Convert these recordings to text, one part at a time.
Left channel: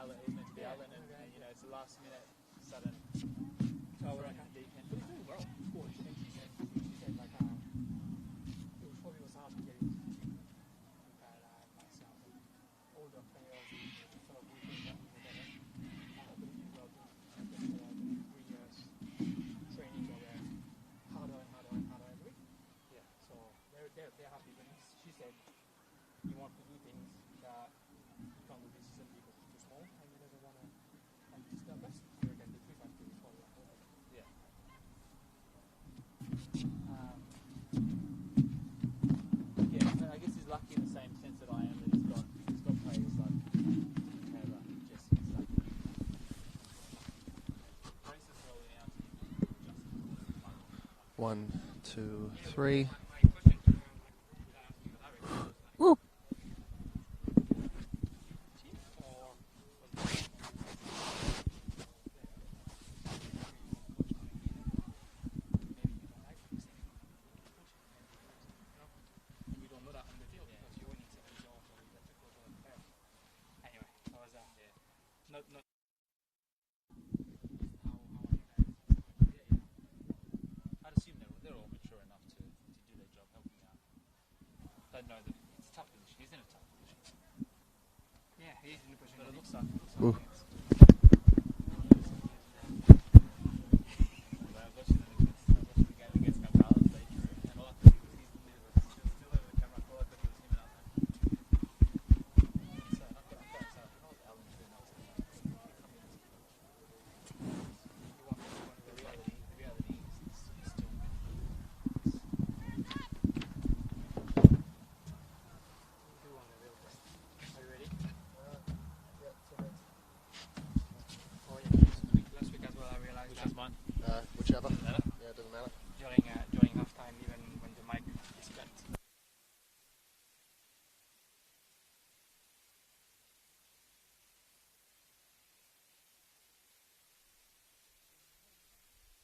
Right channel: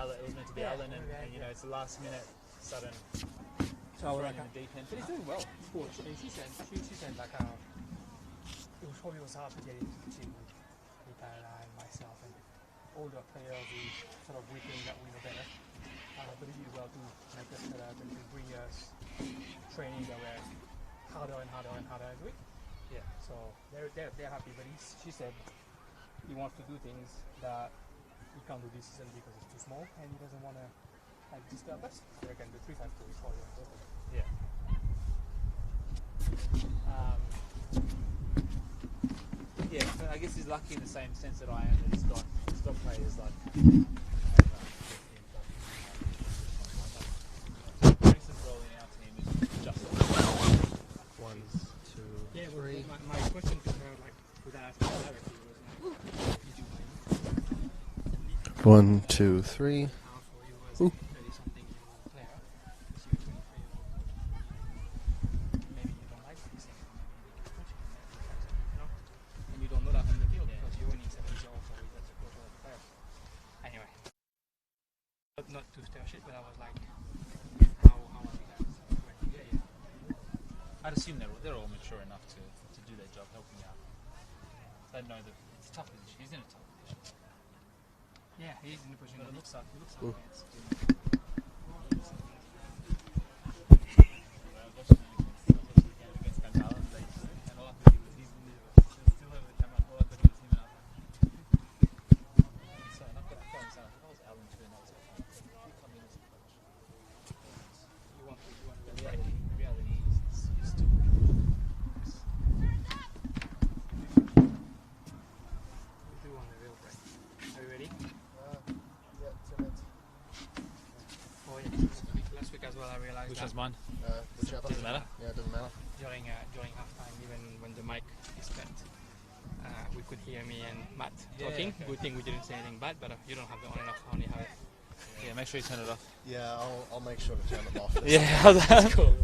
Alan. It was meant to be Alan, and you know it's a last minute sudden thrown in the deep end. But he's doing well. She said like it was hard to get into the team with Tyler and myself and older players who sort of we think that we know better. But he did well to help us set up and to bring us training that were harder and harder and harder every week. Yeah. So they're happy, but she said he wants to do things that he can't do this season because it's too small and he doesn't want to like disturb us. I reckon the 3-5-2 is probably important. Yeah. Yeah, but I guess he's lucky in the same sense that I am, that he's got players like Grayson's role in our team is just 1, 2, 3. My question to her, like, without asking, 1, 2, 3. Ooh. Not to stir shit, but I was like, how are you guys? I'd assume they're all mature enough to do their job, helping out. They know that it's a tough position. He's in a tough position. Yeah, he's in a position. But it looks like Ooh. Which one's mine? Whichever. Doesn't matter. Yeah, it doesn't matter. During halftime, even when the mic is spent, we could hear me and Matt talking. Okay. Good thing we didn't say anything bad, but you don't have the on and off. I only have it. Yeah, make sure you turn it off. Yeah, I'll make sure to turn them off. Yeah, how's that? Cool.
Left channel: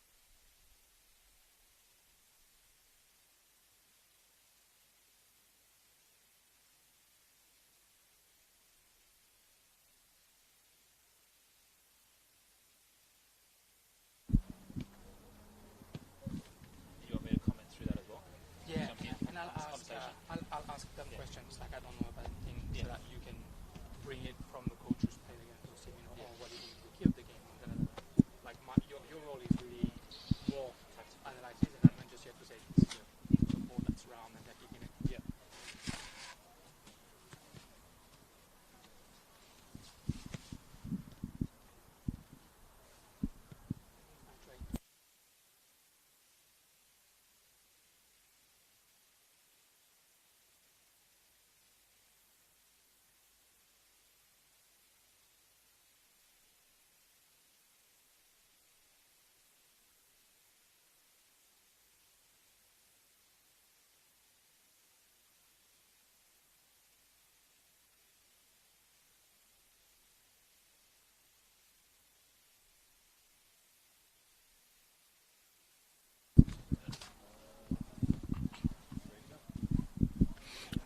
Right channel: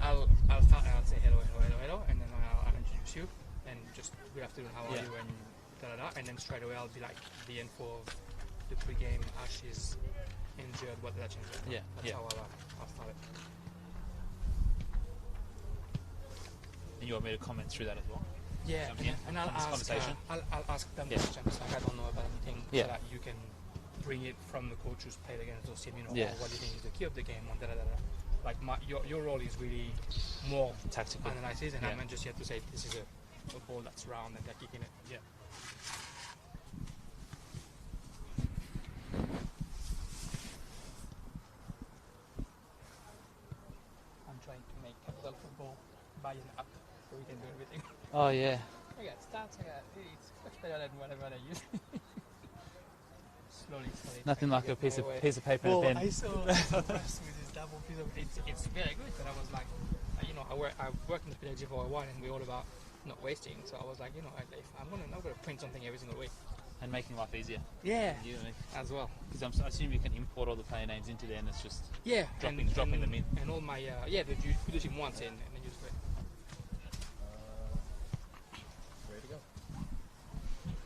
I'll start and I'll say hello, and then I'll introduce you, and just good afternoon, how are you, and and then straight away I'll be like the info of the pre-game. Ash is injured. What did that change? Yeah, That's how I'll start it. And you want me to comment through that as well? Yeah, and I'll ask them questions. Like, I don't know about anything, so that you can bring it from the coach who's played against those teams. You know, what do you think is the key of the game? Like your role is really more tactical analysis, and I'm just here to say this is a ball that's round and they're kicking it. Yeah. I'm trying to make Capital Football buy an app so we can do everything. Oh yeah. I got stats, it's much better than whatever I use. Slowly. Nothing like a piece of paper well, and a pen. I saw impressed with this double piece of it's very good, but I was like, I've worked in the PhD for a while, and we're all about not wasting. So I was like, if I'm not gonna print something every single week. And making life easier. Yeah. You and me. As well. Because I assume you can import all the player names into there, and it's just dropping them in. And all my you put the team once in, and then you just wait.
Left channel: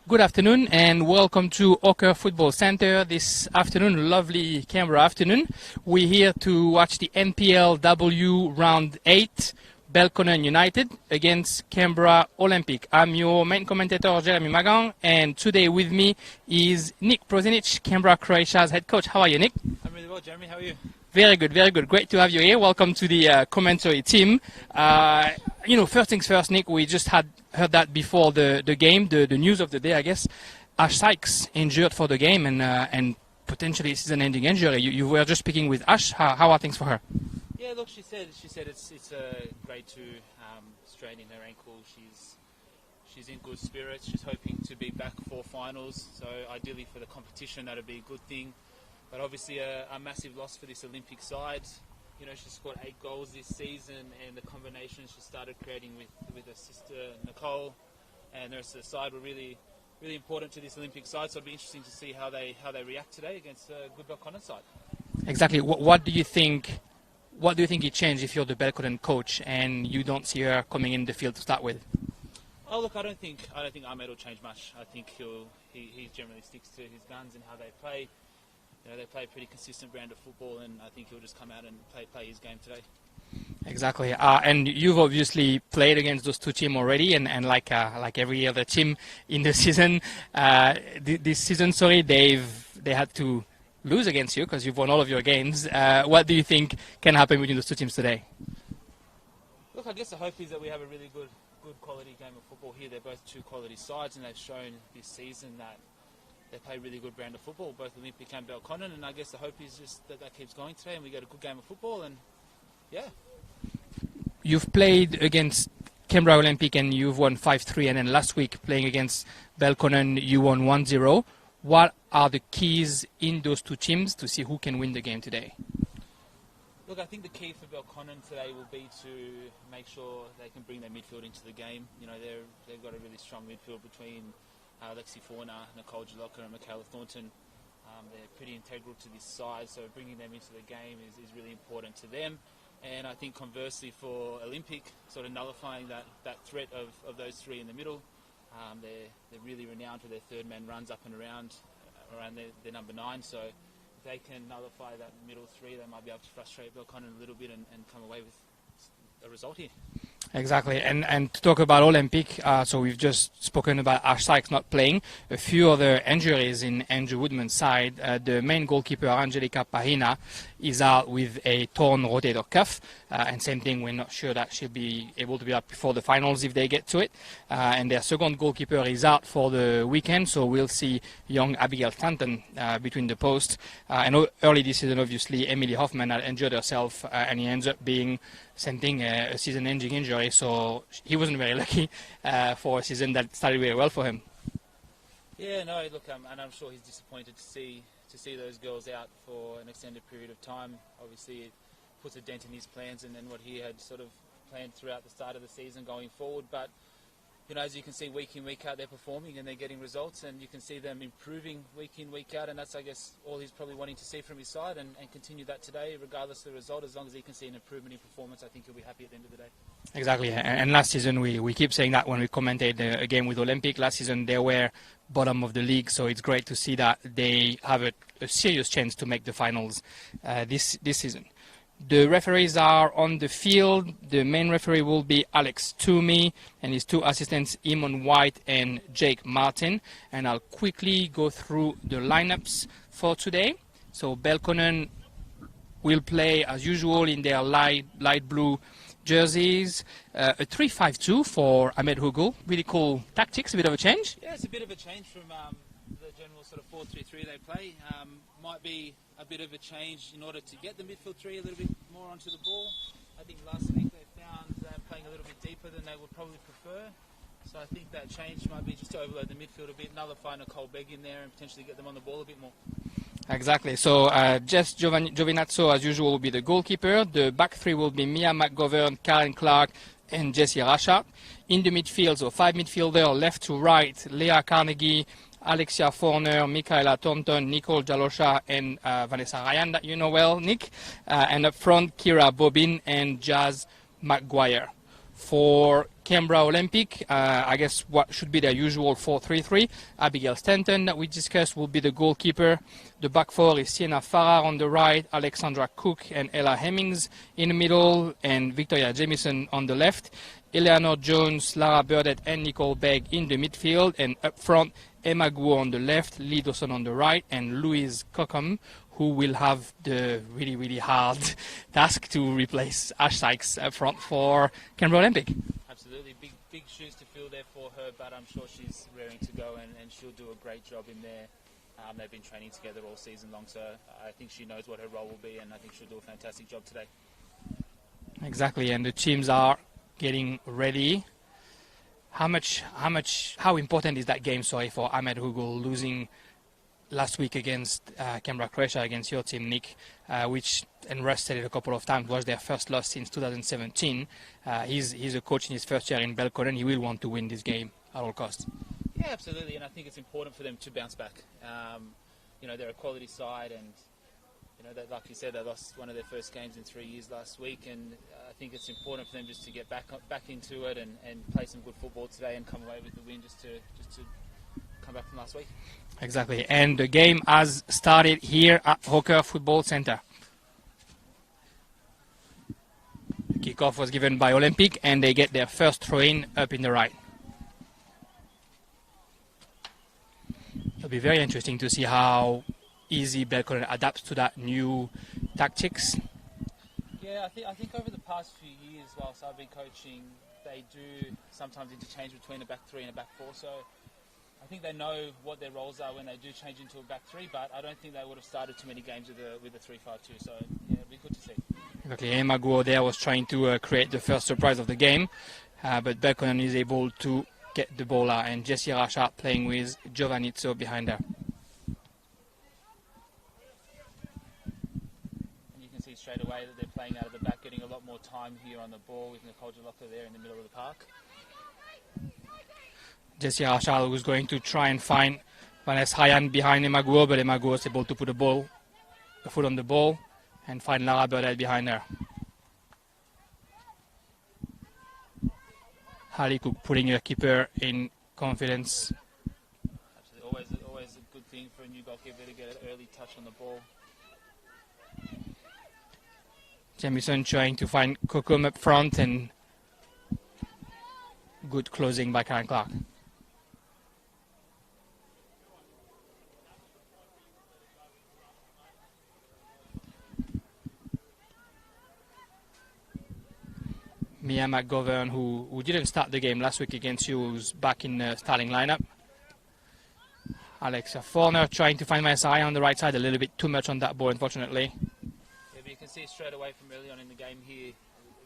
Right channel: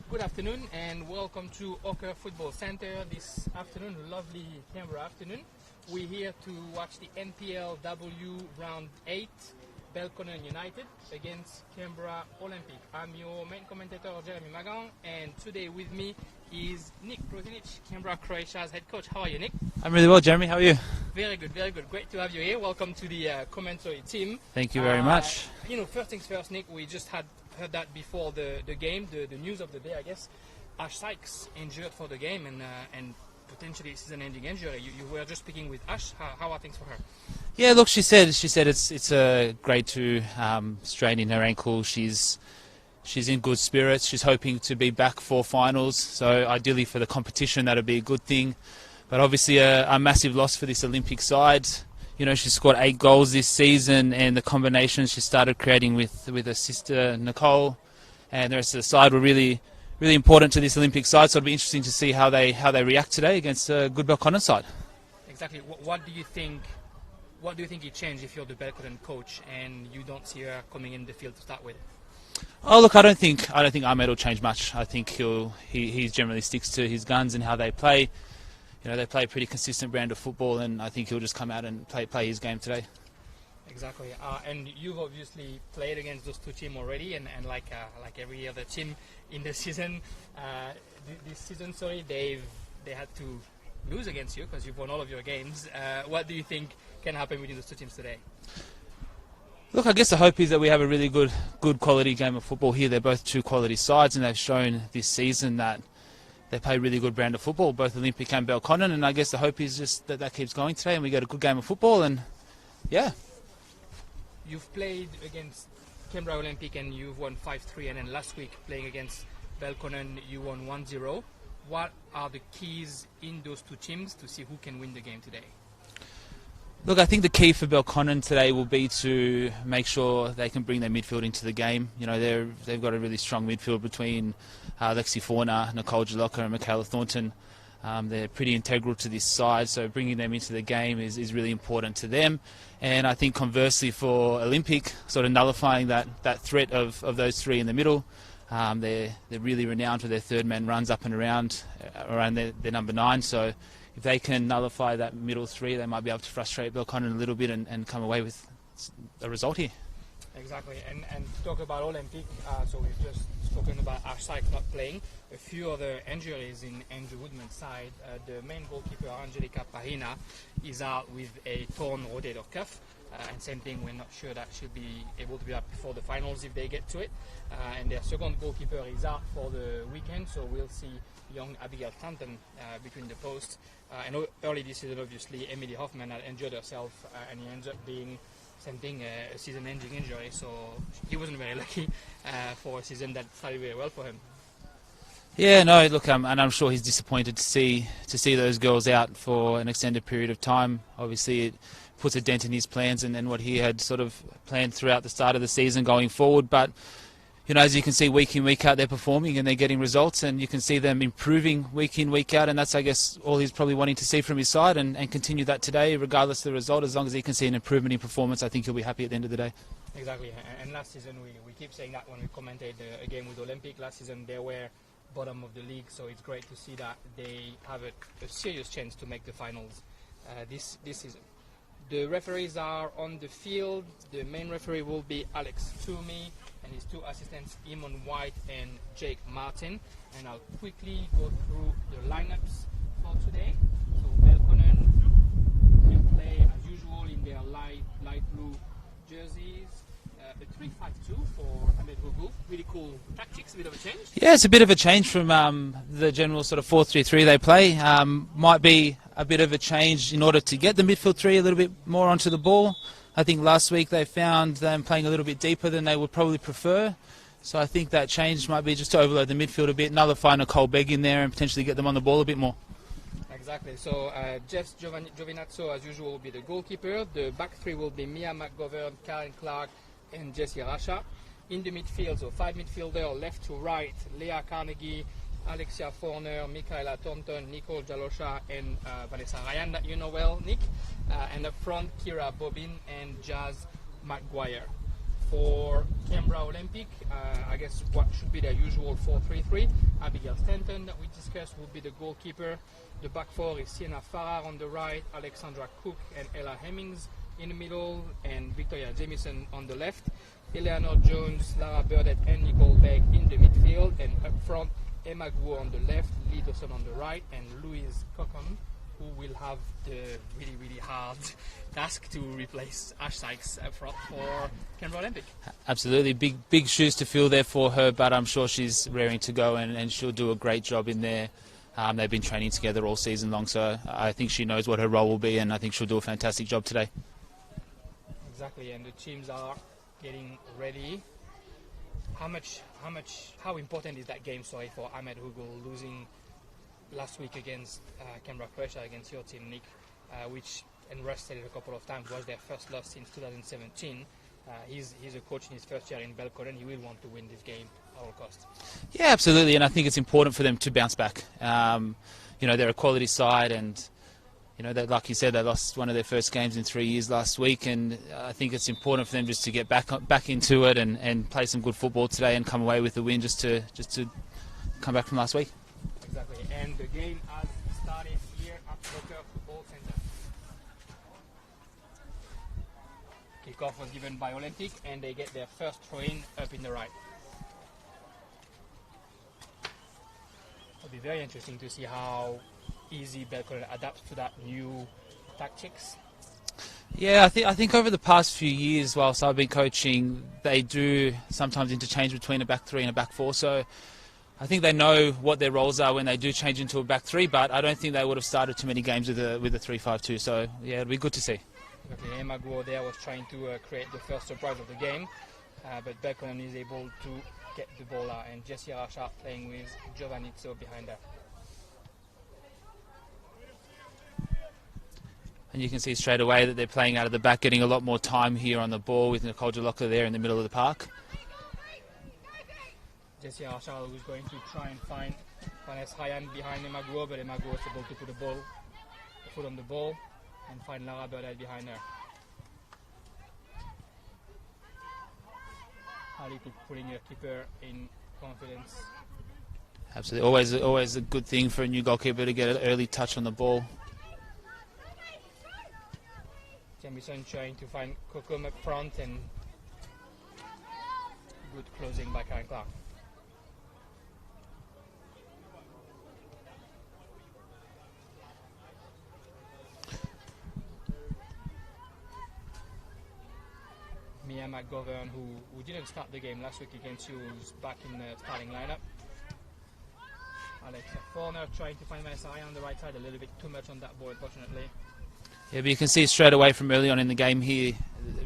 Good afternoon and welcome to Ocker Football Centre. This afternoon, lovely Canberra afternoon. We're here to watch the NPL W Round 8, Belconnen United against Canberra Olympic. I'm your main commentator, Jeremy Magang, and today with me is Nick Prozinic, Canberra Croatia's head coach. How are you, Nick? I'm really well, Jeremy. How are you? Very good, very good. Great to have you here. Welcome to the commentary team. Thank you very much. First things first, Nick, we just heard that before the game, the news of the day, I guess. Ash Sykes injured for the game and potentially season-ending injury. You were just speaking with Ash. How are things for her? Yeah, look, she said it's a grade 2 strain in her ankle. She's in good spirits. She's hoping to be back for finals. So ideally for the competition, that'd be a good thing. But obviously a massive loss for this Olympic side. She scored 8 goals this season, and the combinations she started creating with her sister Nicole and the rest of the side were really, really important to this Olympic side. So it'll be interesting to see how they react today against a good Belconnen side. Exactly. What do you think? What do you think it changed if you're the Belconnen coach and you don't see her coming in the field to start with? Oh look, I don't think Ahmed will change much. I think he generally sticks to his guns and how they play. You know, they play a pretty consistent brand of football, and I think he'll just come out and play his game today. Exactly, and you've obviously played against those two teams already, and like every other team in the season, this season, they had to lose against you because you've won all of your games. What do you think can happen between those two teams today? Look, I guess the hope is that we have a really good quality game of football here. They're both two quality sides, and they've shown this season that they play a really good brand of football, both Olympic and Belconnen, and I guess the hope is just that keeps going today and we get a good game of football, and yeah. You've played against Canberra Olympic and you've won 5-3, and then last week playing against Belconnen you won 1-0. What are the keys in those two teams to see who can win the game today? Look, I think the key for Belconnen today will be to make sure they can bring their midfield into the game. You know, they've got a really strong midfield between Lexi Fauna, Nicole Jalocca and Michaela Thornton. They're pretty integral to this side, so bringing them into the game is really important to them. And I think conversely for Olympic, sort of nullifying that threat of those three in the middle. They're really renowned for their third man runs up and around their number 9. So if they can nullify that middle three, they might be able to frustrate Belconnen a little bit and come away with a result here. Exactly, and to talk about Olympic, so we've just spoken about Ash Sykes not playing. A few other injuries in Andrew Woodman's side. The main goalkeeper, Angelica Pahina, is out with a torn rotator cuff. And same thing, we're not sure that she'll be able to be up before the finals if they get to it. And their second goalkeeper is out for the weekend, so we'll see young Abigail Stanton between the posts. And early this season, obviously, Emily Hoffman had injured herself, and he ends up being same thing, a season-ending injury, so he wasn't very lucky for a season that started really well for him. Yeah, no, look, and I'm sure he's disappointed to see those girls out for an extended period of time. Obviously, it puts a dent in his plans and then what he had sort of planned throughout the start of the season going forward. But you know, as you can see, week in, week out, they're performing and they're getting results, and you can see them improving week in, week out, and that's, I guess, all he's probably wanting to see from his side, and continue that today, regardless of the result. As long as he can see an improvement in performance, I think he'll be happy at the end of the day. Exactly, and last season we keep saying that when we commented a game with Olympic. Last season they were bottom of the league, so it's great to see that they have a serious chance to make the finals this season. The referees are on the field. The main referee will be Alex Toomey and his two assistants, Eamon White and Jake Martin. And I'll quickly go through the lineups for today. So Belconnen will play as usual in their light blue jerseys. A 3-5-2 for Ahmed Hugul. Really cool tactics, a bit of a change. Yeah, it's a bit of a change from the general sort of 4-3-3 they play. Might be a bit of a change in order to get the midfield three a little bit more onto the ball. I think last week they found them playing a little bit deeper than they would probably prefer. So I think that change might be just to overload the midfield a bit, nullify Nicole Begg in there and potentially get them on the ball a bit more. Exactly. So Jess Giovinazzo, as usual, will be the goalkeeper. The back three will be Mia McGovern, Karen Clark, and Jessie Rasha. In the midfield, so 5 midfielder, left to right, Leah Carnegie, Alexia Forner, Michaela Thornton, Nicole Jalosha, and Vanessa Ryan, that you know well, Nick. And up front, Kira Bobin and Jazz McGuire. For Canberra Olympic, I guess what should be their usual 4-3-3. Abigail Stanton, that we discussed, will be the goalkeeper. The back four is Sienna Farrar on the right, Alexandra Cook and Ella Hemmings in the middle, and Victoria Jamieson on the left. Eleanor Jones, Lara Burdett, and Nicole Begg in the midfield, and up front, Emma Guo on the left, Lee Dawson on the right, and Louise Cockham, who will have the really, really hard task to replace Ash Sykes up front for Canberra Olympic. Absolutely, big shoes to fill there for her, but I'm sure she's raring to go and she'll do a great job in there. They've been training together all season long, so I think she knows what her role will be, and I think she'll do a fantastic job today. Exactly, and the teams are getting ready. How important is that game, for Ahmed Hugul losing last week against Canberra Croatia, against your team, Nick, which, and Russ said it a couple of times, was their first loss since 2017. He's a coach in his first year in Belconnen. He will want to win this game at all costs. Yeah, absolutely, and I think it's important for them to bounce back. You know, they're a quality side, and you know, that, like you said, they lost one of their first games in 3 years last week, and I think it's important for them just to get back into it and play some good football today and come away with the win, just to come back from last week. Exactly, and the game has started here at Hawker Football Centre. Kickoff was given by Olympic, and they get their first throw-in up in the right. It'll be very interesting to see how easy Belconnen adapts to that new tactics. Yeah, I think over the past few years, whilst I've been coaching, they do sometimes interchange between a back three and a back four. So I think they know what their roles are when they do change into a back three. But I don't think they would have started too many games with a 3-5-2. So yeah, it'll be good to see. Okay, Emma Guo there was trying to create the first surprise of the game, but Belconnen is able to get the ball out, and Jessie Rachat playing with Giovannizzo behind her. And you can see straight away that they're playing out of the back, getting a lot more time here on the ball with Nicole Jalocka there in the middle of the park. Jessie Rachat was going to try and find Vanessa Ryan behind Emma Guo, but Emma Guo was able to put a foot on the ball and find Lara Burdell behind her. Harley Cook putting her keeper in confidence. Absolutely, always a good thing for a new goalkeeper to get an early touch on the ball. Jamison trying to find Kokum up front, and good closing by Karen Clark. Mia McGovern, who didn't start the game last week against you, who's back in the starting lineup. Alexa Forner trying to find Vanessa Ryan on the right side, a little bit too much on that ball, unfortunately. Yeah, but you can see straight away from early on in the game here,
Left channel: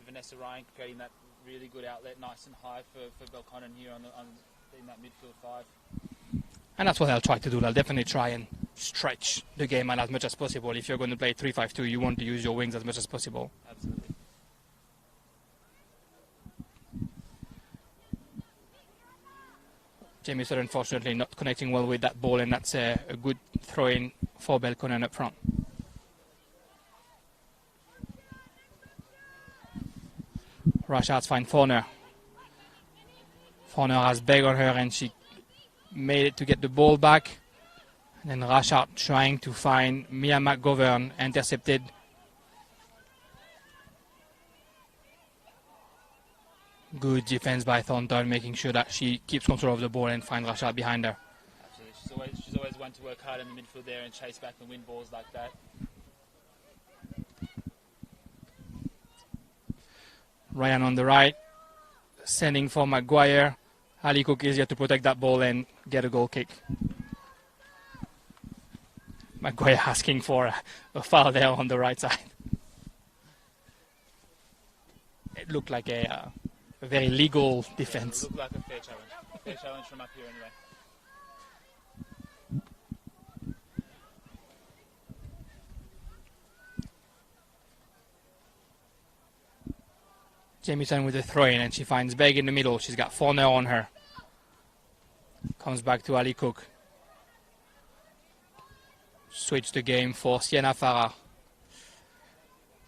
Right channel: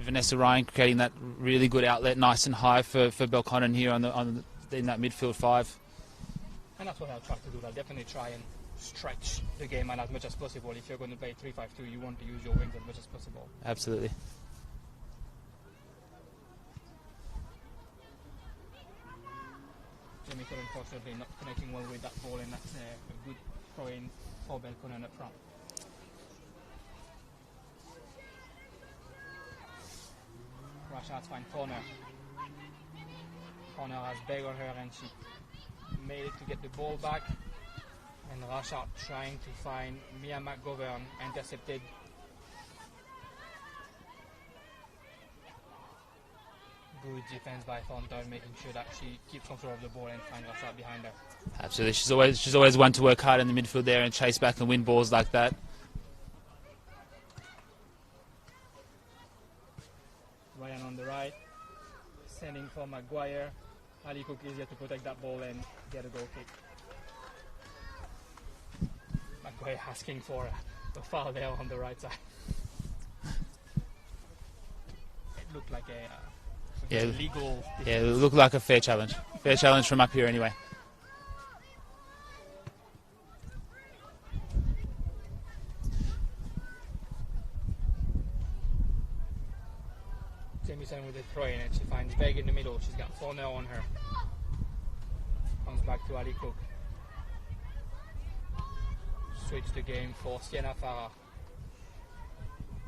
Vanessa Ryan creating that really good outlet, nice and high for Belconnen here in that midfield five. And that's what they'll try to do. They'll definitely try and stretch the game out as much as possible. If you're going to play 3-5-2, you want to use your wings as much as possible. Absolutely. Jamieson unfortunately not connecting well with that ball, and that's a good throw-in for Belconnen up front. Rachat's find Forner. Forner has Begg on her, and she made it to get the ball back. And Rachat trying to find Mia McGovern, intercepted. Good defense by Thornton, making sure that she keeps control of the ball and find Rachat behind her. Absolutely, she's always one to work hard in the midfield there and chase back and win balls like that. Ryan on the right, sending for Maguire. Ali Cook is here to protect that ball and get a goal kick. Maguire asking for a foul there on the right side. It looked like a very legal defense. Yeah, it looked like a fair challenge. Fair challenge from up here anyway. Jamieson with the throw-in, and she finds Begg in the middle. She's got Forner on her. Comes back to Ali Cook. Switch the game for Sienna Farah.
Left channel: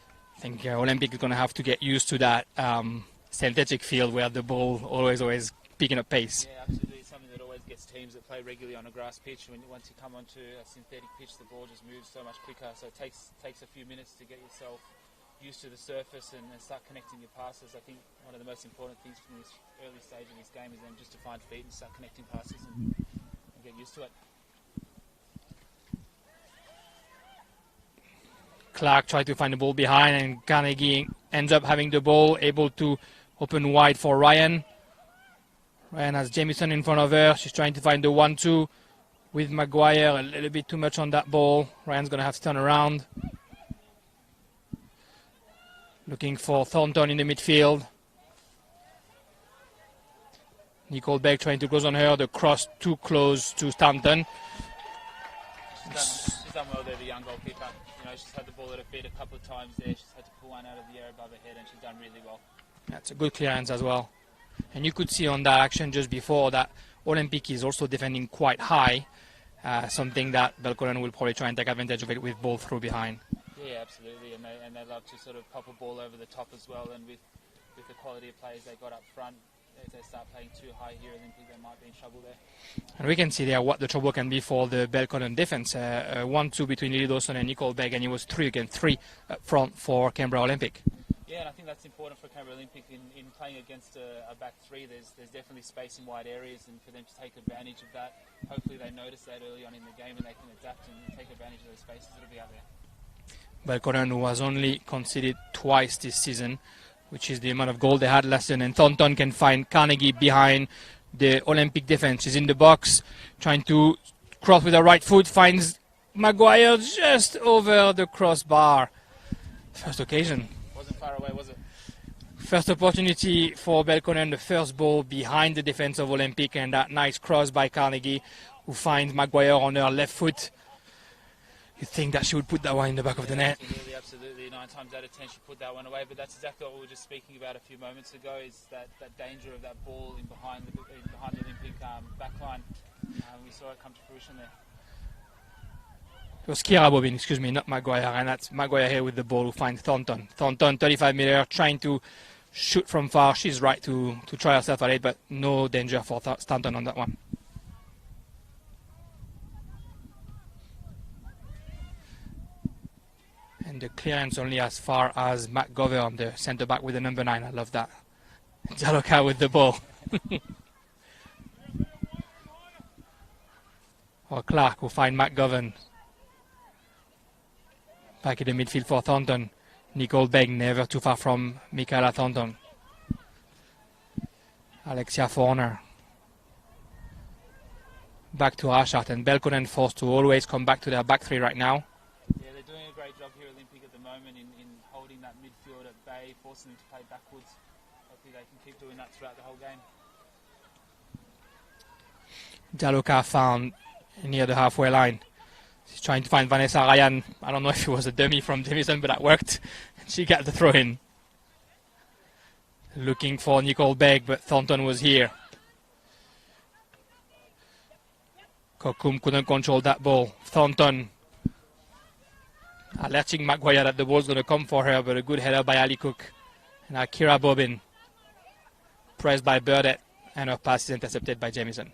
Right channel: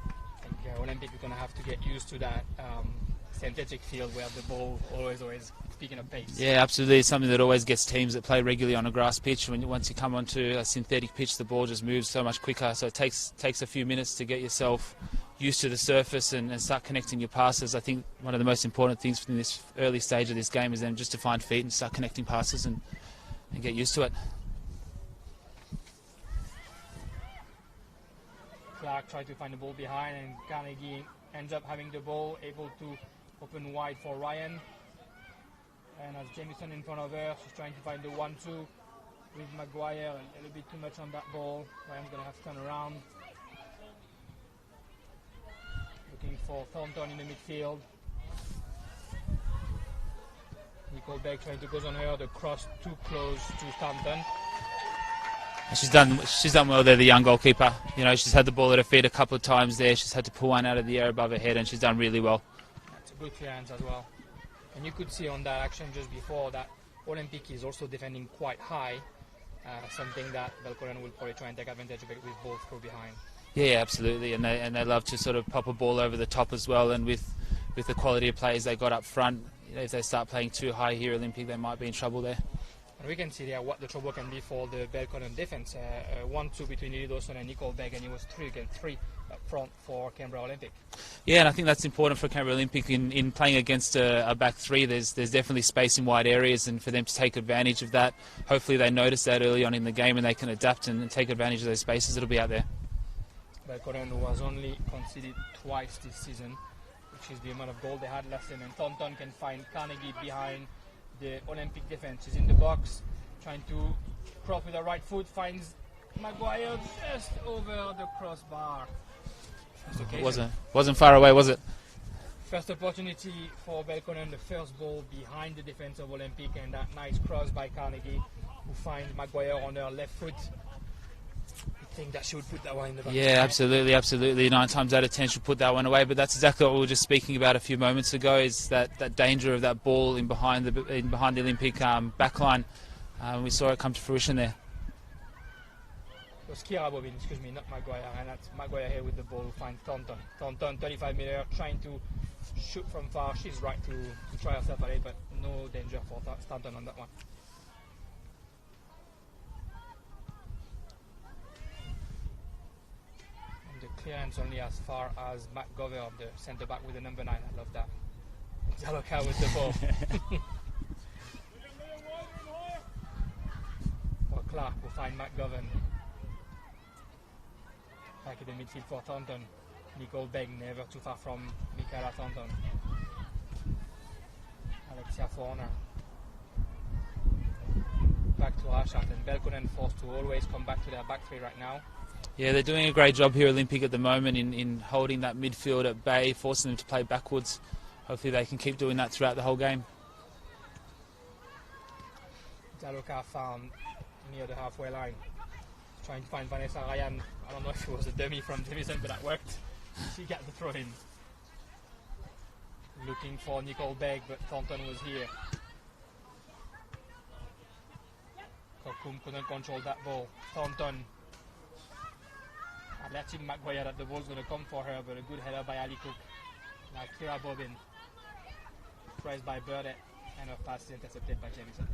I think Olympic is going to have to get used to that synthetic field where the ball always picking up pace. Yeah, absolutely. It's something that always gets teams that play regularly on a grass pitch. Once you come onto a synthetic pitch, the ball just moves so much quicker. So it takes a few minutes to get yourself used to the surface and start connecting your passes. I think one of the most important things in this early stage of this game is then just to find feet and start connecting passes and get used to it. Clark tried to find the ball behind, and Carnegie ends up having the ball, able to open wide for Ryan. Ryan has Jamieson in front of her. She's trying to find the 1-2 with Maguire. A little bit too much on that ball. Ryan's going to have to turn around. Looking for Thornton in the midfield. Nicole Begg trying to close on her. The cross too close to Stanton. She's done well there, the young goalkeeper. You know, she's had the ball at her feet a couple of times there. She's had to pull one out of the air above her head, and she's done really well. That's a good clearance as well. And you could see on that action just before that Olympic is also defending quite high. something that Belconnen will probably try and take advantage of it with ball through behind. Yeah, absolutely, and they love to sort of pop a ball over the top as well. And with the quality of players they got up front, if they start playing too high here, Olympic, they might be in trouble there. And we can see there what the trouble can be for the Belconnen defense. 1-2 between Lily Dawson and Nicole Begg, and it was 3 against 3 up front for Canberra Olympic. Yeah, and I think that's important for Canberra Olympic in playing against a back three. There's definitely space in wide areas, and for them to take advantage of that, hopefully they notice that early on in the game and they can adapt and take advantage of those spaces that'll be out there. Belconnen, who has only conceded twice this season, which is the amount of goal they had last season, and Thornton can find Carnegie behind the Olympic defense. She's in the box, trying to cross with her right foot, finds Maguire just over the crossbar. First occasion. Wasn't far away, was it? First opportunity for Belconnen, the first ball behind the defense of Olympic, and that nice cross by Carnegie, who finds Maguire on her left foot. You think that she would put that one in the back of the net? Yeah, absolutely. 9 times out of 10 she'll put that one away. But that's exactly what we were just speaking about a few moments ago, is that danger of that ball in behind the Olympic backline. We saw it come to fruition there. It was Kira Bobin, excuse me, not Maguire, and that's Maguire here with the ball who finds Thornton. Thornton, 35-meter, trying to shoot from far. She's right to try herself at it, but no danger for Thornton on that one. The clearance only as far as McGovern, the centre back with the number 9. I love that. Jaloka with the ball. Or Clark will find McGovern. Back in the midfield for Thornton. Nicole Begg never too far from Michaela Thornton. Alexia Forner. Back to Ashart, and Belconnen forced to always come back to their back three right now. Yeah, they're doing a great job here, Olympic, at the moment in holding that midfield at bay, forcing them to play backwards. Hopefully they can keep doing that throughout the whole game. Jaloka found near the halfway line. She's trying to find Vanessa Ryan. I don't know if it was a dummy from Jamison, but that worked. She got the throw in. Looking for Nicole Begg, but Thornton was here. Kokum couldn't control that ball. Thornton alerting Maguire that the ball's going to come for her, but a good header by Ali Cook. Now Kira Bobin, pressed by Burdett, and her pass is intercepted by Jamison.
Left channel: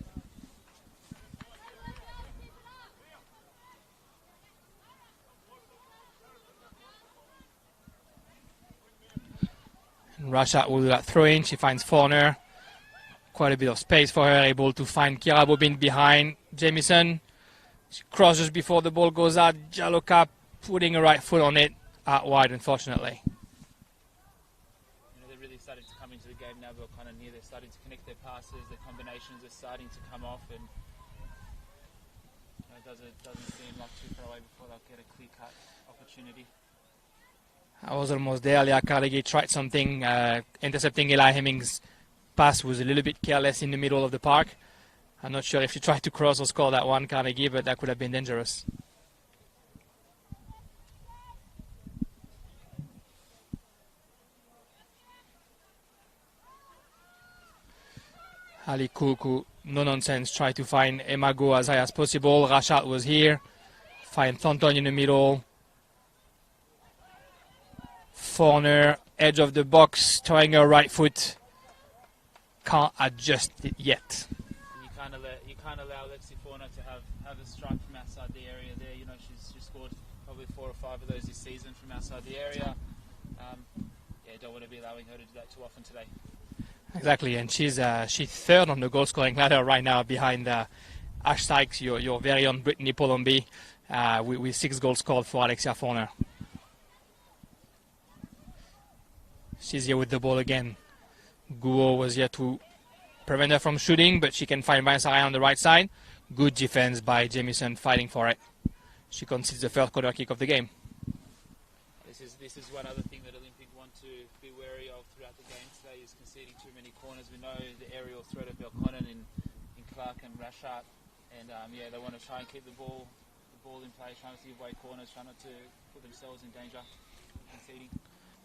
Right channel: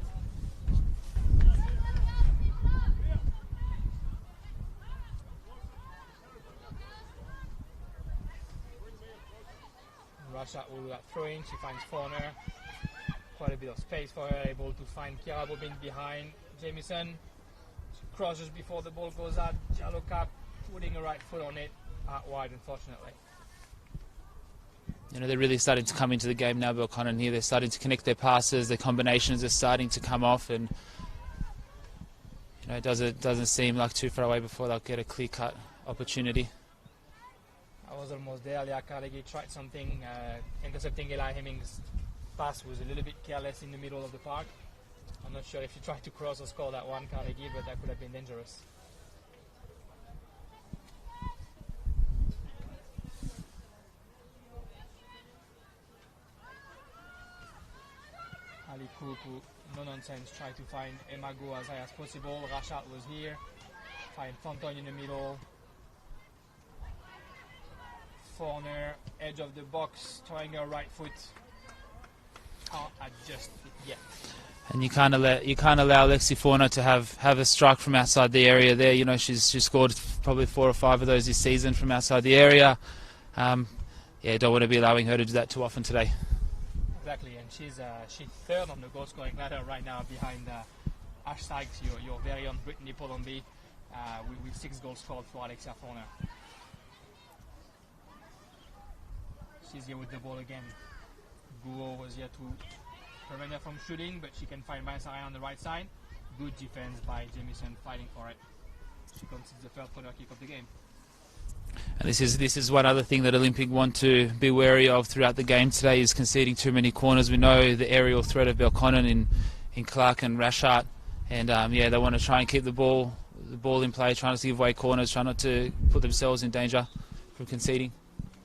Rasha will do that throw in. She finds Forner. Quite a bit of space for her, able to find Kira Bobin behind Jamison. She crosses before the ball goes out. Jaloka putting her right foot on it, out wide, unfortunately. You know, they're really starting to come into the game now, Belconnen here. They're starting to connect their passes, their combinations are starting to come off, and you know, it doesn't seem like too far away before they'll get a clear-cut opportunity. I was almost there. Leah Carnegie tried something, intercepting Eli Hemming's pass was a little bit careless in the middle of the park. I'm not sure if she tried to cross or score that one, Carnegie, but that could have been dangerous. Ali Cook, who, no nonsense, tried to find Emma Go as high as possible. Rashad was here. Find Thornton in the middle. Forner, edge of the box, trying her right foot. Can't adjust it yet. And you can't allow Lexi Forner to have a strike from outside the area there. You know, she's scored probably 4 or 5 of those this season from outside the area. Yeah, don't want to be allowing her to do that too often today. Exactly, and she's third on the goal scoring ladder right now behind Ash Sykes, your very own Brittany Polombi, with 6 goals scored for Alexia Forner. She's here with the ball again. Guo was here to prevent her from shooting, but she can find Vanessa Ryan on the right side. Good defense by Jamison fighting for it. She concedes the first corner kick of the game. And this is one other thing that Olympic want to be wary of throughout the game today, is conceding too many corners. We know the aerial threat of Belconnen in Clark and Rashart, and yeah, they want to try and keep the ball in play, trying not to give away corners, trying not to put themselves in danger from conceding.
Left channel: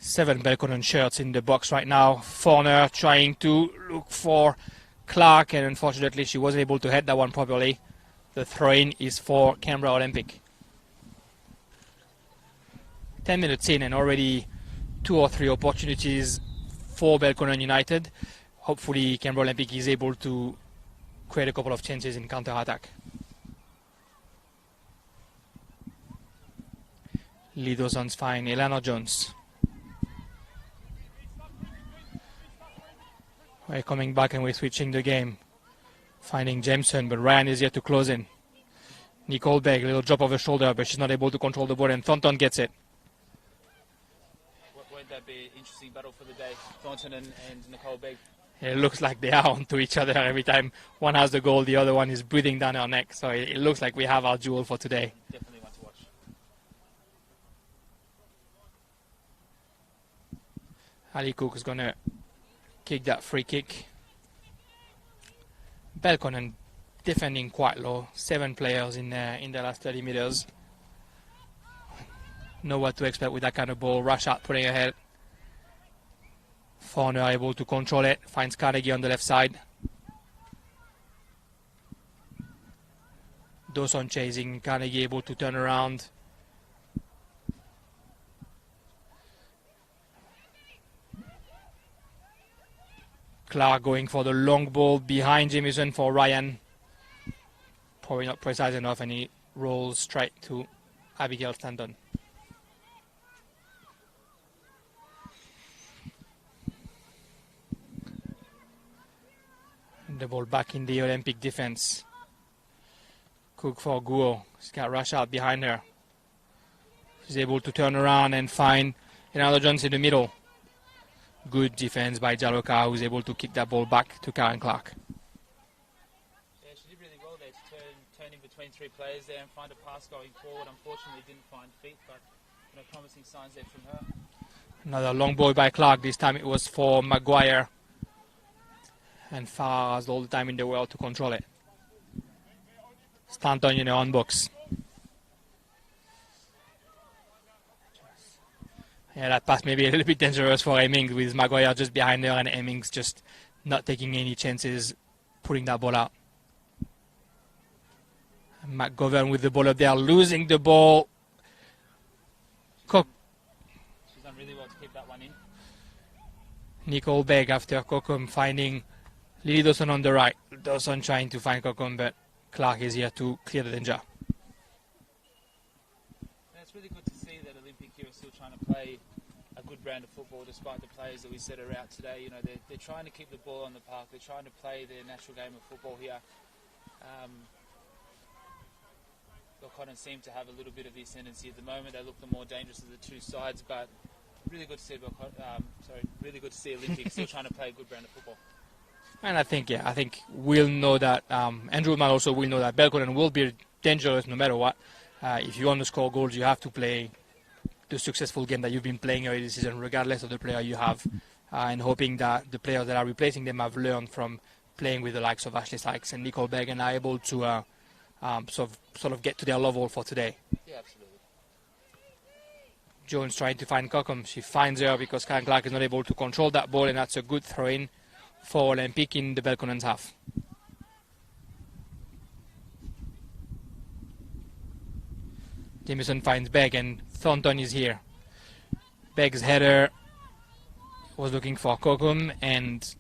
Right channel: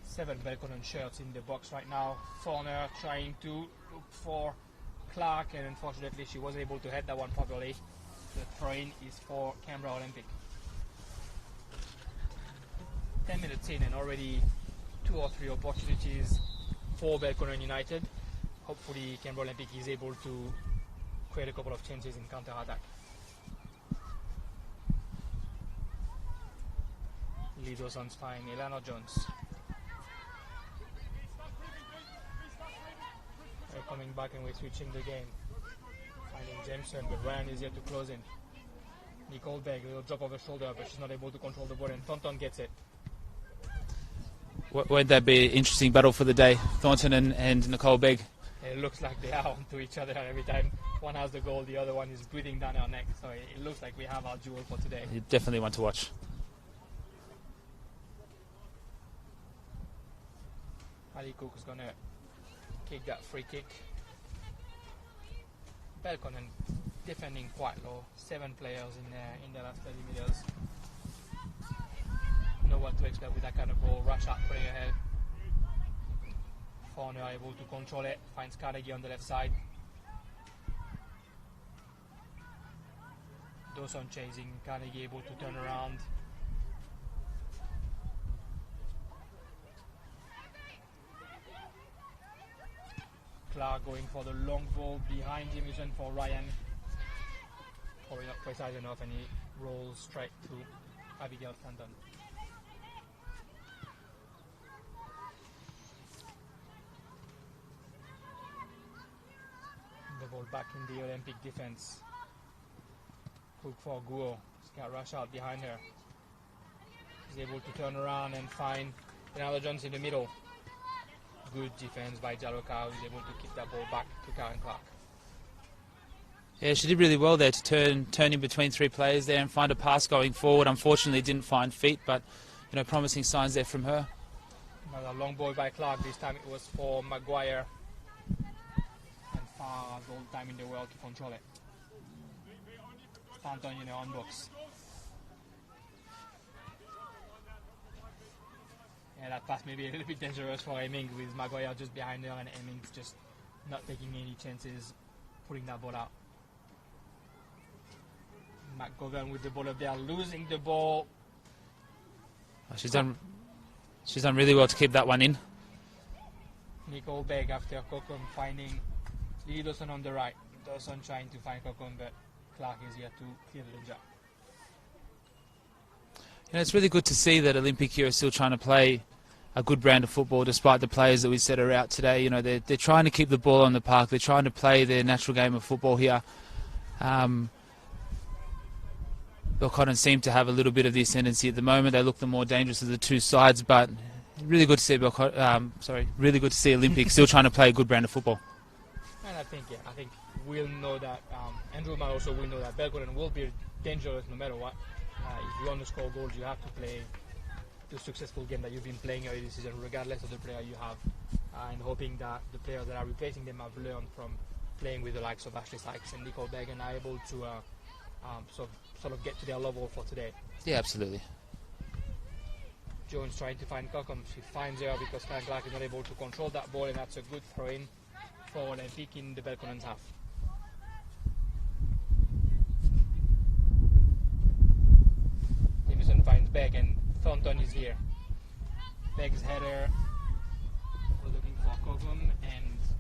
7 Belconnen shirts in the box right now. Forner trying to look for Clark, and unfortunately she wasn't able to head that one properly. The throw-in is for Canberra Olympic. 10 minutes in and already 2 or 3 opportunities for Belconnen United. Hopefully Canberra Olympic is able to create a couple of chances in counter-attack. Lee Dawson's fine. Eleanor Jones. We're coming back and we're switching the game. Finding Jameson, but Ryan is here to close in. Nicole Begg, a little drop of her shoulder, but she's not able to control the ball, and Thornton gets it. Won't that be an interesting battle for the day, Thornton and Nicole Begg? And it looks like they are onto each other every time one has the goal, the other one is breathing down her neck. So it looks like we have our duel for today. You definitely want to watch. Ali Cook is going to kick that free kick. Belconnen defending quite low. 7 players in the last 30 meters. Know what to expect with that kind of ball. Rush out, putting ahead. Fowler able to control it. Finds Carnegie on the left side. Dawson chasing. Carnegie able to turn around. Clark going for the long ball behind Jamieson for Ryan. Probably not precise enough, and he rolls straight to Abigail Stanton. The ball back in the Olympic defense. Cook for Guo. She's got rush out behind her. She's able to turn around and find another Jones in the middle. Good defense by Jaloka, who's able to kick that ball back to Karen Clark. Yeah, she did really well there to turn in between 3 players there and find a pass going forward. Unfortunately, didn't find feet, but promising signs there from her. Another long ball by Clark. This time it was for Maguire. And Farah has all the time in the world to control it. Stanton, on box. Yeah, that pass may be a little bit dangerous for Hemmings, with Maguire just behind her and Hemmings just not taking any chances putting that ball out. McGovern with the ball up there, losing the ball. She's done really well to keep that one in. Nicole Begg after Kokum finding Lily Dawson on the right. Dawson trying to find Kokum, but Clark is here to clear the danger. It's really good to see that Olympic here are still trying to play a good brand of football despite the players that we said are out today. They're trying to keep the ball on the park. They're trying to play their natural game of football here. Belconnen seem to have a little bit of the ascendancy at the moment. They look the more dangerous of the 2 sides, but really good to see really good to see Olympic still trying to play a good brand of football. And I think we'll know that Andrew Mal also will know that Belconnen will be dangerous no matter what. If you want to score goals, you have to play the successful game that you've been playing early this season, regardless of the player you have, and hoping that the players that are replacing them have learned from playing with the likes of Ashley Sykes and Nicole Begg and are able to sort of get to their level for today. Yeah, absolutely. Jones trying to find Kokum. She finds her because Karen Clark is not able to control that ball, and that's a good throw-in for Olympic in the Belconnen's half. Jameson finds Begg, and Thornton is here. Begg's header was looking for Kokum, and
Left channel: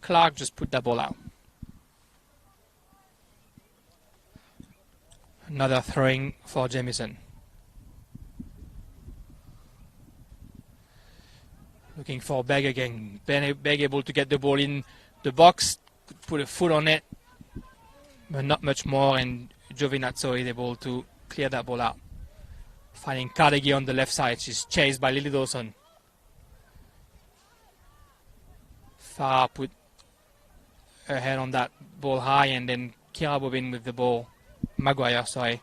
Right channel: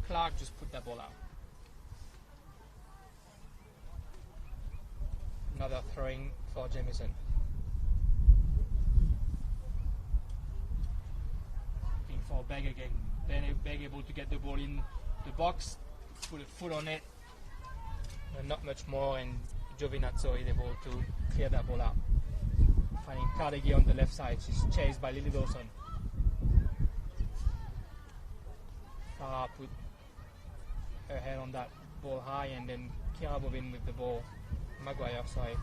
Clark just put that ball out. Another throwing for Jameson. Looking for Begg again. Begg able to get the ball in the box, put a foot on it, but not much more, and Giovinazzo is able to clear that ball out. Finding Carnegie on the left side. She's chased by Lily Dawson. Farah put her head on that ball high, and then Kira Bobin with the ball. Maguire, sorry.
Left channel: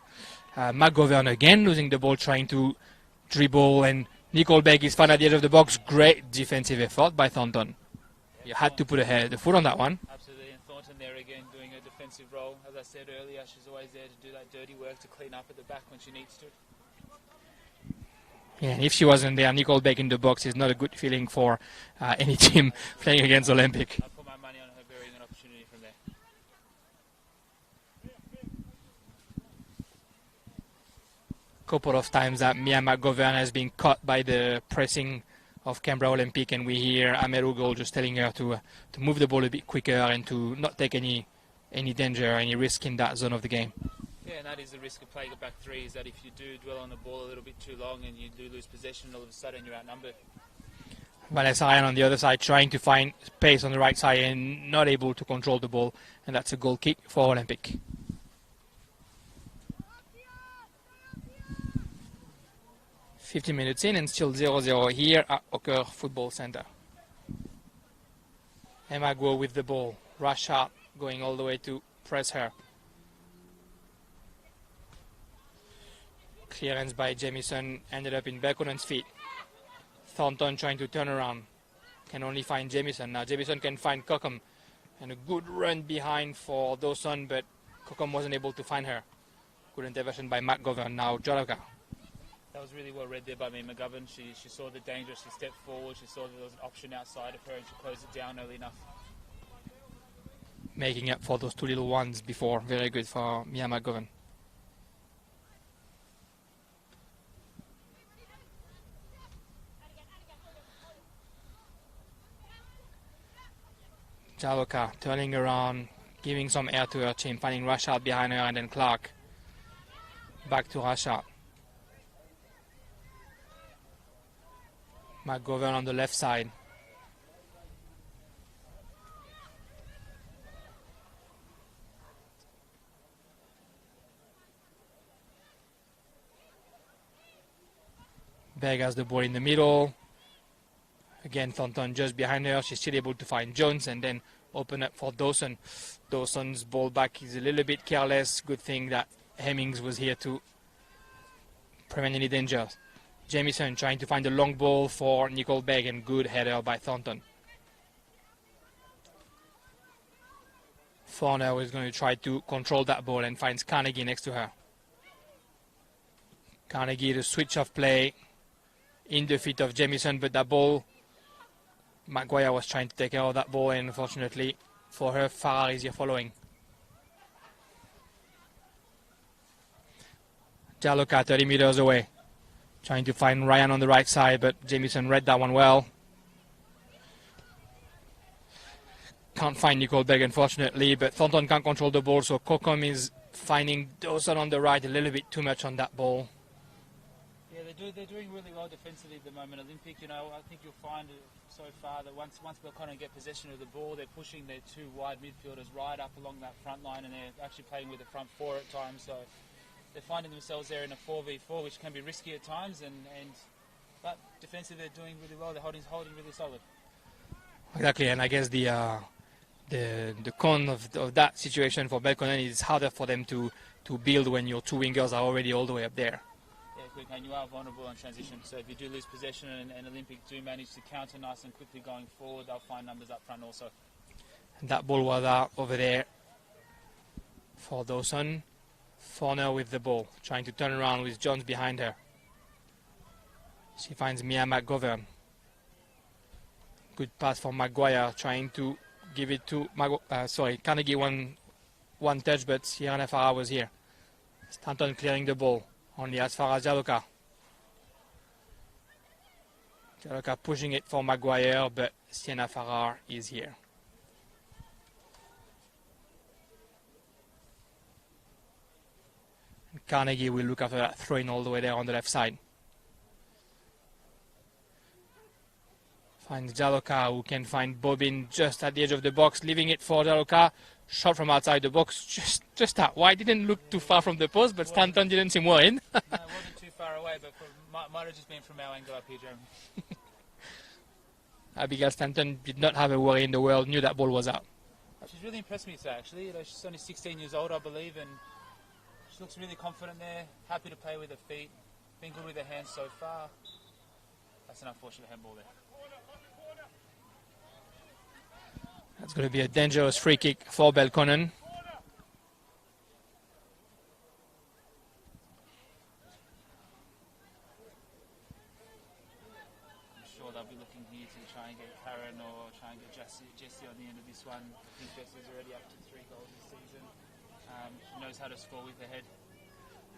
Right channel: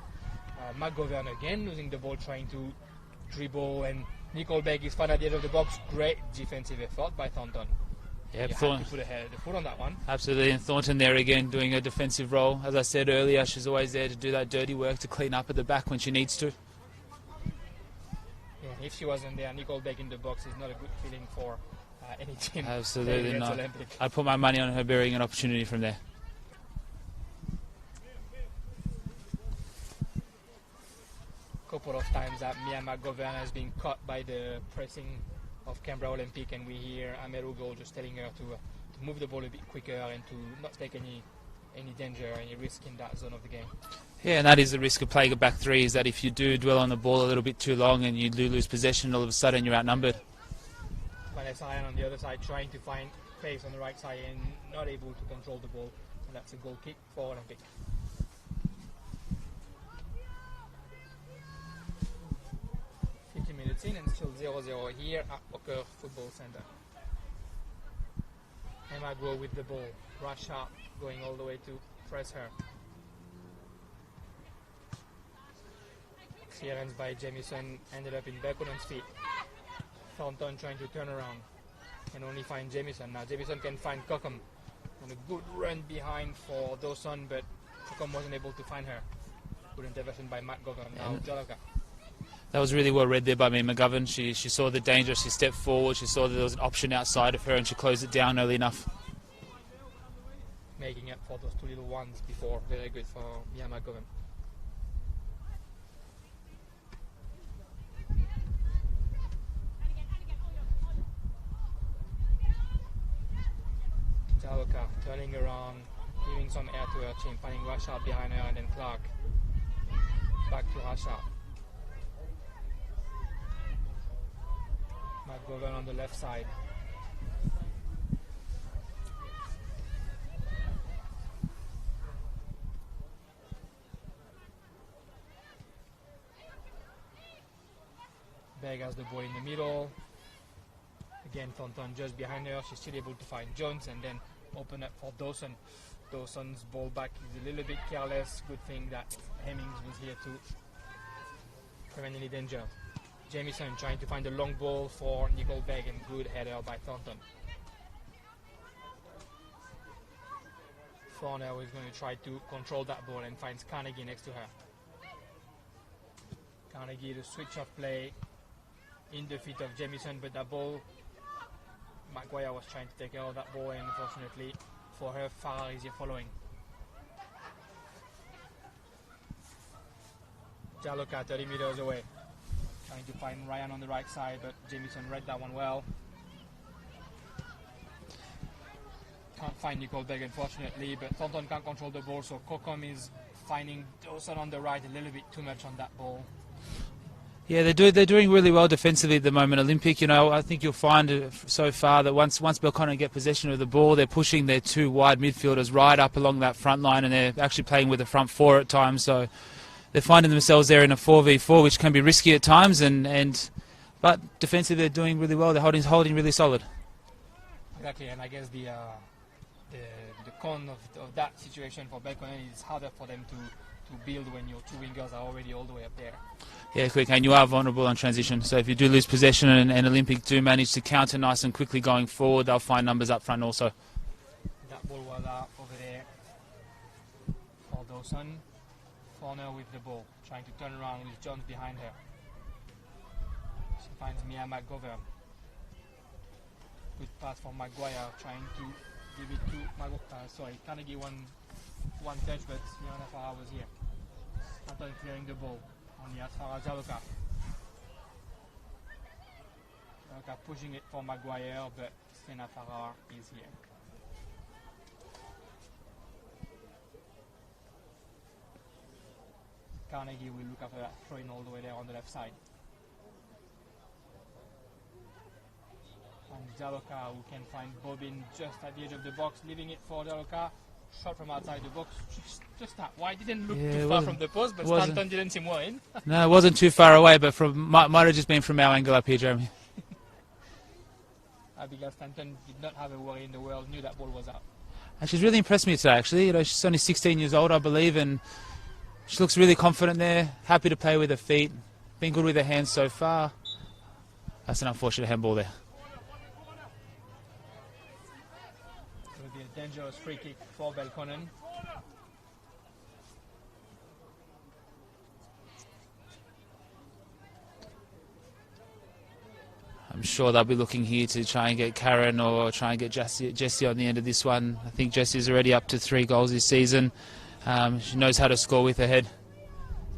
McGovern again losing the ball, trying to dribble, and Nicole Begg is found at the edge of the box. Great defensive effort by Thornton. Yeah, you had to put the foot on that one. Absolutely, and Thornton there again doing a defensive role. As I said earlier, she's always there to do that dirty work, to clean up at the back when she needs to. Yeah, if she wasn't there, Nicole Begg in the box is not a good feeling for any team playing against Olympic. I put my money on her bearing an opportunity from there. couple of times that Mia McGovern has been caught by the pressing of Canberra Olympic, and we hear Ahmed Ogle just telling her to move the ball a bit quicker and to not take any danger, any risk in that zone of the game. Yeah, and that is the risk of playing a back three, is that if you do dwell on the ball a little bit too long and you do lose possession, all of a sudden you're outnumbered. Vanessa Ryan on the other side trying to find space on the right side and not able to control the ball, and that's a goal kick for Olympic. "50 minutes in and still 0-0 here at Ocker Football Centre. Emma Guo with the ball. Rashad going all the way to press her. Clearance by Jamieson ended up in Belconnen's feet. Thornton trying to turn around. Can only find Jamieson. Now Jamieson can find Cockham. And a good run behind for Dawson, but Cockham wasn't able to find her. Good intervention by McGovern. Now Joloka. That was really well read there by me, McGovern. She saw the danger, she stepped forward, she saw that there was an option outside of her, and she closed it down early enough. Making up for those two little ones before. Very good for Mia McGovern. Jaloka turning around, giving some air to her team, finding Rashad behind her, and then Clark. Back to Rashad. McGovern on the left side. Berg has the ball in the middle. Again, Thornton just behind her. She's still able to find Jones and then open up for Dawson. Dawson's ball back is a little bit careless. Good thing that Hemmings was here to prevent any danger. Jamieson trying to find a long ball for Nicole Berg, and good header by Thornton. Forner is going to try to control that ball and finds Carnegie next to her. Carnegie, the switch of play in the feet of Jamieson, but that ball, Maguire was trying to take care of that ball, and unfortunately for her, Farrar is here following. Jaloka 30 meters away, trying to find Ryan on the right side, but Jamieson read that one well. Can't find Nicole Berg, unfortunately, but Thornton can't control the ball, so Cockham is finding Dawson on the right a little bit too much on that ball. Yeah, they're doing really well defensively at the moment, Olympic. You know, I think you'll find so far that once Belconnen get possession of the ball, they're pushing their two wide midfielders right up along that front line, and they're actually playing with the front four at times. So they're finding themselves there in a 4v4, which can be risky at times. But defensively, they're doing really well. They're holding really solid. Exactly, and I guess the con of that situation for Belconnen is harder for them to build when your two wingers are already all the way up there. Yeah, quick, and you are vulnerable on transition. So if you do lose possession and Olympic do manage to counter nice and quickly going forward, they'll find numbers up front also. That ball was out over there for Dawson. Forner with the ball, trying to turn around with Jones behind her. She finds Mia McGovern. Good pass from Maguire, trying to give it to Carnegie one touch, but Sienna Farrar was here. Stanton clearing the ball. Only as far as Jaloka. Jaloka pushing it for Maguire, but Sienna Farrar is here. Carnegie will look after that throw-in all the way there on the left side. Finds Jaloka, who can find Bobin just at the edge of the box, leaving it for Jaloka. Shot from outside the box, just out wide. Didn't look too far from the post, but Stanton didn't seem worried. No, it wasn't too far away, but might have just been from our angle up here, Jeremy. Abigail Stanton did not have a worry in the world, knew that ball was out. And she's really impressed me today, actually. You know, she's only 16 years old, I believe, and she looks really confident there, happy to play with her feet, been good with her hands so far. That's an unfortunate handball there. It's going to be a dangerous free kick for Belconnen. I'm sure they'll be looking here to try and get Karen or try and get Jessie on the end of this one. I think Jessie's already up to 3 goals this season. She knows how to score with her head.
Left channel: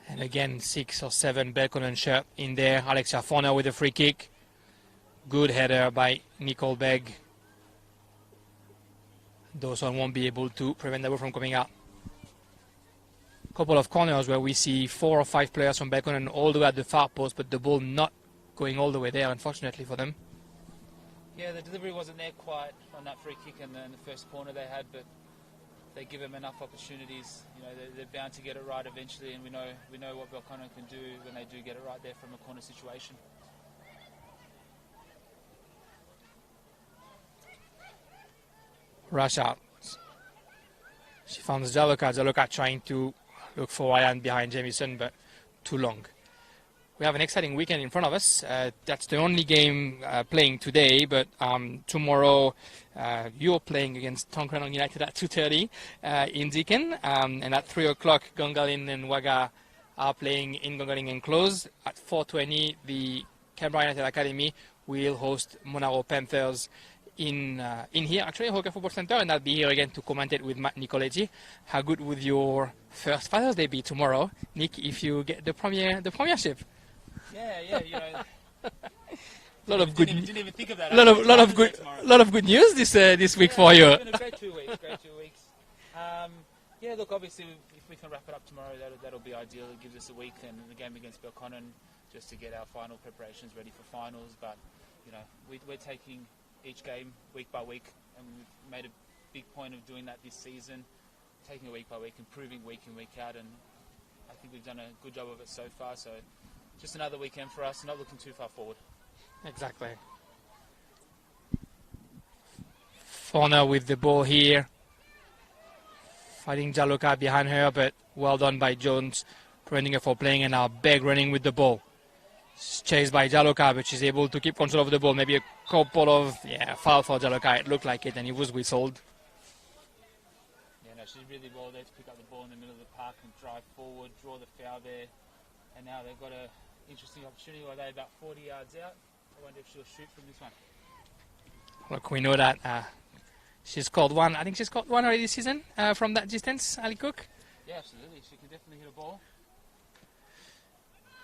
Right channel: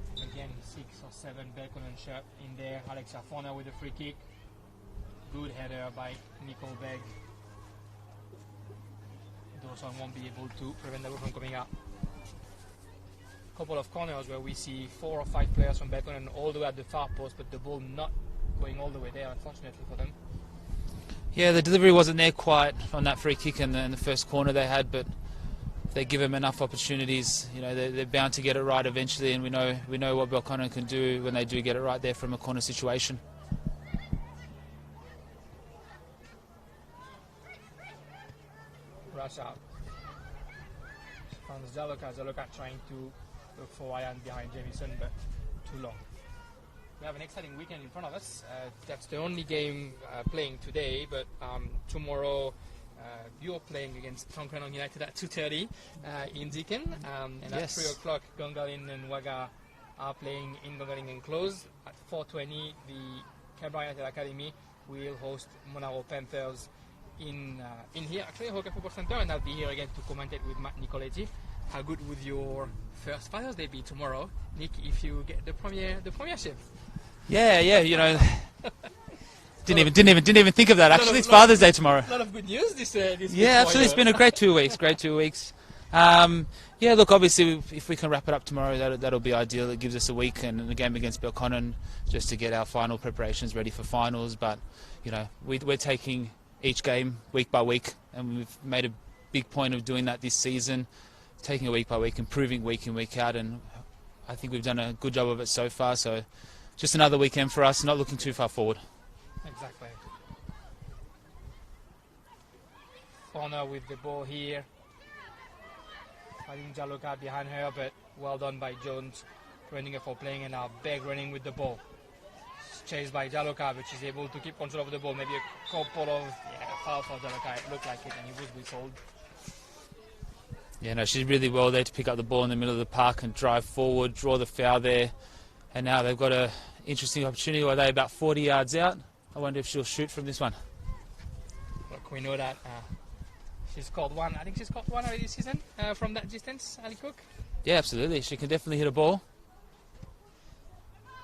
And again, 6 or 7 Belconnen shirt in there. Alexia Forner with a free kick. Good header by Nicole Begg. Dawson won't be able to prevent the ball from coming out. Couple of corners where we see 4 or 5 players from Belconnen all the way at the far post, but the ball not going all the way there, unfortunately for them. Yeah, the delivery wasn't there quite on that free kick in the first corner they had, but if they give them enough opportunities, you know, they're bound to get it right eventually, and we know what Belconnen can do when they do get it right there from a corner situation. Rush out. She found Jaloka. Jaloka trying to look for Ryan behind Jamieson, but too long. We have an exciting weekend in front of us. That's the only game playing today, but tomorrow you're playing against Tongkranong United at 2:30 in Deakin, and at 3 o'clock Gongalin and Waga are playing in Gongalin enclosed. At 4:20 the Canberra United Academy will host Monaro Panthers in here, actually, Hockey Football Center, and I'll be here again to commentate with Matt Nicoletti. How good would your first Father's Day be tomorrow, Nick, if you get the premiership? Yeah, you know, didn't even think of that. Actually, it's Father's Day tomorrow. A lot of good news this week Yeah, for you. It's been a great 2 weeks. Yeah, look, obviously, if we can wrap it up tomorrow, that'll be ideal. It gives us a week and a game against Belconnen just to get our final preparations ready for finals. But you know, we're taking each game week by week, and we've made a big point of doing that this season, taking it week by week, improving week in, week out, and I think we've done a good job of it so far. So just another weekend for us, not looking too far forward. Exactly. Fauna with the ball here, fighting Jaloka behind her, but well done by Jones, preventing her from playing, and now Begg running with the ball. She's chased by Jaloka, but she's able to keep control of the ball. Maybe a couple of foul for Jaloka. It looked like it, and it was whistled. Yeah, no, she's really well there to pick up the ball in the middle of the park and drive forward, draw the foul there. And now they've got an interesting opportunity where they're about 40 yards out. I wonder if she'll shoot from this one. Look, we know that she's scored one. I think she's scored one already this season from that distance, Ali Cook. Yeah, absolutely. She can definitely hit a ball.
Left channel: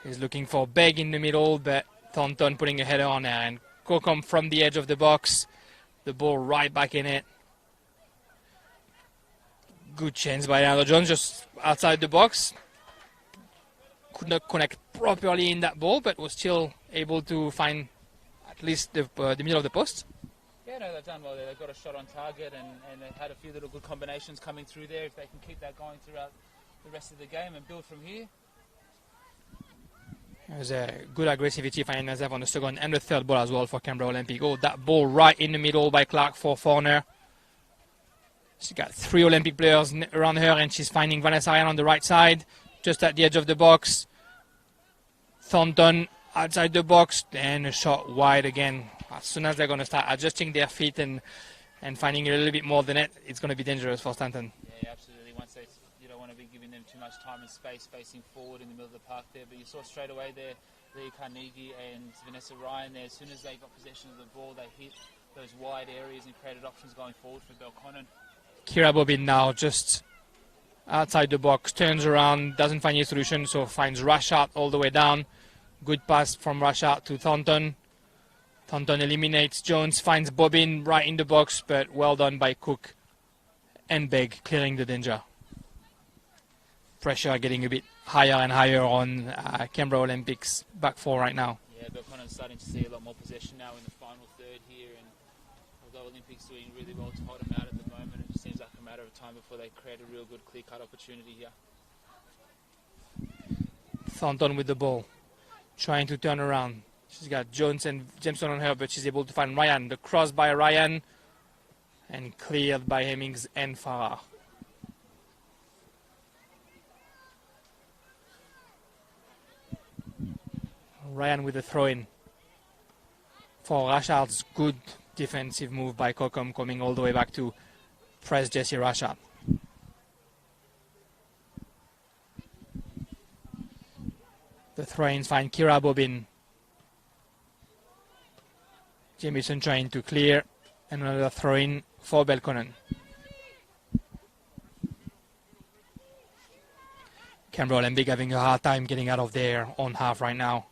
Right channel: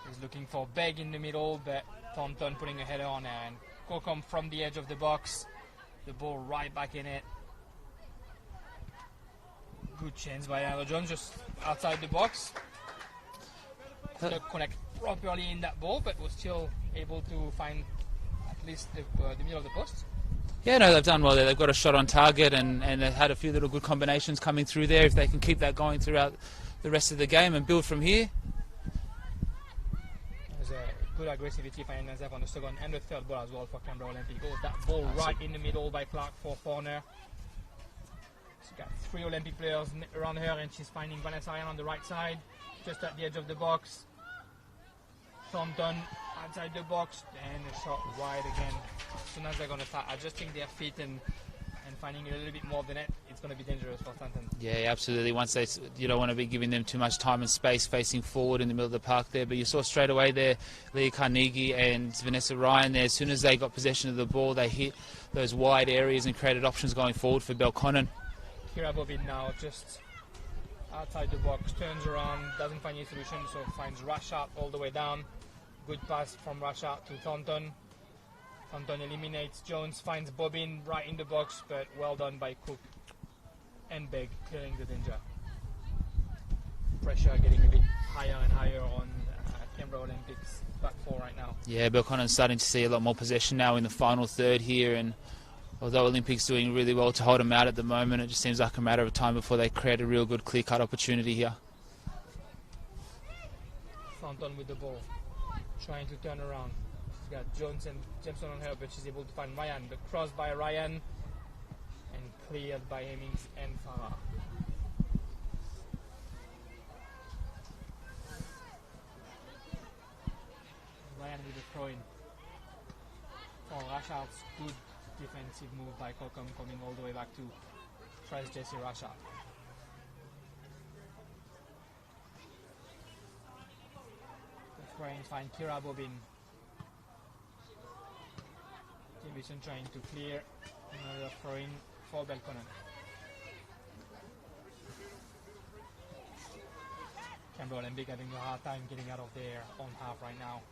He's looking for Begg in the middle, but Thornton putting a header on her, and Kokom from the edge of the box. The ball right back in it. Good chance by Leandro Jones, just outside the box. Could not connect properly in that ball, but was still able to find at least the middle of the post. Yeah, no, they've done well there. They've got a shot on target, and they've had a few little good combinations coming through there. If they can keep that going throughout the rest of the game and build from here. There's a good aggressivity finding herself on the second and the third ball as well for Canberra Olympic. Oh, that ball right in the middle by Clark for Forner. She's got 3 Olympic players around her, and she's finding Vanessa Ryan on the right side, just at the edge of the box. Thornton outside the box, and a shot wide again. As soon as they're going to start adjusting their feet and finding a little bit more than it, it's going to be dangerous for Stanton. Yeah, absolutely. Once you don't want to be giving them too much time and space facing forward in the middle of the park there. But you saw straight away there, Leah Carnegie and Vanessa Ryan there. As soon as they got possession of the ball, they hit those wide areas and created options going forward for Belconnen. Kira Bobin now just outside the box, turns around, doesn't find any solution, so finds Rashat all the way down. Good pass from Rashat to Thornton. Thornton eliminates Jones, finds Bobin right in the box, but well done by Cook and Begg, clearing the danger. Pressure getting a bit higher and higher on Canberra Olympics back four right now. Yeah, Belconnen's starting to see a lot more possession now in the final third here, and although Olympics doing really well to hold them out at the moment, it just seems like a matter of time before they create a real good clear-cut opportunity here. Thornton with the ball, trying to turn around. She's got Jones and Jameson on her, but she's able to find Ryan. The cross by Ryan, and cleared by Hemmings and Farah. Ryan with the throw-in for Rashard's good defensive move by Kokom, coming all the way back to press Jesse Rashard. The throw-ins find Kira Bobin. Jamieson trying to clear, and another throw-in for Belconnen. Canberra Olympic having a hard time getting out of their own half right now.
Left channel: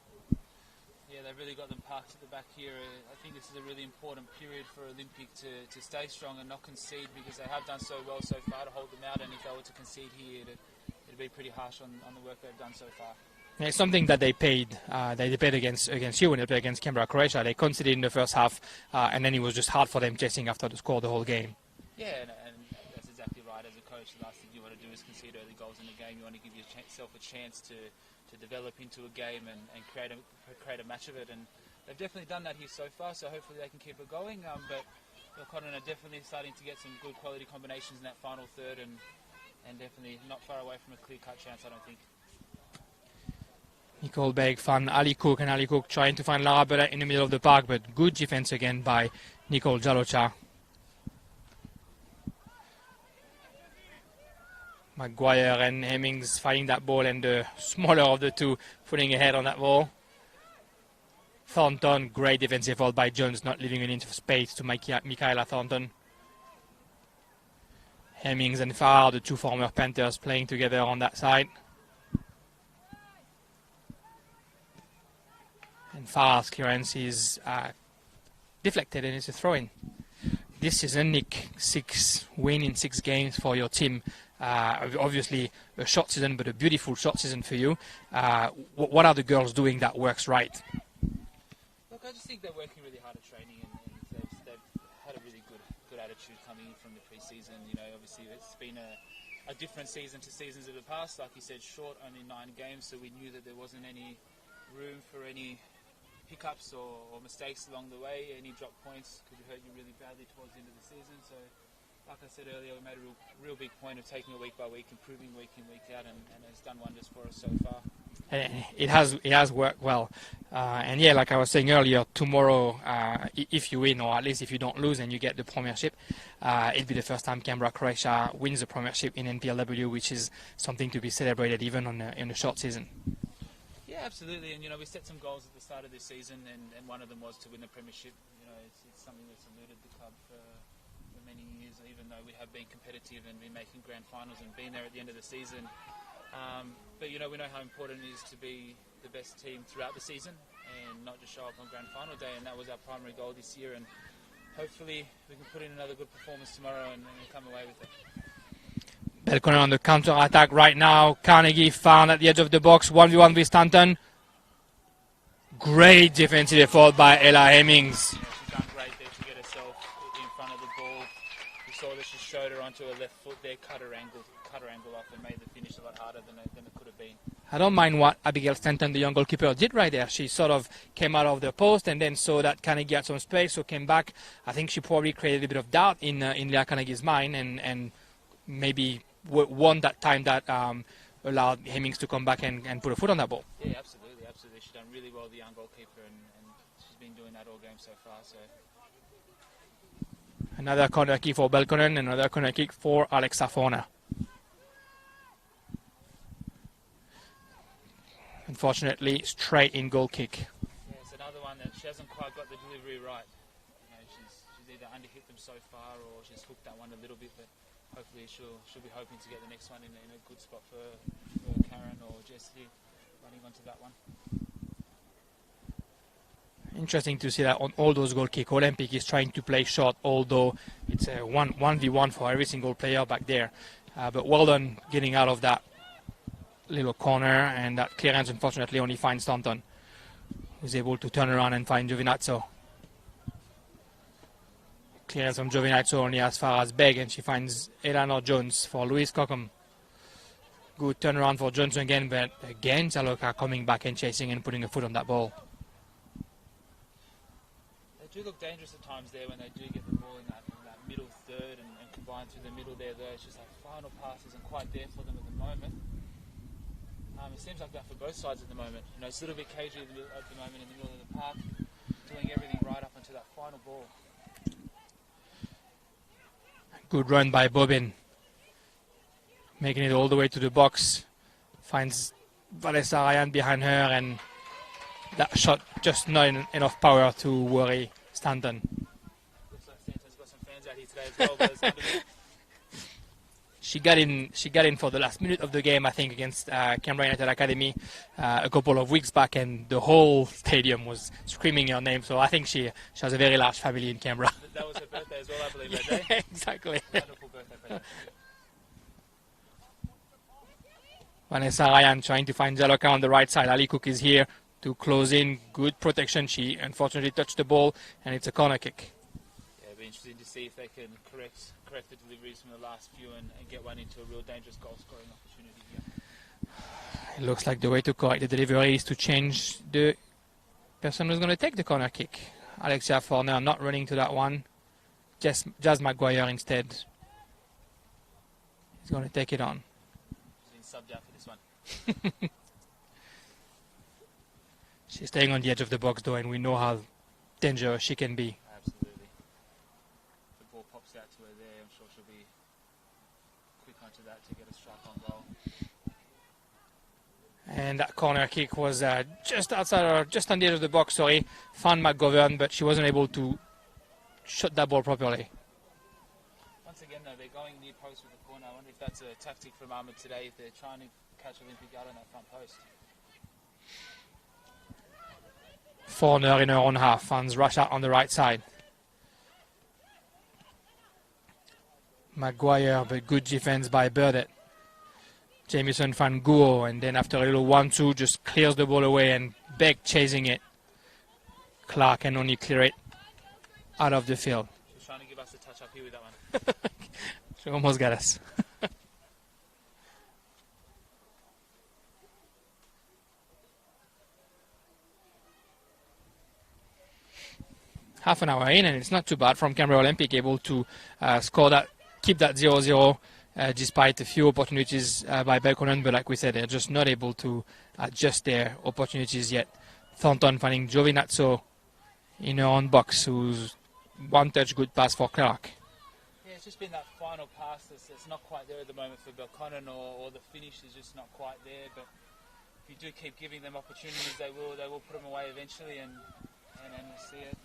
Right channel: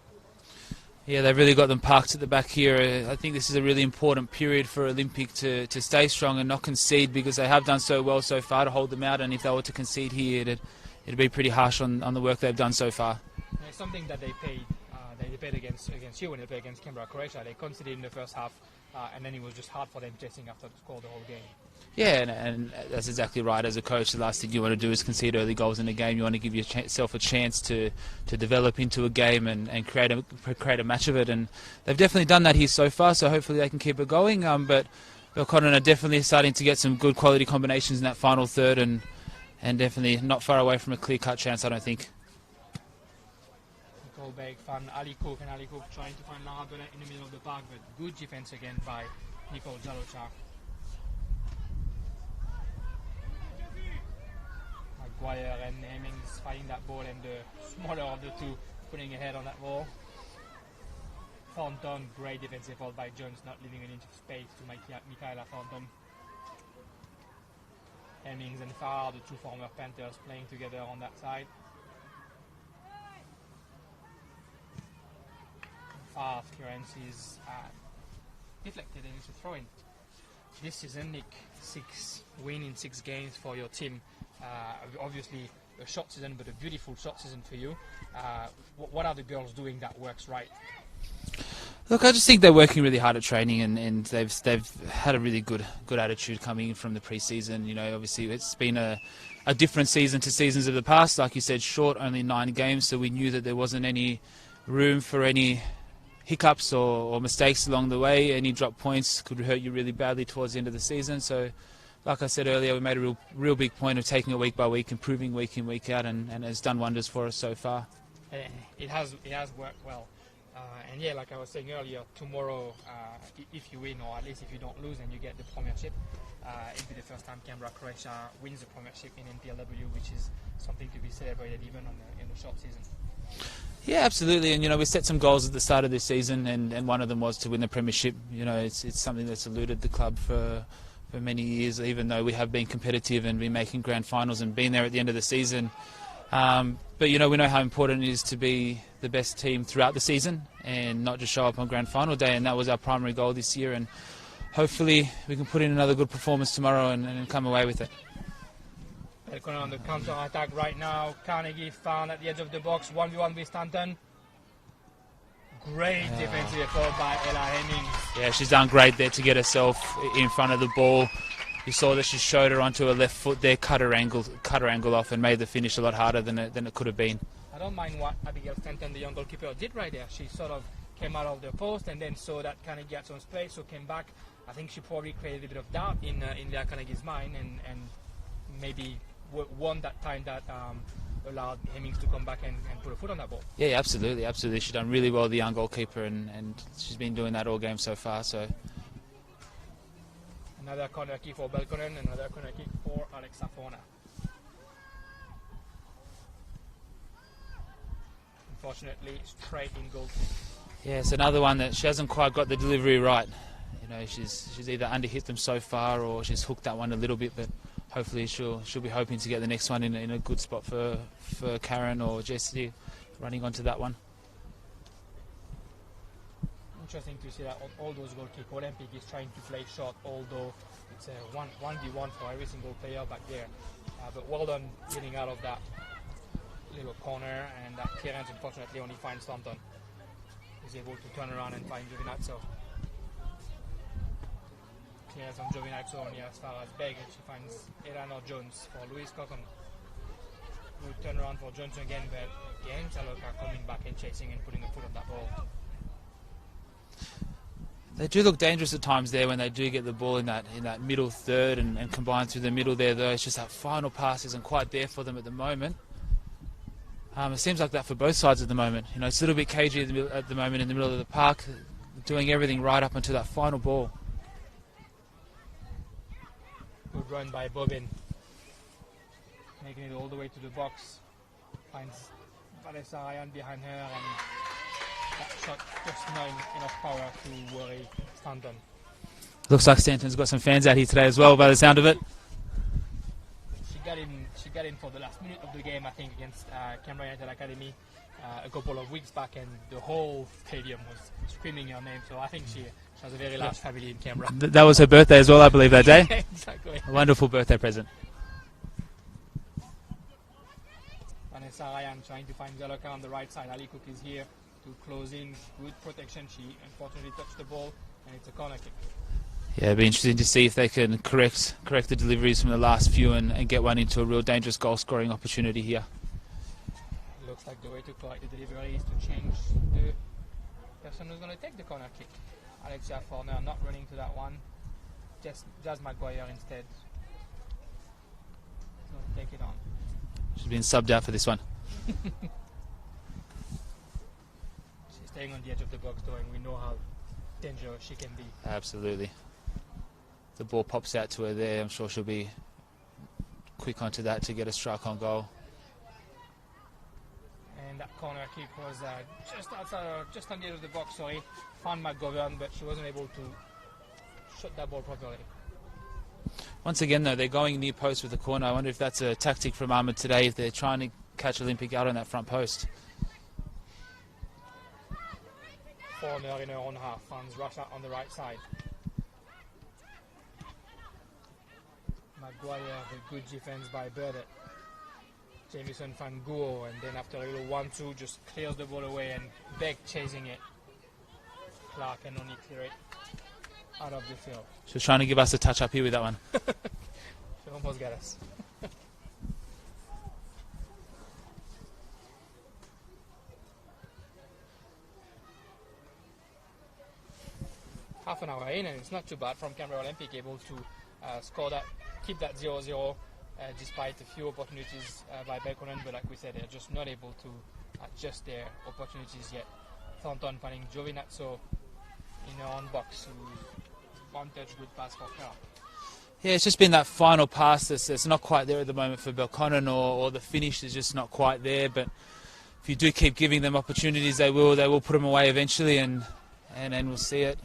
Yeah, they've really got them parked at the back here. I think this is a really important period for Olympic to stay strong and not concede, because they have done so well so far to hold them out, and if they were to concede here, it'd be pretty harsh on the work they've done so far. Yeah, it's something that they paid. They paid against you when they played against Canberra, Croatia. They conceded in the first half, and then it was just hard for them chasing after the score the whole game. Yeah, and that's exactly right. As a coach, the last thing you want to do is concede early goals in a game. You want to give yourself a chance to develop into a game and create a match of it. And they've definitely done that here so far, so hopefully they can keep it going. But Belconnen are definitely starting to get some good quality combinations in that final third, and definitely not far away from a clear-cut chance, I don't think. Nicole Begg found Ali Cook, and Ali Cook trying to find Lara Bella in the middle of the park, but good defense again by Nicole Jalocha. Maguire and Hemmings fighting that ball, and the smaller of the two putting a head on that ball. Thornton, great defensive effort by Jones, not leaving an inch of space to Michaela Thornton. Hemmings and Farr, the two former Panthers, playing together on that side. And Farr's clearance is deflected, and it's a throw-in. This season, Nick, 6 wins in 6 games for your team. Obviously a short season, but a beautiful short season for you. What are the girls doing that works right? Look, I just think they're working really hard at training, and they've had a really good attitude coming in from the pre-season. You know, obviously it's been a different season to seasons of the past. Like you said, short, only 9 games, so we knew that there wasn't any room for any hiccups or mistakes along the way. Any drop points could hurt you really badly towards the end of the season. So, like I said earlier, we made a real big point of taking it week by week, improving week in, week out, and it's done wonders for us so far. And it has worked well. And yeah, like I was saying earlier, tomorrow, if you win, or at least if you don't lose and you get the premiership, it'll be the first time Canberra, Croatia wins the premiership in NPLW, which is something to be celebrated even in a short season. Yeah, absolutely. And, you know, we set some goals at the start of this season, and one of them was to win the premiership. You know, it's something that's eluded the club for many years, even though we have been competitive and been making grand finals and been there at the end of the season. But, you know, we know how important it is to be the best team throughout the season and not just show up on grand final day, and that was our primary goal this year, and hopefully we can put in another good performance tomorrow and come away with it. Belconnen on the counter-attack right now. Carnegie found at the edge of the box, 1v1 with Stanton. Great defensive effort by Ella Hemmings. Yeah, she's done great there to get herself in front of the ball. You saw that she showed her onto her left foot there, cut her angle off, and made the finish a lot harder than it could have been. I don't mind what Abigail Stanton, the young goalkeeper, did right there. She sort of came out of the post and then saw that Carnegie had some space, so came back. I think she probably created a bit of doubt in Leah Carnegie's mind, and maybe won that time that allowed Hemmings to come back and put a foot on that ball. Yeah, absolutely. She's done really well, the young goalkeeper, and she's been doing that all game so far. So another corner kick for Belconnen, another corner kick for Alexa Forner. Unfortunately, straight in goal kick. Yeah, it's another one that she hasn't quite got the delivery right. You know, she's either underhit them so far or she's hooked that one a little bit, but hopefully she'll be hoping to get the next one in a good spot for Karen or Jessie running onto that one. Interesting to see that on all those goal kicks, Olympic is trying to play short, although it's a 1v1 for every single player back there. But well done getting out of that little corner, and that clearance unfortunately only finds Thornton, who's able to turn around and find Giovinazzo. Clearance from Giovinazzo only as far as Begg, and she finds Eleanor Jones for Louise Cockham. Good turnaround for Jones again, but again Zaloka coming back and chasing and putting a foot on that ball. They do look dangerous at times there when they do get the ball in that middle third and combine through the middle there, though. It's just that final pass isn't quite there for them at the moment. It seems like that for both sides at the moment. You know, it's a little bit cagey at the moment in the middle of the park, doing everything right up until that final ball. Good run by Bobbin, making it all the way to the box. Finds Vanessa Ryan behind her, and that shot just not enough power to worry Stanton. Looks like Stanton's got some fans out here today as well, by the sound of it. She got in for the last minute of the game, I think, against Canberra United Academy a couple of weeks back, and the whole stadium was screaming her name. So I think she has a very large family in Canberra. That was her birthday as well, I believe, that day. Exactly. A wonderful birthday present. Vanessa Ryan trying to find Jaloka on the right side. Ali Cook is here to close in. Good protection. She unfortunately touched the ball, and it's a corner kick. Yeah, it'll be interesting to see if they can correct the deliveries from the last few and get one into a real dangerous goal-scoring opportunity here. It looks like the way to correct the delivery is to change the person who's going to take the corner kick. Alexia Forner not running to that one. Jazz Maguire instead is going to take it on. She's been subbed out for this one. She's staying on the edge of the box though, and we know how dangerous she can be. Absolutely. The ball pops out to her there. I'm sure she'll be quick onto that to get a strike on goal. And that corner kick was just outside, or just on the edge of the box, sorry. Found McGovern, but she wasn't able to shot that ball properly. Once again, though, they're going near post with the corner. I wonder if that's a tactic from Ahmed today, if they're trying to catch Olympic out on that front post. Forner in her own half, finds Rasha on the right side. Maguire, but good defense by Burdett. Jamieson found Guo, and then after a little 1-2, just clears the ball away, and Beck chasing it. Clark can only clear it out of the field. She was trying to give us a touch up here with that one. She almost got us. Half an hour in, and it's not too bad from Canberra Olympic, able to score that, keep that 0-0 despite a few opportunities by Belconnen, but like we said, they're just not able to adjust their opportunities yet. Thornton finding Giovinazzo in her own box, who's one touch good pass for Clark. Yeah, it's just been that final pass that's not quite there at the moment for Belconnen, or the finish is just not quite there, but if you do keep giving them opportunities, they will put them away eventually, and we'll see it.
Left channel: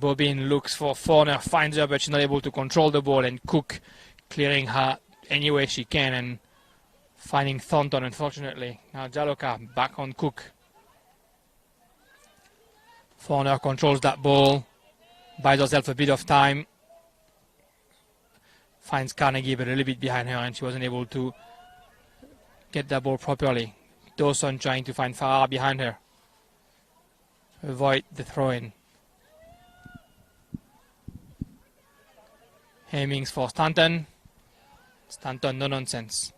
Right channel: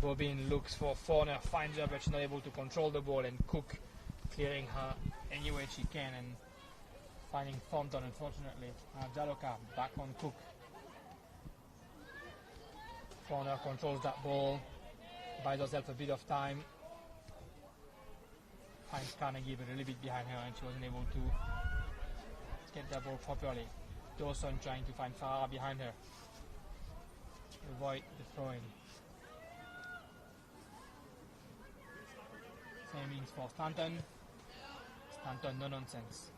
Bobin looks for Forner, finds her, but she's not able to control the ball, and Cook clearing her any way she can and finding Thornton, unfortunately. Now Jaloka back on Cook. Forner controls that ball, buys herself a bit of time, finds Carnegie, but a little bit behind her, and she wasn't able to get that ball properly. Dawson trying to find Farah behind her. Avoid the throw-in. Hemmings for Stanton. Stanton, no nonsense.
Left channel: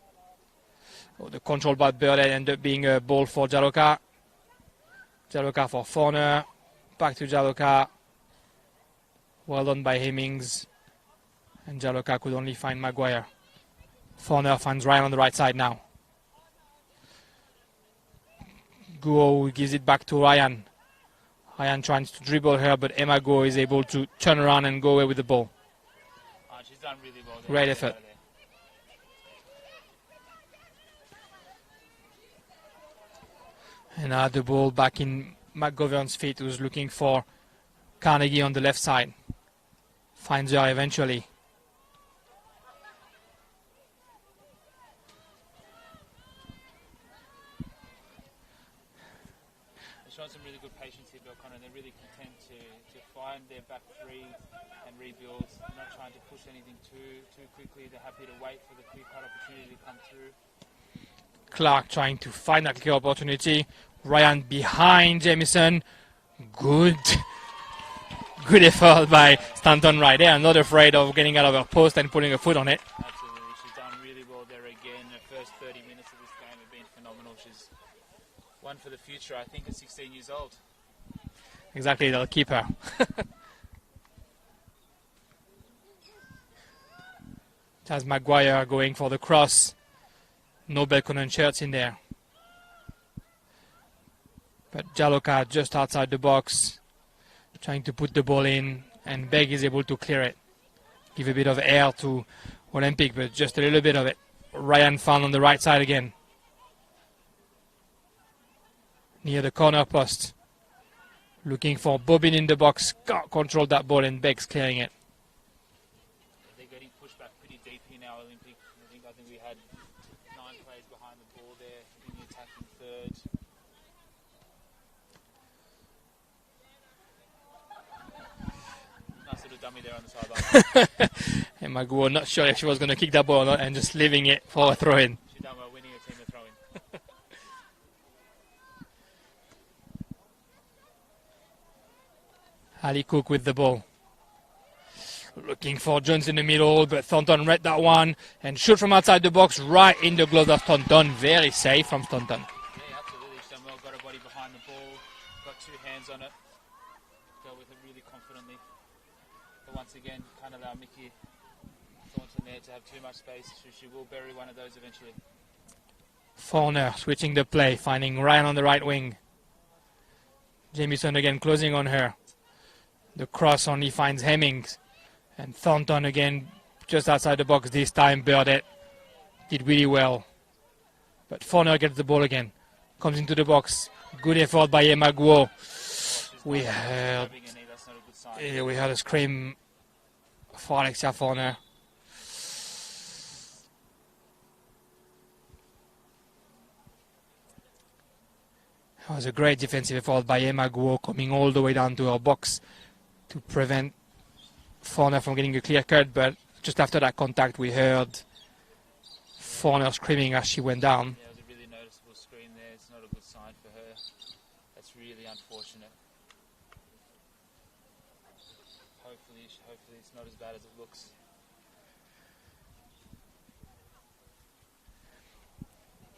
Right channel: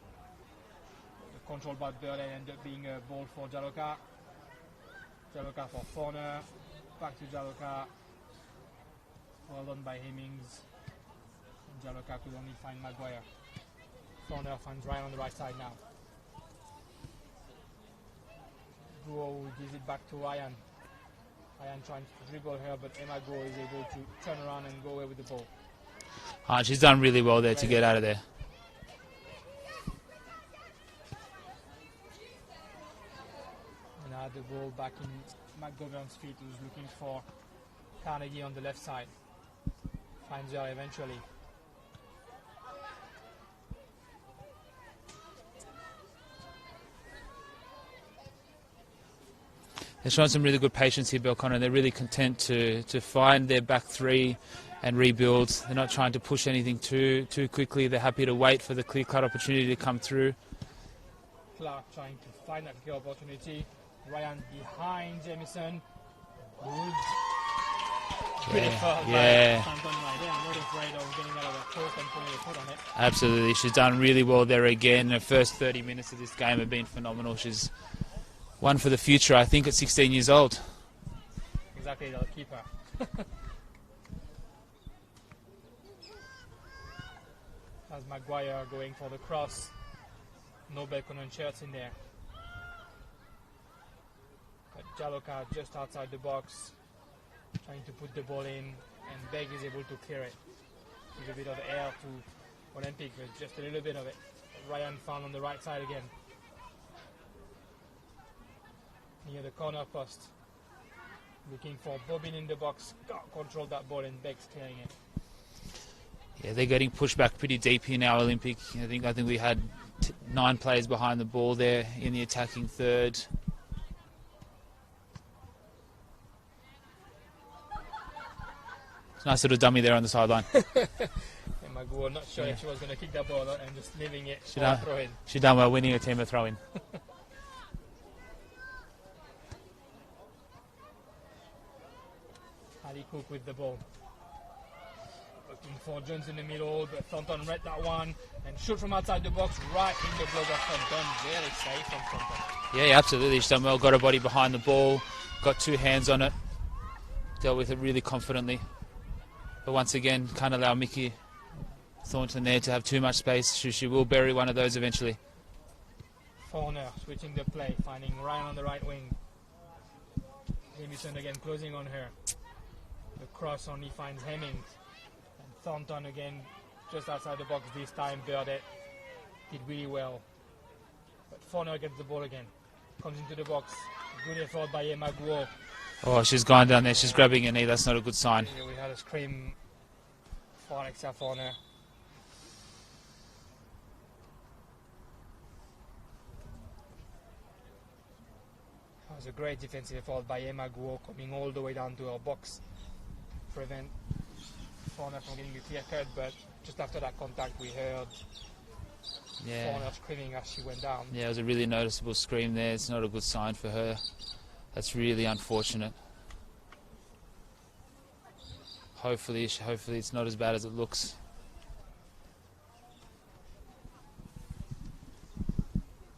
Oh, the control by Burdett ended up being a ball for Jaloka. Jaloka for Forner. Back to Jaloka. Well done by Hemmings. And Jaloka could only find Maguire. Forner finds Ryan on the right side now. Guo gives it back to Ryan. Ryan tries to dribble her, but Emma Guo is able to turn around and go away with the ball. She's done really well there Great to get effort. out of there. And now the ball back in McGovern's feet, who's looking for Carnegie on the left side. Finds her eventually. They're showing some really good patience here, Belconnen. They're really content to find their back three and rebuild. They're not trying to push anything too quickly. They're happy to wait for the clear-cut opportunity to come through. Clark trying to find that clear opportunity. Ryan behind Jamieson. Good effort by Stanton right there. Not afraid of getting out of her post and putting a foot on it. Absolutely. She's done really well there again. Her first 30 minutes of this game have been phenomenal. She's one for the future, I think, at 16 years old. Exactly, they'll keep her. As Maguire going for the cross. No Belconnen shirts in there. But Jaloka just outside the box, trying to put the ball in, and Begg is able to clear it. Give a bit of air to Olympic, but just a little bit of it. Ryan found on the right side again. Near the corner post. Looking for Bobin in the box. Controlled that ball, and Begg's clearing it. Yeah, they're getting pushed back pretty deep in our Olympic. I think we had 9 players behind the ball there in the attacking third. Nice little dummy there on the sideline. And Maguo not sure if she was going to kick that ball or not, and just leaving it for a throw-in. She done well winning a team a throw-in. Ali Cook with the ball. Looking for Jones in the middle, but Thornton read that one and shoot from outside the box right in the gloves of Thornton. Very safe from Thornton. Yeah, absolutely. She's done well. Got her body behind the ball. Got 2 hands on it. Dealt with it really confidently. But once again, can't allow Mickey Thornton there to have too much space. She will bury one of those eventually. Forner switching the play, finding Ryan on the right wing. Jamieson again closing on her. The cross only finds Hemmings. And Thornton again just outside the box this time. Burdett did really well. But Forner gets the ball again. Comes into the box. Good effort by Emma Guo. Oh, she's gone down there. She's grabbing her knee. That's not a good sign. Yeah, we had a scream for Alexia Forner. That was a great defensive effort by Emma Guo, coming all the way down to her box to prevent Forner from getting a clear cut. But just after that contact, we heard Forner screaming as she went down. Yeah, it was a really noticeable scream there. It's not a good sign for her. That's really unfortunate. Hopefully it's not as bad as it looks.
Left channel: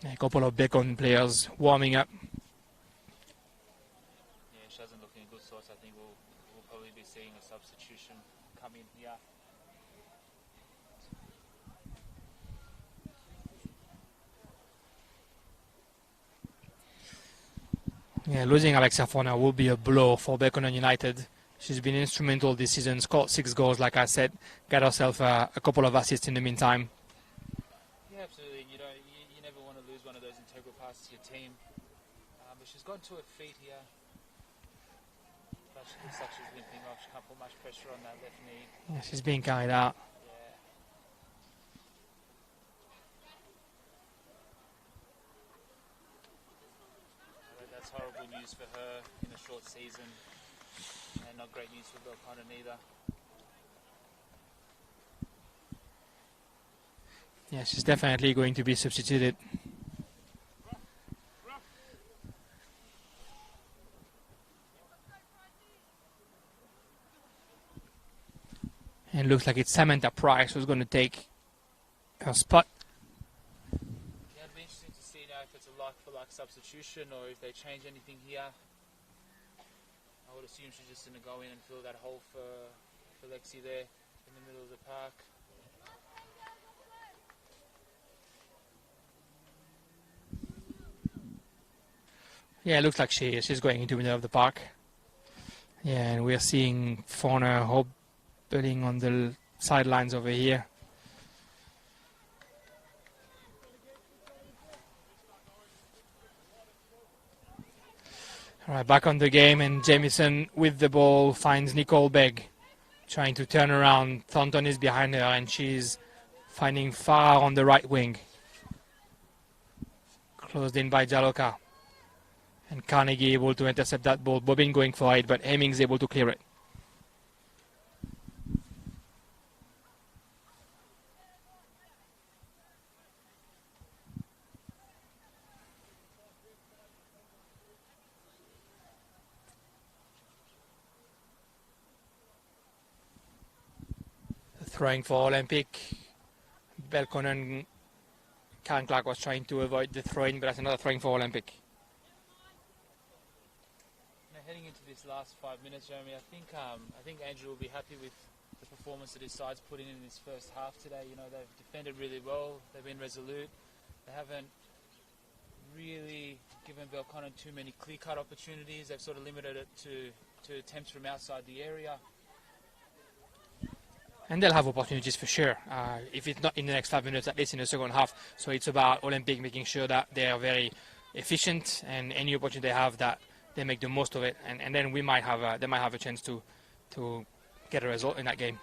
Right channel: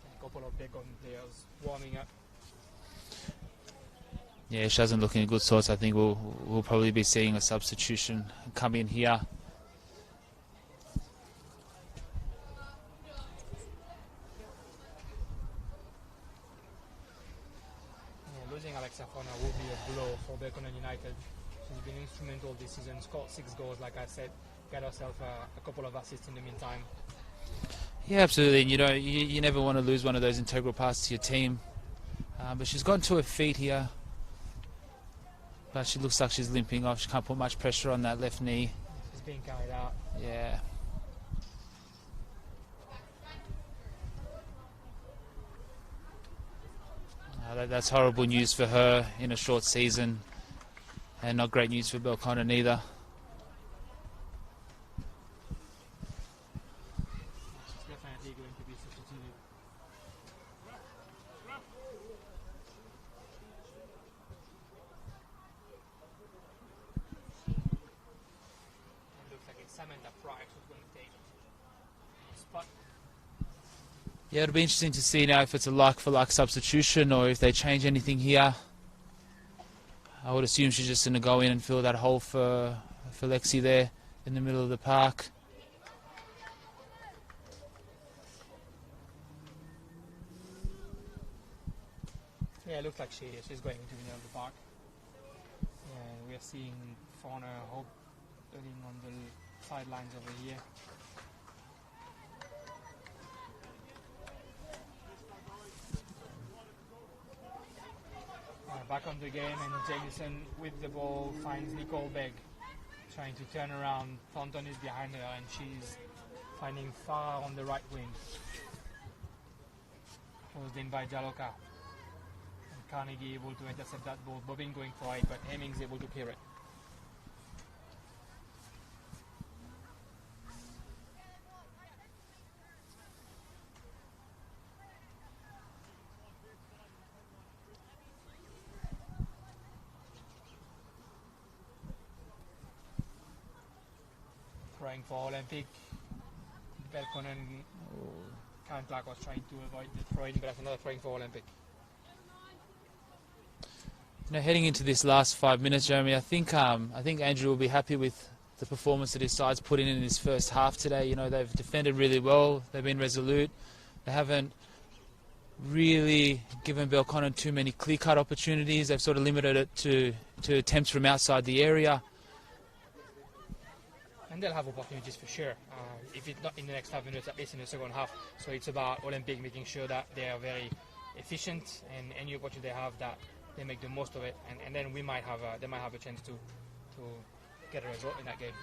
A couple of Belconnen players warming up. Yeah, she doesn't look in good sorts. I think we'll probably be seeing a substitution come in here. Yeah, losing Alexia Forner will be a blow for Belconnen United. She's been instrumental this season, scored 6 goals, like I said, got herself a couple of assists in the meantime. Yeah, absolutely. And you never want to lose one of those integral parts to your team. But she's gotten to her feet here. But she looks like she's limping off. She can't put much pressure on that left knee. Yeah, she's being carried out. Yeah. That's horrible news for her in a short season, and not great news for Belconnen either. Yeah, she's definitely going to be substituted. And it looks like it's Samantha Price who's going to take her spot. Yeah, it'll be interesting to see now if it's a like-for-like substitution or if they change anything here. I would assume she's just going to go in and fill that hole for Lexi there in the middle of the park. Yeah, it looks like she's going into the middle of the park. Yeah, and we're seeing Forner hobbling on the sidelines over here. All right, back on the game, and Jamieson with the ball finds Nicole Begg, trying to turn around. Thornton is behind her, and she's finding Farah on the right wing. Closed in by Jaloka. And Carnegie able to intercept that ball. Bobbin going for it, but Hemmings able to clear it. Throwing for Olympic. Belconnen. Karen Clark was trying to avoid the throwing, but that's another throwing for Olympic. Heading into this last 5 minutes, Jeremy, I think Andrew will be happy with the performance that his side's put in his first half today. They've defended really well. They've been resolute. They haven't really given Belconnen too many clear-cut opportunities. They've sort of limited it to attempts from outside the area. And they'll have opportunities for sure, if it's not in the next 5 minutes, at least in the second half. So it's about Olympic making sure that they are very efficient, and any opportunity they have, that they make the most of it, and then they might have a chance to get a result in that game.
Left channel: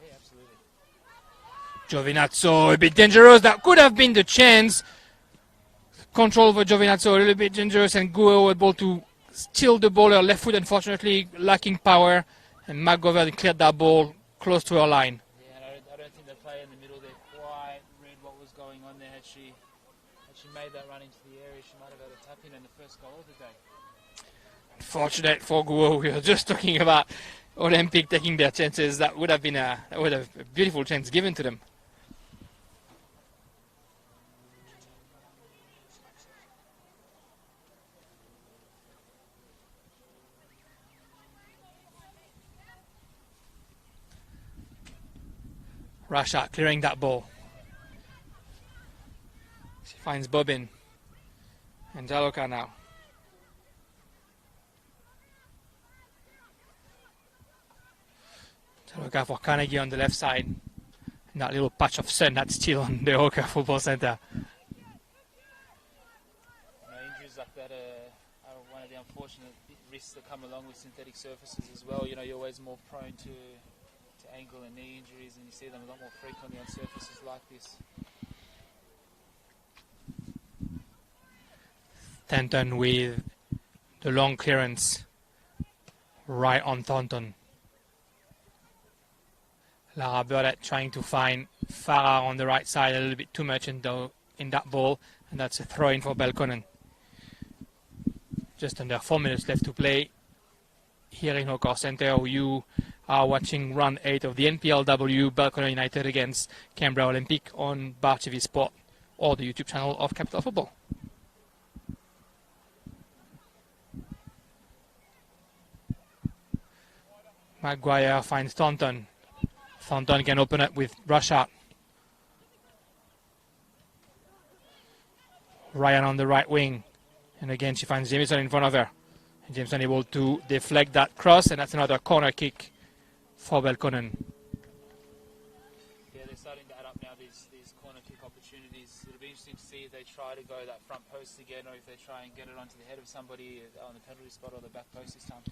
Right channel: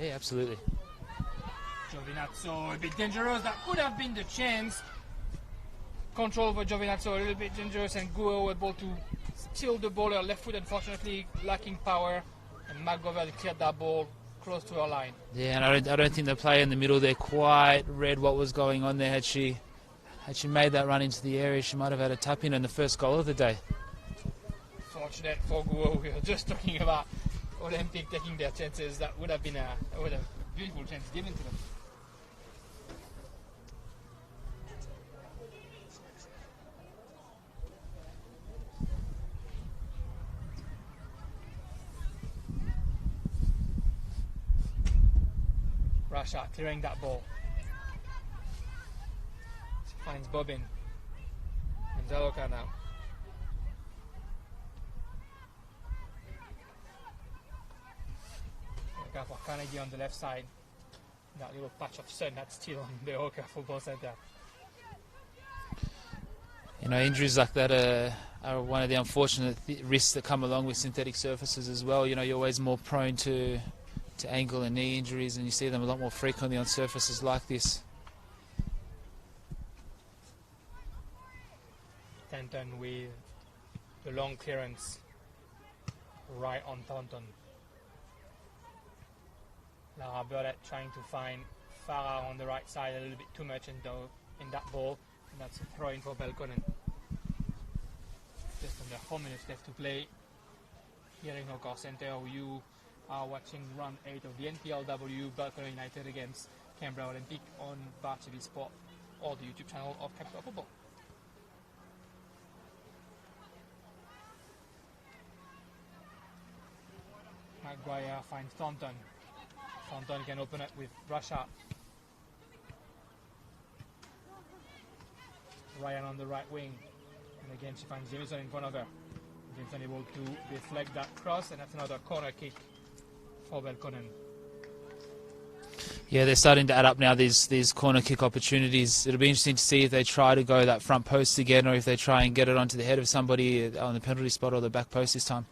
Yeah, absolutely. Giovinazzo a bit dangerous. That could have been the chance. Control over Giovinazzo a little bit dangerous, and Guo able to steal the ball. Her left foot, unfortunately, lacking power, and McGovern cleared that ball close to her line. Yeah, and I don't think the player in the middle there quite read what was going on there. Had she made that run into the area, she might have had a tap in on the first goal of the day. Fortunate for Guo. We were just talking about Olympic taking their chances. That would have been a beautiful chance given to them. Russia clearing that ball. She finds Bobbin and Jaloka now. Jaloka for Carnegie on the left side. And that little patch of sun that's still on the Oka Football Center. You know, injuries like that are one of the unfortunate risks that come along with synthetic surfaces as well. You know, you're always more prone to ankle and knee injuries, and you see them a lot more frequently on surfaces like this. Thornton with the long clearance right on Thornton. Lara Burdett trying to find Farah on the right side a little bit too much in that ball, and that's a throw in for Belconnen. Just under 4 minutes left to play here in Oka Center. You are watching round 8 of the NPLW, Belconnen United against Canberra Olympic on Bar TV Sport or the YouTube channel of Capital Football. Maguire finds Thornton. Thornton can open up with Russia. Ryan on the right wing. And again, she finds Jameson in front of her. And Jameson able to deflect that cross, and that's another corner kick for Belconnen. Yeah, they're starting to add up now, these corner kick opportunities. It'll be interesting to see if they try to go that front post again, or if they try and get it onto the head of somebody on the penalty spot or the back post this time.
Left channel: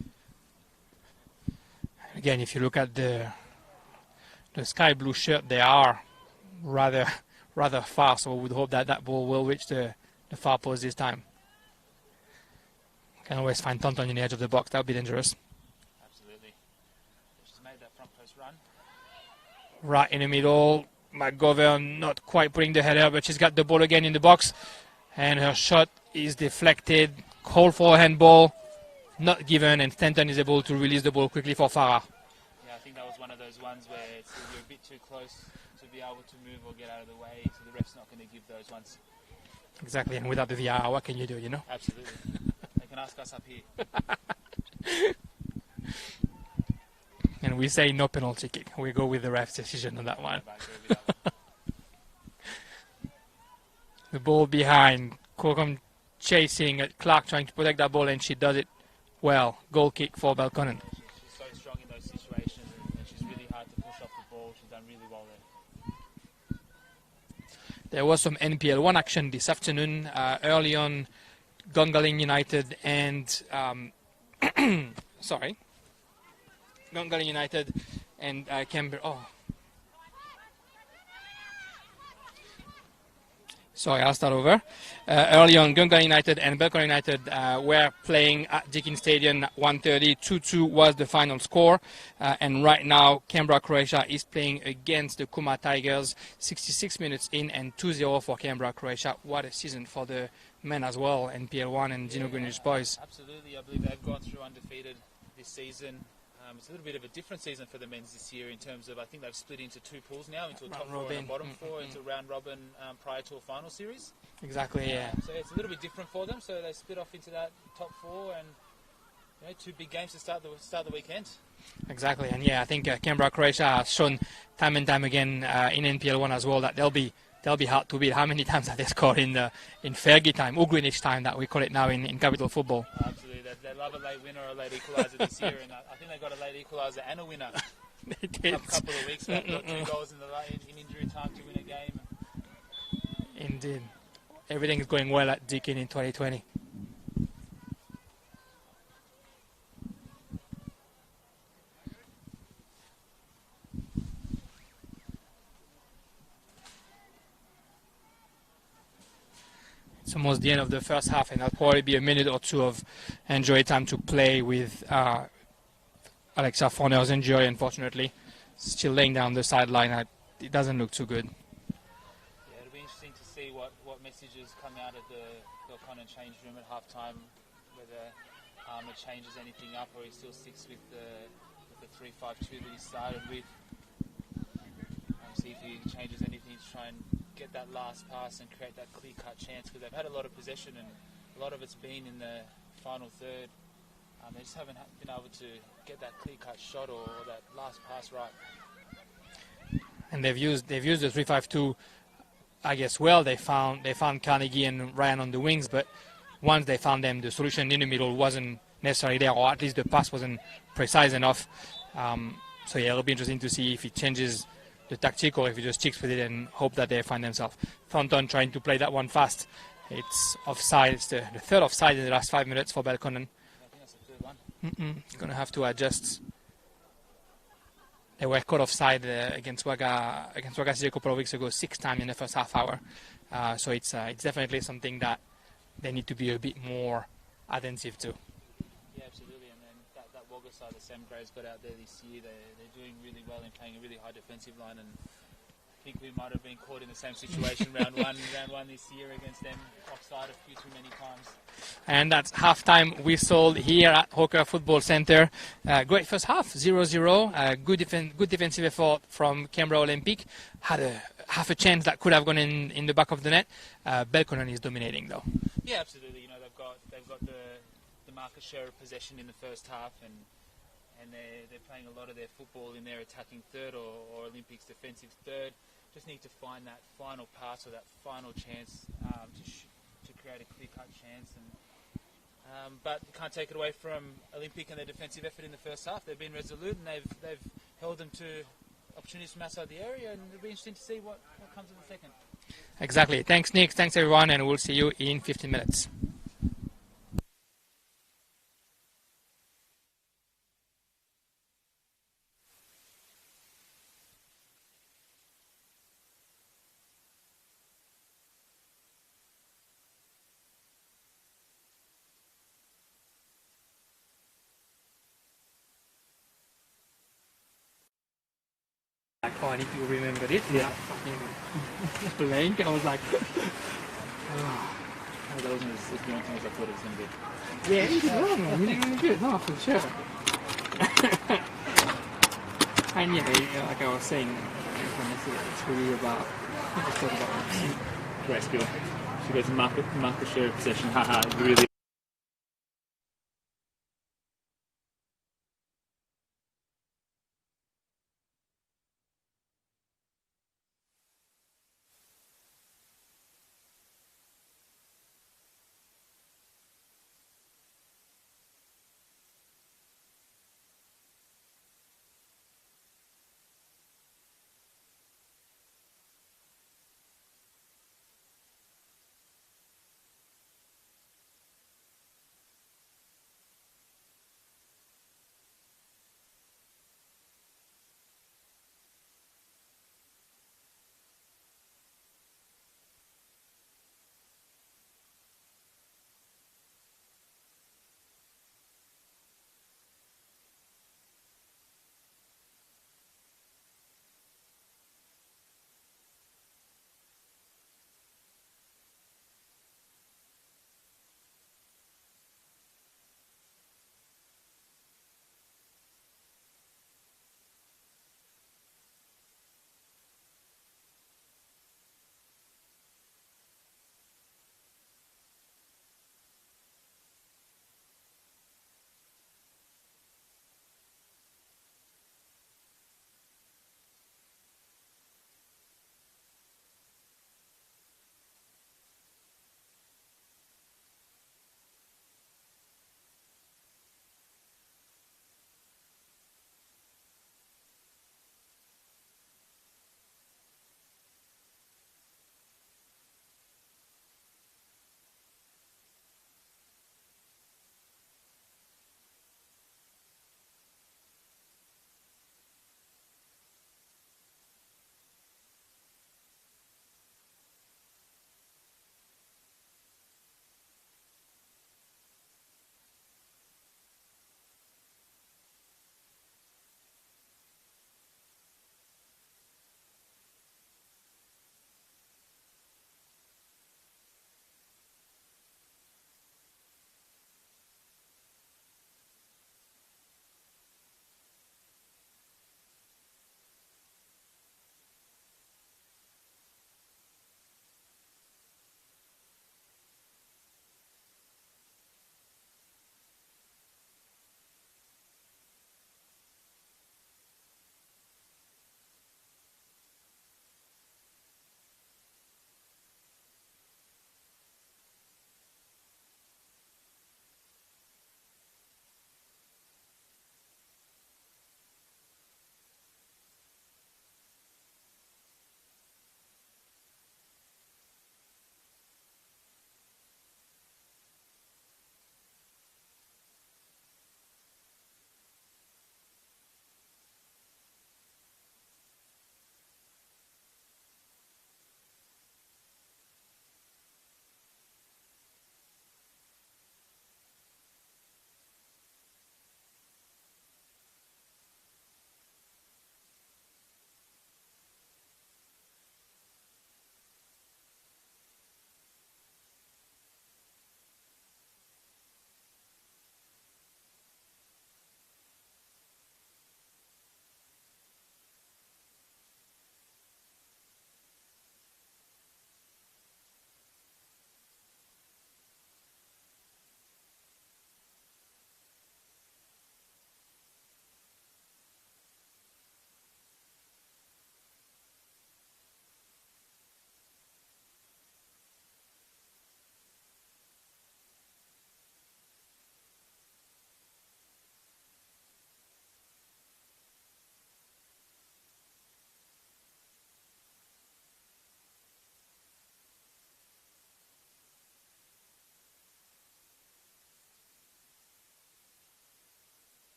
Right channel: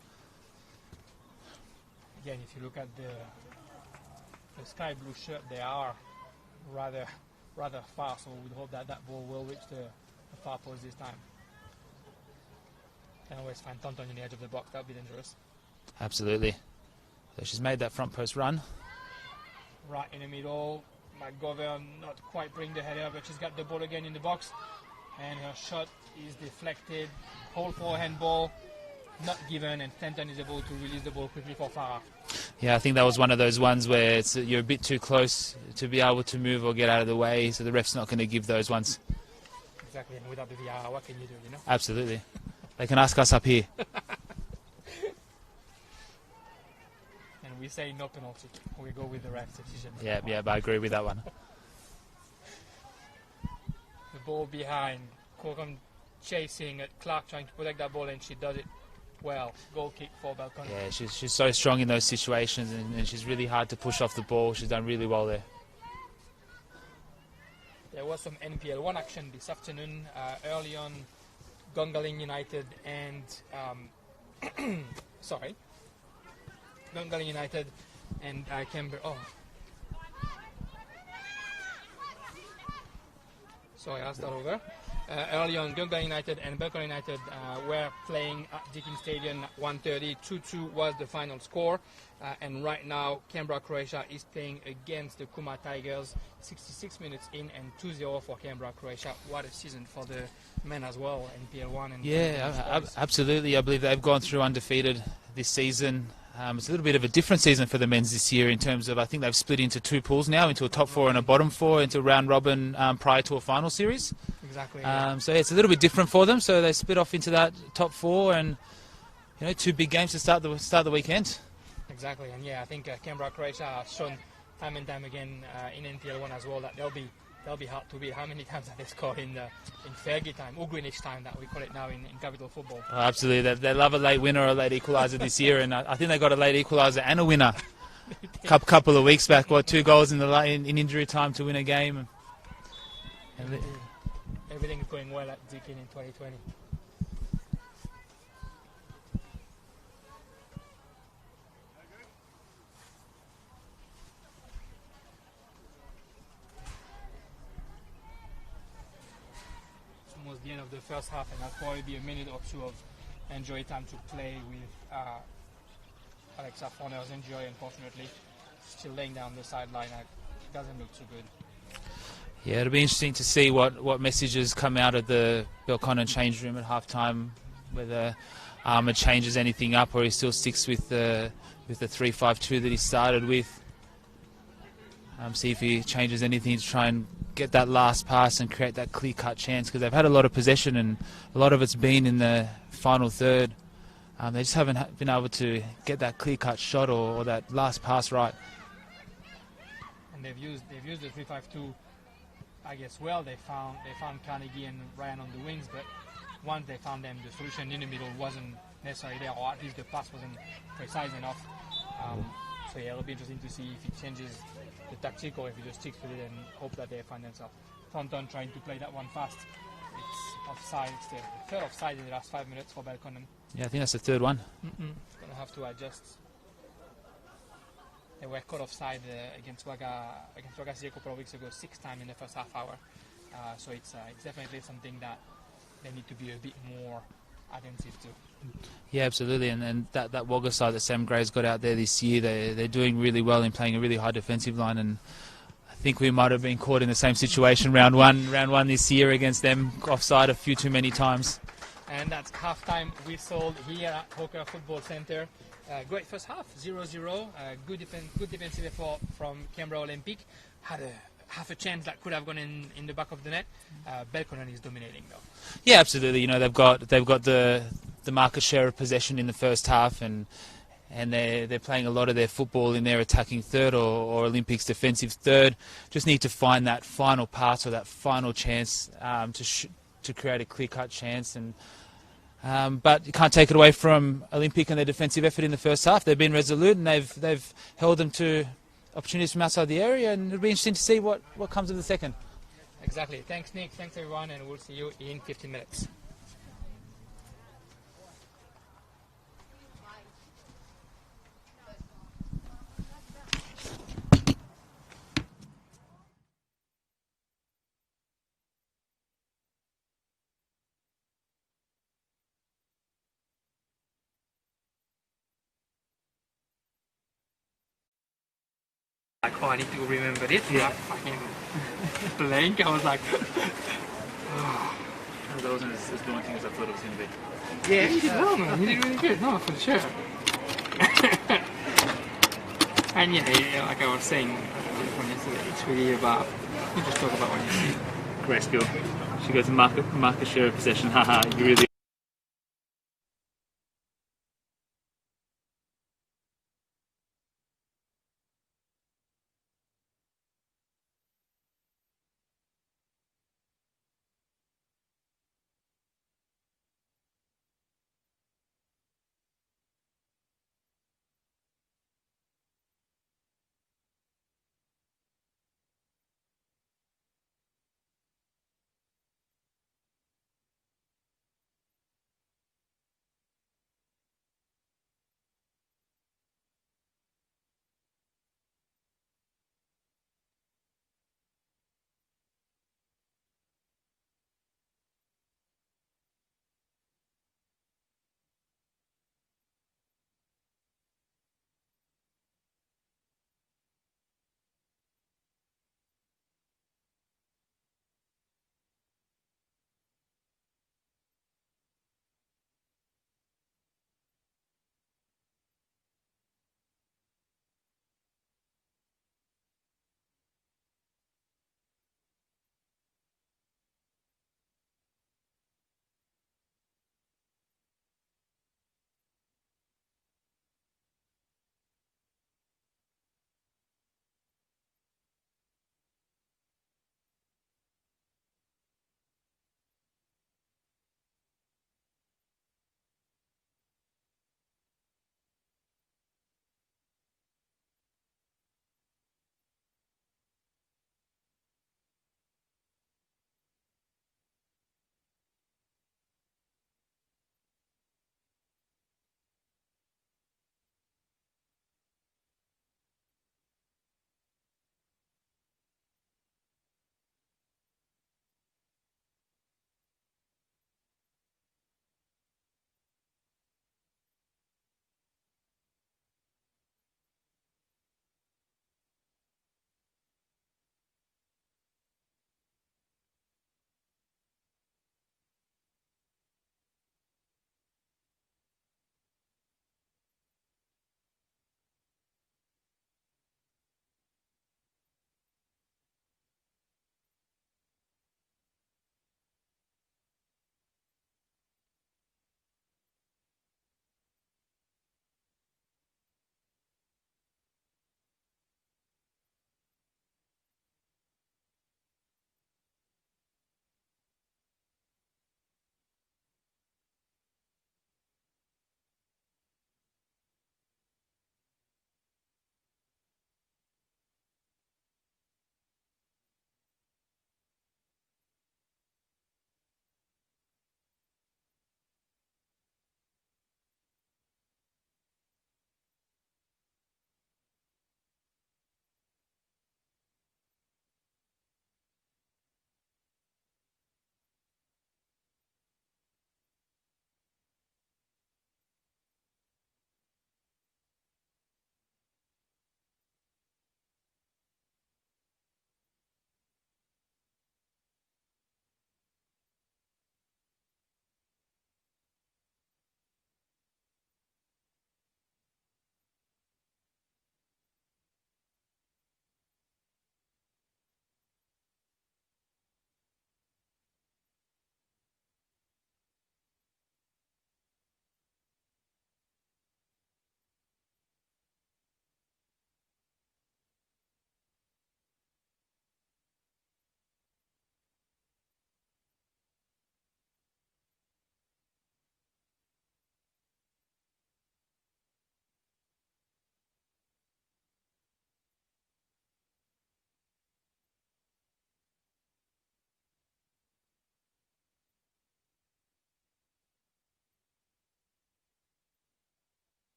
Again, if you look at the sky blue shirt, they are rather far, so we would hope that that ball will reach the far post this time. Can always find Thornton in the edge of the box. That would be dangerous. Absolutely. So she's made that front post run. Right in the middle. McGovern not quite putting the header, but she's got the ball again in the box. And her shot is deflected. Call for a handball. Not given, and Thornton is able to release the ball quickly for Farah. Yeah, I think that was one of those ones where you're a bit too close to be able to move or get out of the way, so the ref's not going to give those ones. Exactly, and without the VAR, what can you do, you know? Absolutely. They can ask us up here. And we say no penalty kick. We go with the ref's decision on that one. Yeah, but I agree with that one. The ball behind. Corcoran chasing at Clark, trying to protect that ball, and she does it well. Goal kick for Belconnen. Yeah, she's so strong in those situations, and she's really hard to push off the ball. She's done really well there. There was some NPL 1 action this afternoon. Early on, Gungahlin United and Gungahlin United and Canberra. Oh. Sorry, I'll start over. Early on, Gungahlin United and Belconnen United were playing at Deakin Stadium at 1:30. 2-2 was the final score. And right now, Canberra, Croatia is playing against the Kuma Tigers. 66 minutes in and 2-0 for Canberra, Croatia. What a season for the men as well, NPL 1 and British boys. Absolutely. I believe they've gone through undefeated this season. It's a little bit of a different season for the men's this year in terms of, I think they've split into 2 pools now, into a top 4 and a bottom 4, into round robin prior to a final series. Exactly. Yeah. So it's a little bit different for them. So they split off into that top 4, and 2 big games to start the weekend. Exactly, and yeah, I think Canberra, Croatia has shown time and time again in NPL 1 as well that they'll be hard to beat. How many times have they scored in Fergie time, or Greenwich time that we call it now in Capital Football? Oh, absolutely, they love a late winner or a late equaliser this year, and I think they got a late equaliser and a winner a couple of weeks back. 2 goals in injury time to win a game. Indeed. Everything is going well at Deakin in 2020. it's almost the end of the first half, and that'll probably be a minute or two of enjoy time to play with Alexa Forner's injury, unfortunately. Still laying down the sideline. It doesn't look too good. Yeah, it'll be interesting to see what messages come out of the Belconnen change room at halftime, whether it changes anything up or he still sticks with the 3-5-2 that he started with. See if he changes anything to try and get that last pass and create that clear-cut chance, because they've had a lot of possession and a lot of it's been in the final third. They just haven't been able to get that clear-cut shot or that last pass right. And they've used the 3-5-2, I guess. Well, they found Carnegie and Ryan on the wings, but once they found them, the solution in the middle wasn't necessarily there, or at least the pass wasn't precise enough. So yeah, it'll be interesting to see if he changes the tactic or if he just sticks with it and hope that they find themselves. Thornton trying to play that one fast. It's offside. It's the third offside in the last 5 minutes for Belconnen. Yeah, I think that's the third one. Going to have to adjust. They were caught offside against Wagga City a couple of weeks ago, 6 times in the first half hour. So it's definitely something that they need to be a bit more attentive to. Yeah, absolutely, and that Wagga side that Sam Gray's got out there this year, they're doing really well in playing a really high defensive line, and I think we might have been caught in the same situation round one this year against them, offside a few too many times. And that's halftime whistle here at Hawker Football Centre. Great first half, 0-0. Good defensive effort from Canberra Olympic. Had half a chance that could have gone in the back of the net. Belconnen is dominating though. Yeah, absolutely. You know, they've got the market share of possession in the first half, and they're playing a lot of their football in their attacking third or Olympics defensive third. Just need to find that final pass or that final chance to create a clear-cut chance. But you can't take it away from Olympic and their defensive effort in the first half. They've been resolute and they've held them to opportunities from outside the area, and it'll be interesting to see what comes of the second. Exactly. Thanks, Nick. Thanks, everyone, and we'll see you in 15 minutes. Like, oh, I need to remember it. Yeah. Fucking blank. I was like, Oh, that wasn't as daunting as I thought it was going to be. yeah, you did well, man. You did really good. No, for sure. And yeah, like I was saying, it's really about, you just talk about what you see. Great skill. She goes market share of possession. Haha, really.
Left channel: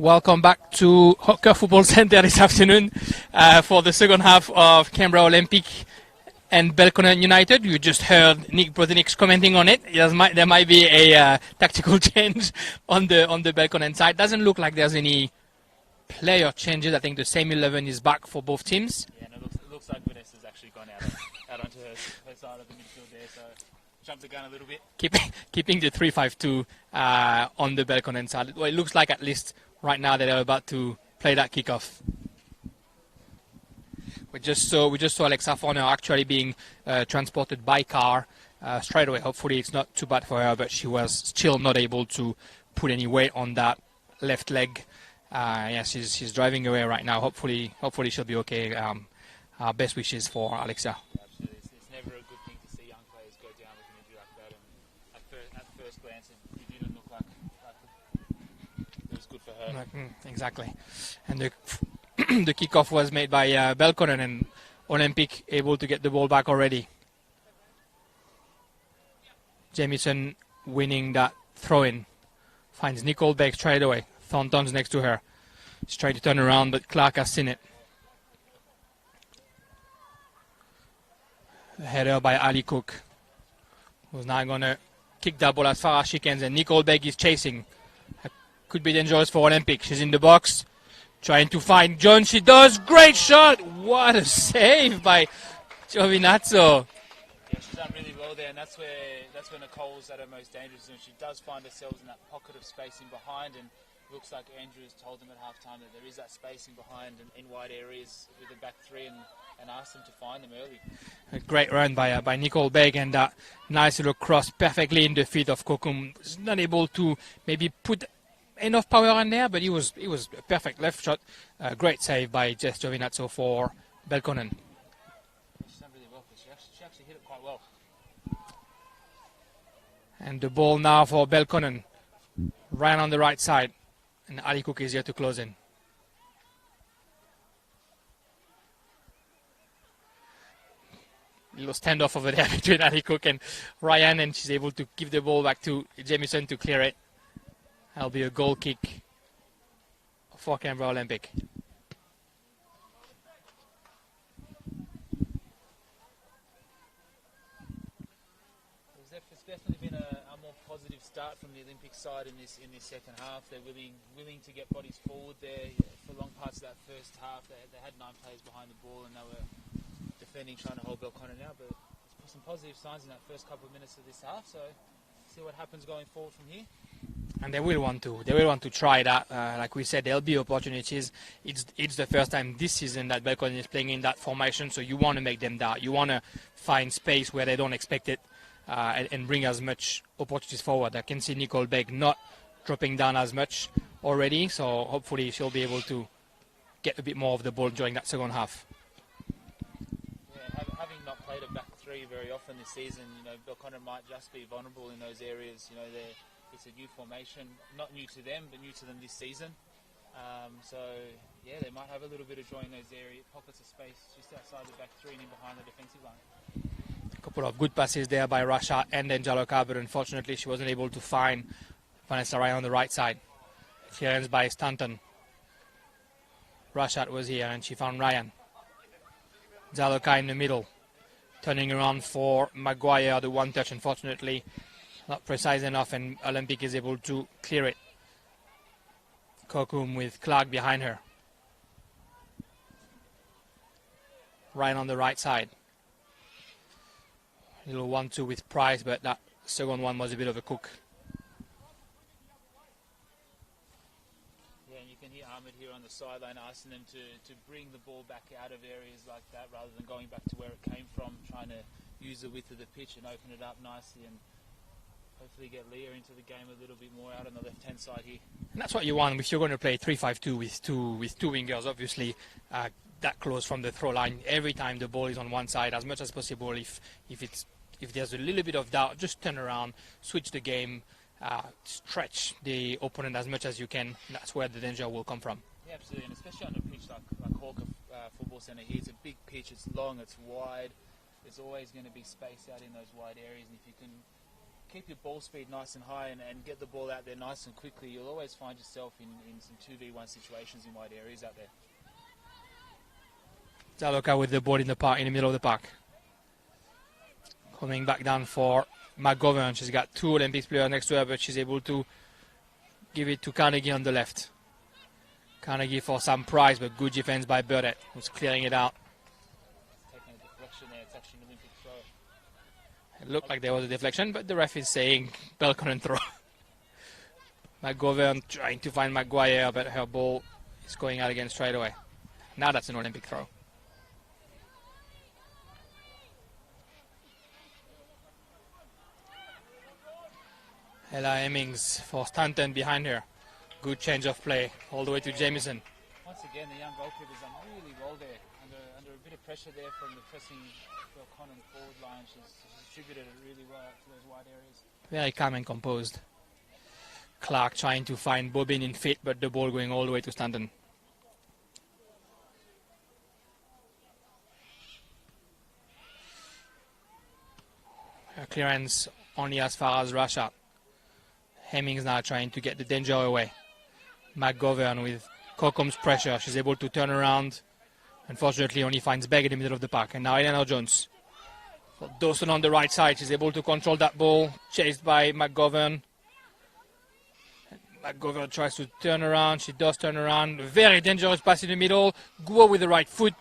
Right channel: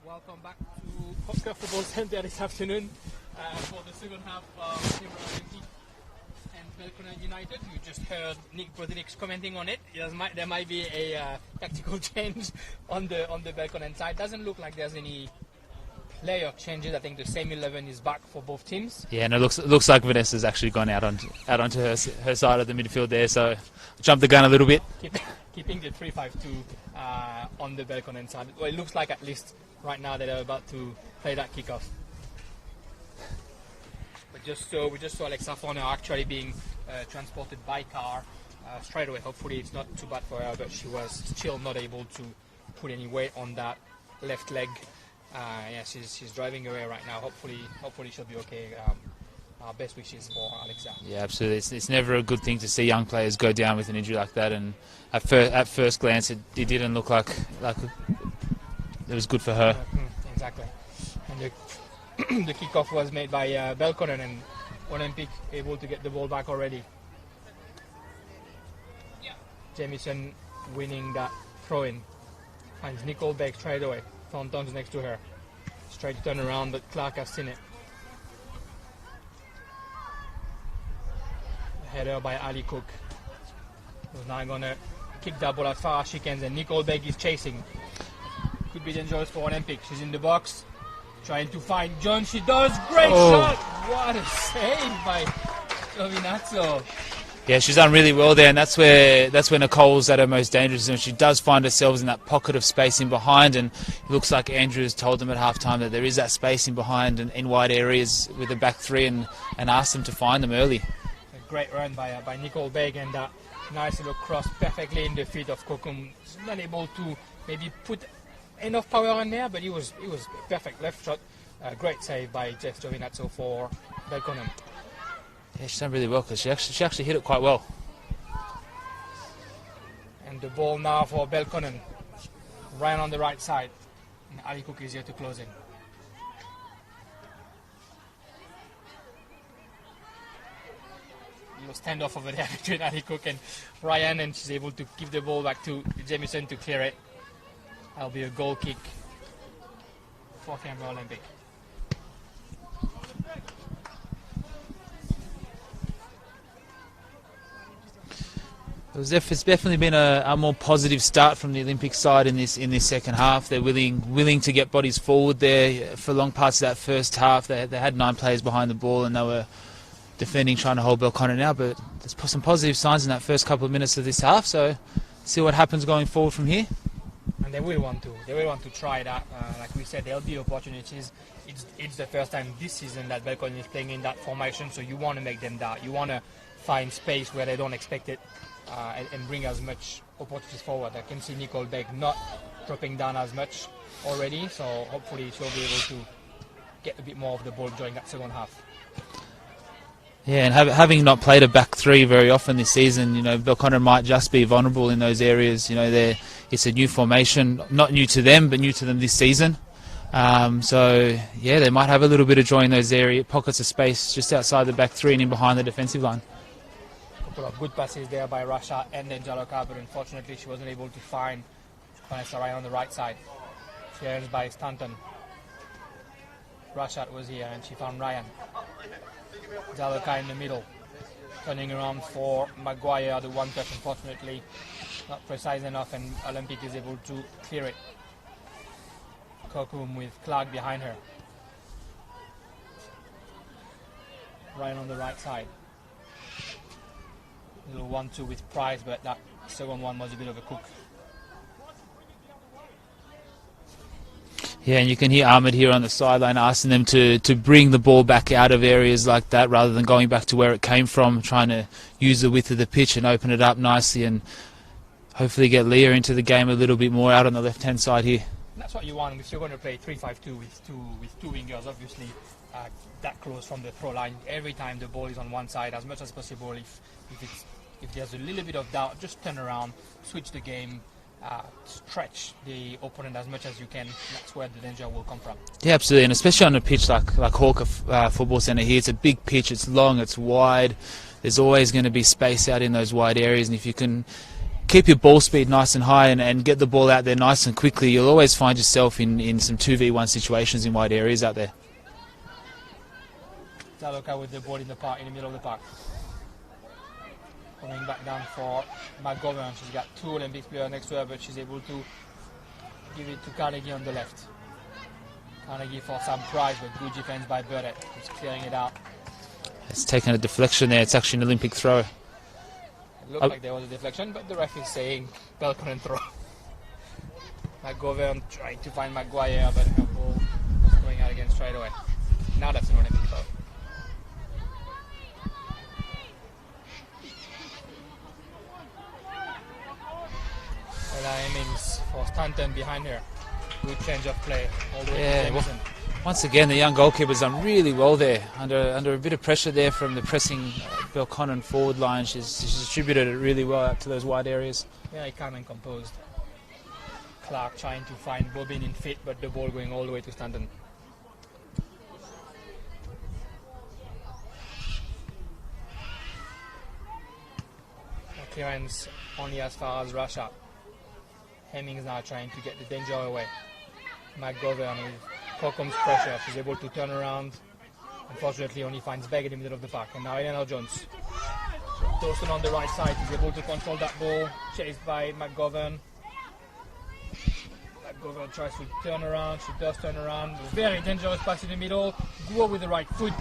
Welcome back to Hawker Football Centre this afternoon for the second half of Canberra Olympic and Belconnen United. You just heard Nick Brodenik's commenting on it. There might be a tactical change on the Belconnen side. Doesn't look like there's any player changes. I think the same 11 is back for both teams. Yeah, and it looks like Vanessa's actually gone out onto her side of the midfield there. So jumped the gun a little bit. Keeping the 3-5-2 on the Belconnen side. Well, it looks like at least right now they're about to play that kickoff. We just saw Alexa Forner actually being transported by car straight away. Hopefully it's not too bad for her, but she was still not able to put any weight on that left leg. Yeah, she's driving away right now. Hopefully she'll be okay. Our best wishes for Alexa. Yeah, absolutely. It's never a good thing to see young players go down with an injury like that. And at first glance, it didn't look like it was good for her. Exactly. And the kickoff was made by Belconnen, and Olympic able to get the ball back already. Jamieson winning that throw-in. Finds Nicole Beck straight away. Thornton's next to her. She's trying to turn around, but Clark has seen it. A header by Ali Cook. Who's now going to kick that ball as far as she can, and Nicole Beck is chasing. Could be dangerous for Olympic. She's in the box, trying to find John. She does. Great shot. What a save by Giovinazzo. Yeah, she's done really well there, and that's where Nicole's at her most dangerous, and she does find herself in that pocket of space in behind, and it looks like Andrew has told them at halftime that there is that space in behind and in wide areas with the back three, and asked them to find them early. A great run by Nicole Begg, and that nice little cross perfectly in the feet of Kokum. He's not able to maybe put enough power in there, but he was a perfect left shot. Great save by Jess Giovinazzo for Belconnen. Yeah, she's done really well because she actually hit it quite well. And the ball now for Belconnen, right on the right side, and Ali Cook is here to close in. Little standoff over there between Ali Cook and Ryan, and she's able to give the ball back to Jamieson to clear it. That'll be a goal kick for Canberra Olympic. It's definitely been a more positive start from the Olympic side in this second half. They're willing to get bodies forward there for long parts of that first half. They had 9 players behind the ball, and they were defending, trying to hold Belconnen now. But there's some positive signs in that first couple of minutes of this half. So see what happens going forward from here. And they will want to try that. Like we said, there'll be opportunities. It's the first time this season that Belconnen is playing in that formation, so you want to make them doubt. You want to find space where they don't expect it, and bring as much opportunities forward. I can see Nicole Beck not dropping down as much already, so hopefully she'll be able to get a bit more of the ball during that second half. Yeah, and having not played a back three very often this season, Belconnen might just be vulnerable in those areas. It's a new formation, not new to them, but new to them this season. So, yeah, they might have a little bit of joy in those pockets of space just outside the back three and in behind the defensive line. A couple of good passes there by Rasha and then Jaloka, but unfortunately she wasn't able to find Vanessa Ryan on the right side. Clearance by Stanton. Rasha was here and she found Ryan. Jaloka in the middle, turning around for Maguire, the one touch, unfortunately not precise enough, and Olympic is able to clear it. Kokum with Clark behind her. Ryan on the right side. Little 1-2 with Price, but that second one was a bit of a cook. Yeah, and you can hear Ahmed here on the sideline asking them to bring the ball back out of areas like that rather than going back to where it came from, trying to use the width of the pitch and open it up nicely and hopefully get Leah into the game a little bit more out on the left-hand side here. And that's what you want if you're going to play 3-5-2 with two wingers, obviously, that close from the throw line. Every time the ball is on one side, as much as possible. If there's a little bit of doubt, just turn around, switch the game, stretch the opponent as much as you can. That's where the danger will come from. Yeah, absolutely, and especially on a pitch like Hawker Football Centre here. It's a big pitch, it's long, it's wide. There's always going to be space out in those wide areas, and if you can keep your ball speed nice and high and get the ball out there nice and quickly, you'll always find yourself in some 2v1 situations in wide areas out there. Zaloka with the ball in the park, in the middle of the park. Coming back down for McGovern. She's got two Olympics players next to her, but she's able to give it to Carnegie on the left. Carnegie for some prize, but good defense by Burdett, who's clearing it out. It's taken a deflection there. It's actually an Olympic throw. It looked like there was a deflection, but the ref is saying Belconnen throw. McGovern trying to find Maguire, but her ball is going out again straight away. Now that's an Olympic throw. Ella Hemmings for Stanton behind her. Good change of play all the way to Jamieson. Once again, the young goalkeeper's done really well there. Under a bit of pressure there from the pressing Belconnen forward line, she's distributed it really well out to those wide areas. Very calm and composed. Clark trying to find Bobbin in fit, but the ball going all the way to Stanton. Clearance only as far as Russia. Hemmings now trying to get the danger away. McGovern with Cocom's pressure. She's able to turn around. Unfortunately, only finds Begg in the middle of the park. And now Eleanor Jones. Dawson on the right side. She's able to control that ball. Chased by McGovern. McGovern tries to turn around. She does turn around. Very dangerous pass in the middle. Guo with the right foot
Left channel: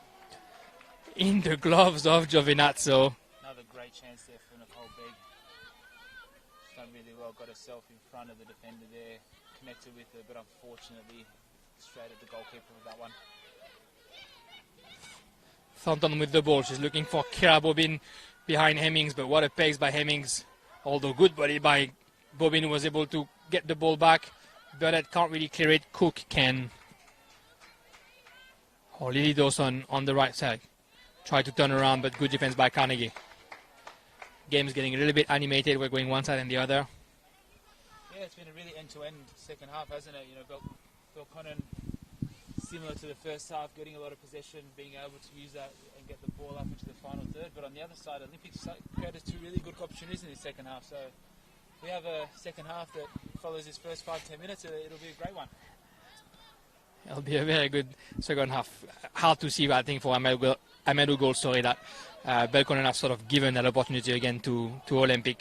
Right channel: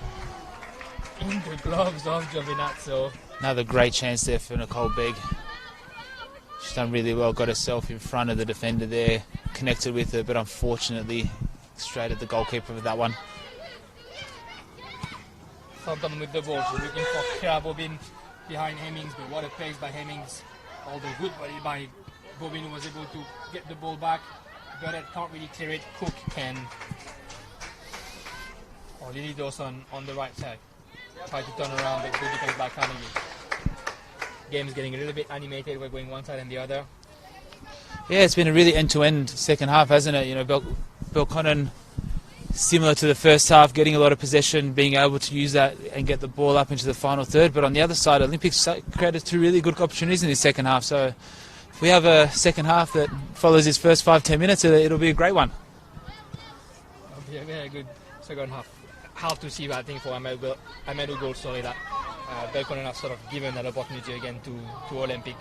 in the gloves of Giovinazzo. Another great chance there for Nicole Begg. She's done really well, got herself in front of the defender there, connected with her, but unfortunately straight at the goalkeeper with that one. Thornton with the ball. She's looking for Kira Bobbin behind Hemmings, but what a pace by Hemmings. Although good body by Bobbin, who was able to get the ball back. Burnett can't really clear it. Cook can. Or Lily Dawson on the right side. Try to turn around, but good defense by Carnegie. Game's getting a little bit animated. We're going one side and the other. Yeah, it's been a really end-to-end second half, hasn't it? You know, Belconnen, similar to the first half, getting a lot of possession, being able to use that and get the ball up into the final third. But on the other side, Olympics created two really good opportunities in this second half. So if we have a second half that follows his first 5-10 minutes, it'll be a great one. It'll be a very good second half. Hard to see, but I think for Amadou goal, sorry, that Belconnen have sort of given that opportunity again to Olympic.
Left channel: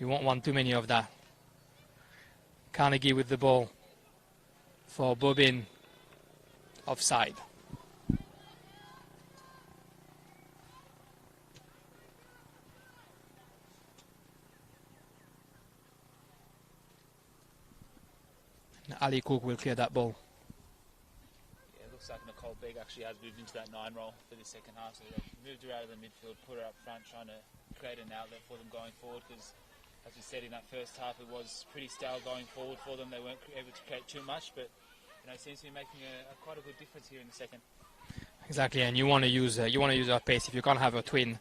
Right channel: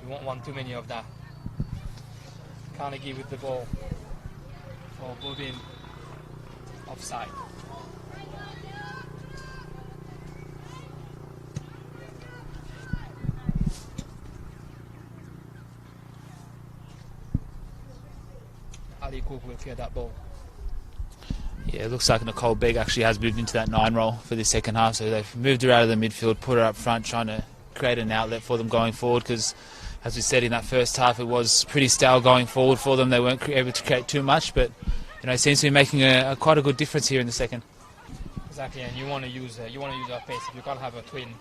You won't want too many of that. Carnegie with the ball for Bobbin, offside. Ali Cook will clear that ball. Yeah, it looks like Nicole Begg actually has moved into that 9 role for this second half. So they've moved her out of the midfield, put her up front, trying to create an outlet for them going forward. Because, as we said in that first half, it was pretty stale going forward for them. They weren't able to create too much, but you know, it seems to be making quite a good difference here in the second. Exactly, and you want to use her pace. If you can't have a twin,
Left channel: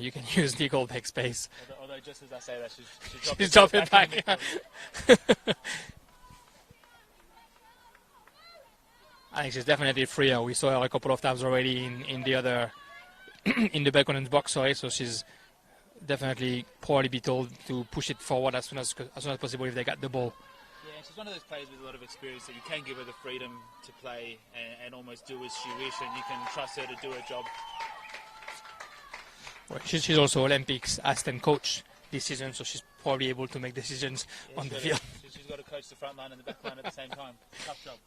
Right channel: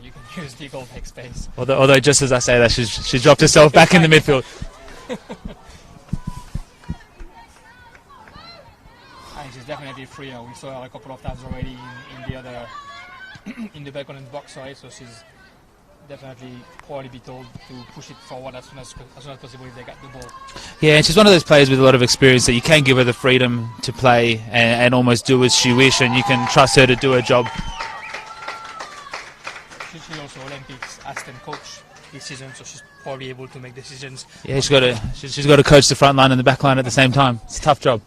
you can use Nicole Begg's pace. Although, just as I say that, she dropped herself back in the midfield. I think she's definitely freer. We saw her a couple of times already in the other in the Belconnen's box, sorry. So she's definitely probably be told to push it forward as soon as possible if they got the ball. Yeah, and she's one of those players with a lot of experience that you can give her the freedom to play and almost do as she wishes, and you can trust her to do her job. She's also Olympics assistant coach this season, so she's probably able to make decisions. Yeah, she's got to coach the front line and the back line at the same time. It's a tough job.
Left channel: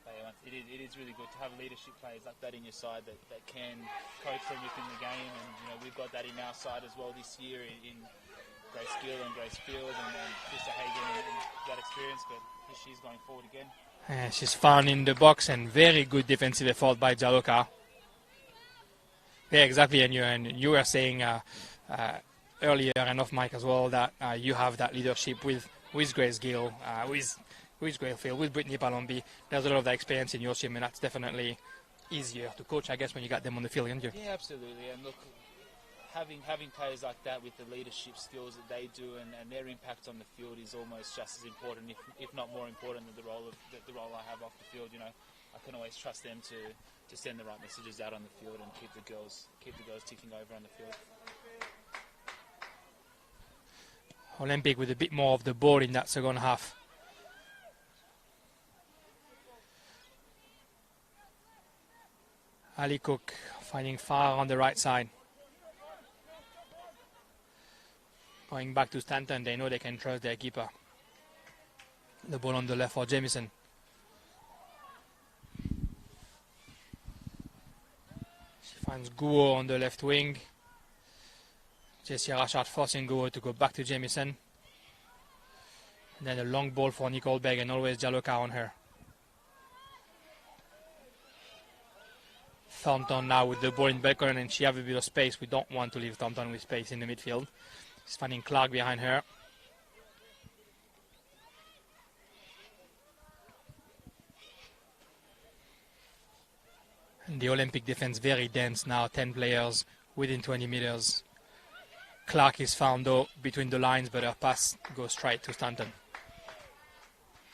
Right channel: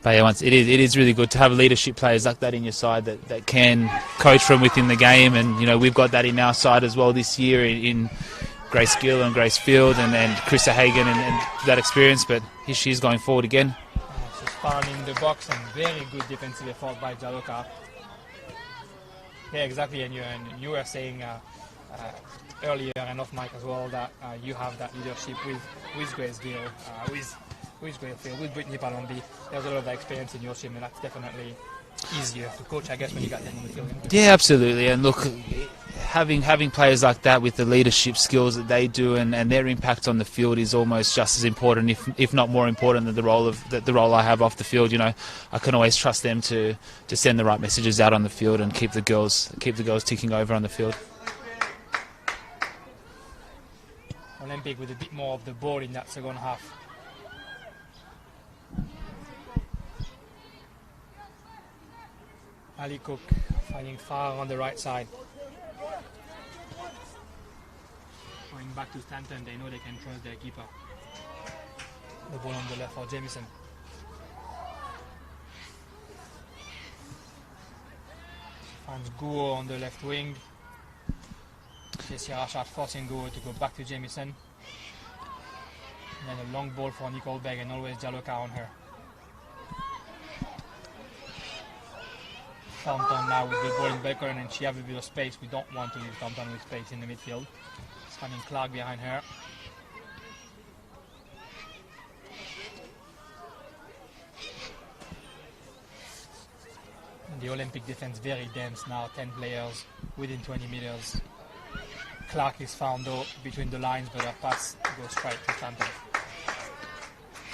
But yeah, it is really good to have leadership players like that in your side that can coach from within the game, and you know we've got that in our side as well this year in Grace Gill and Grace Field and Krista Hagen and that experience. But here she is going forward again. She's found in the box and very good defensive effort by Jaloka. Yeah, exactly. And you were saying earlier and off mic as well that you have that leadership with Grace Gill, with Grace Field, with Brittany Palombi. There's a lot of that experience in your team, and that's definitely easier to coach, I guess, when you got them on the field. Yeah, absolutely. And look, having players like that with the leadership skills that they do and their impact on the field is almost just as important, if not more important, than the role I have off the field. You know, I can always trust them to send the right messages out on the field and keep the girls ticking over on the field. Olympic with a bit more of the ball in that second half. Ali Cook finding Farah on the right side. Going back to Stanton, they know they can trust their keeper. The ball on the left for Jamison. Finds Guo on the left wing. Jesse Rashard forcing Guo to go back to Jamison. Then a long ball for Nicole Begg and always Jaloka on her. Thornton now with the ball in Belconnen, and she have a bit of space. We don't want to leave Thornton with space in the midfield. It's finding Clark behind her. The Olympic defense very dense now, 10 players within 20 meters. Clark is found though between the lines, but her pass goes straight to Stanton.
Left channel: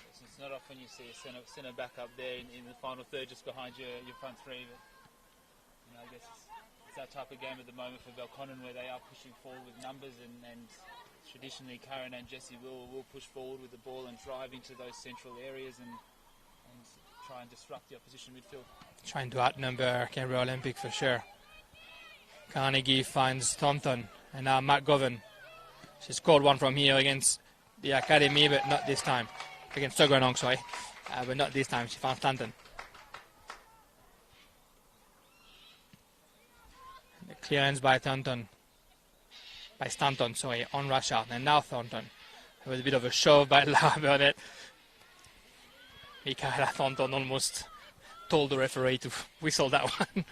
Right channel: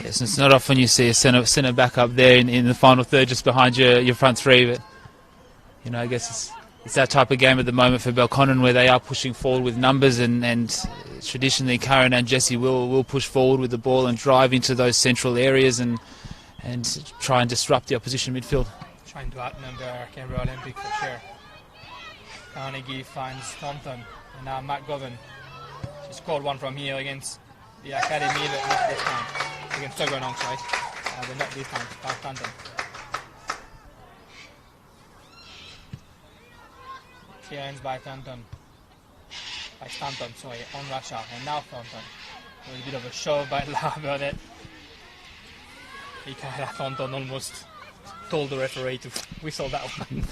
Yes, it's not often you see a centre back up there in the final third just behind your front three, but you know, I guess it's that type of game at the moment for Belconnen where they are pushing forward with numbers, and traditionally Karen and Jessie will push forward with the ball and drive into those central areas and try and disrupt the opposition midfield. Trying to outnumber Canberra Olympic for sure. Carnegie finds Thornton, and now Matt Govan. She scored one from here against the academy, but not this time. Against Tuggeranong, sorry. But not this time, she found Stanton. Clearance by Stanton, on Rashard, and now Thornton. It was a bit of a shove by Lara Burdett. Thornton almost told the referee to whistle that one.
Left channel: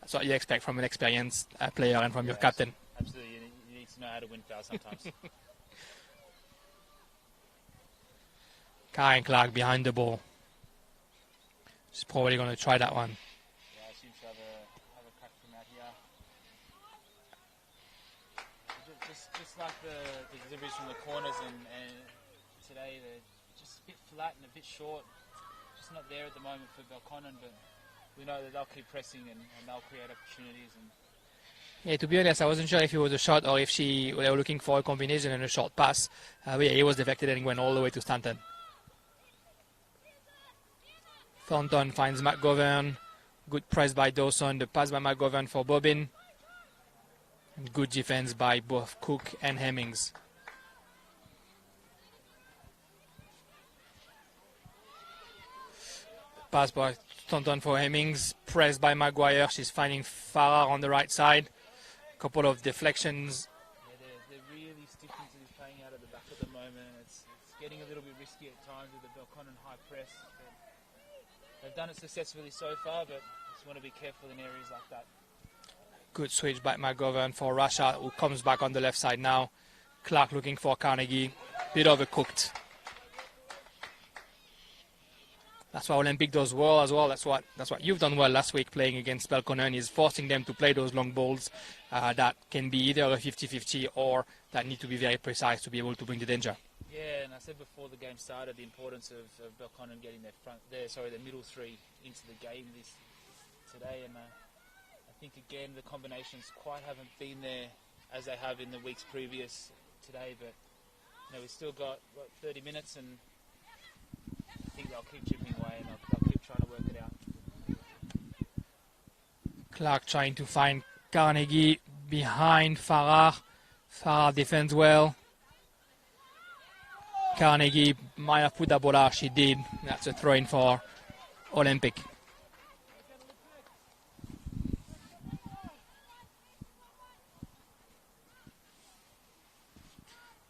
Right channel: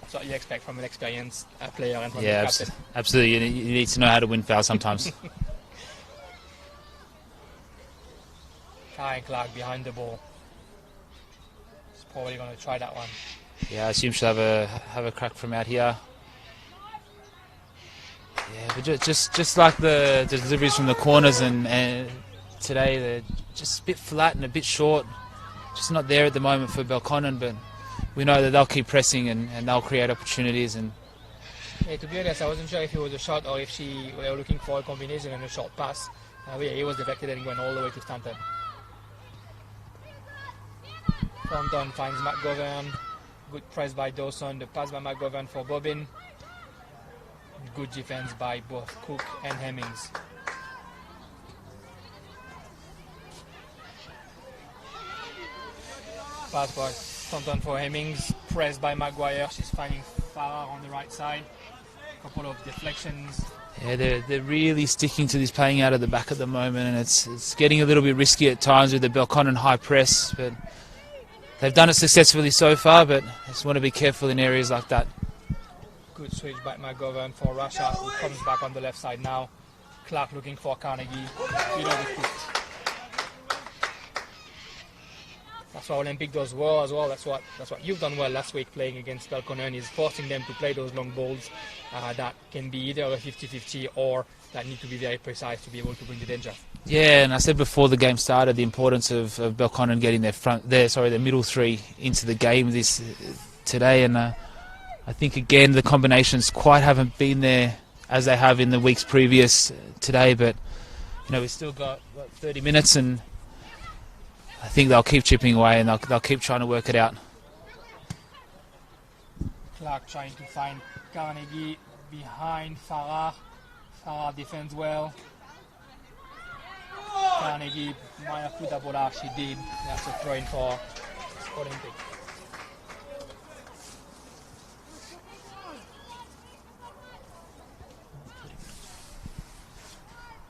That's what you expect from an experienced player and from the captain. Absolutely. You need to know how to win fouls sometimes. Karen Clark behind the ball. She's probably going to try that one. Yeah, I assume she'll have a crack from out here. Yeah, but just like the deliveries from the corners and today, they're just a bit flat and a bit short. Just not there at the moment for Belconnen, but we know that they'll keep pressing and they'll create opportunities. And yeah, to be honest, I wasn't sure if it was a shot or if they were looking for a combination and a short pass. But yeah, he was deflected and went all the way to Stanton. Thornton finds McGovern. Good press by Dawson. The pass by McGovern for Bobbin. Good defense by both Cook and Hemmings. Pass by Thornton for Hemmings. Pressed by Maguire. She's finding Farah on the right side. Couple of deflections. Yeah, they're really sticking to this playing out at the back at the moment, and it's getting a little bit risky at times with the Belconnen high press, but they've done it successfully so far, but I just want to be careful in areas like that. Good switch by McGovern for Rashard, who comes back on the left side now. Clark looking for Carnegie. Bit overcooked. That's what Olympic does well as well. That's what you've done well last week playing against Belconnen, is forcing them to play those long balls that can be either a 50-50 or that need to be very precise to be able to bring the danger. Yeah, and I said before the game started the importance of Belconnen getting their middle three into the game today, and I think again the combinations quite haven't been there as they have in the weeks previous today. But you know, we've still got 30 minutes, and I think they'll keep chipping away and they'll keep trying to work it out. Clark trying to find Carnegie behind Farah. Farah defends well. Carnegie might have put that ball out. She did. That's a throw-in for Olympic.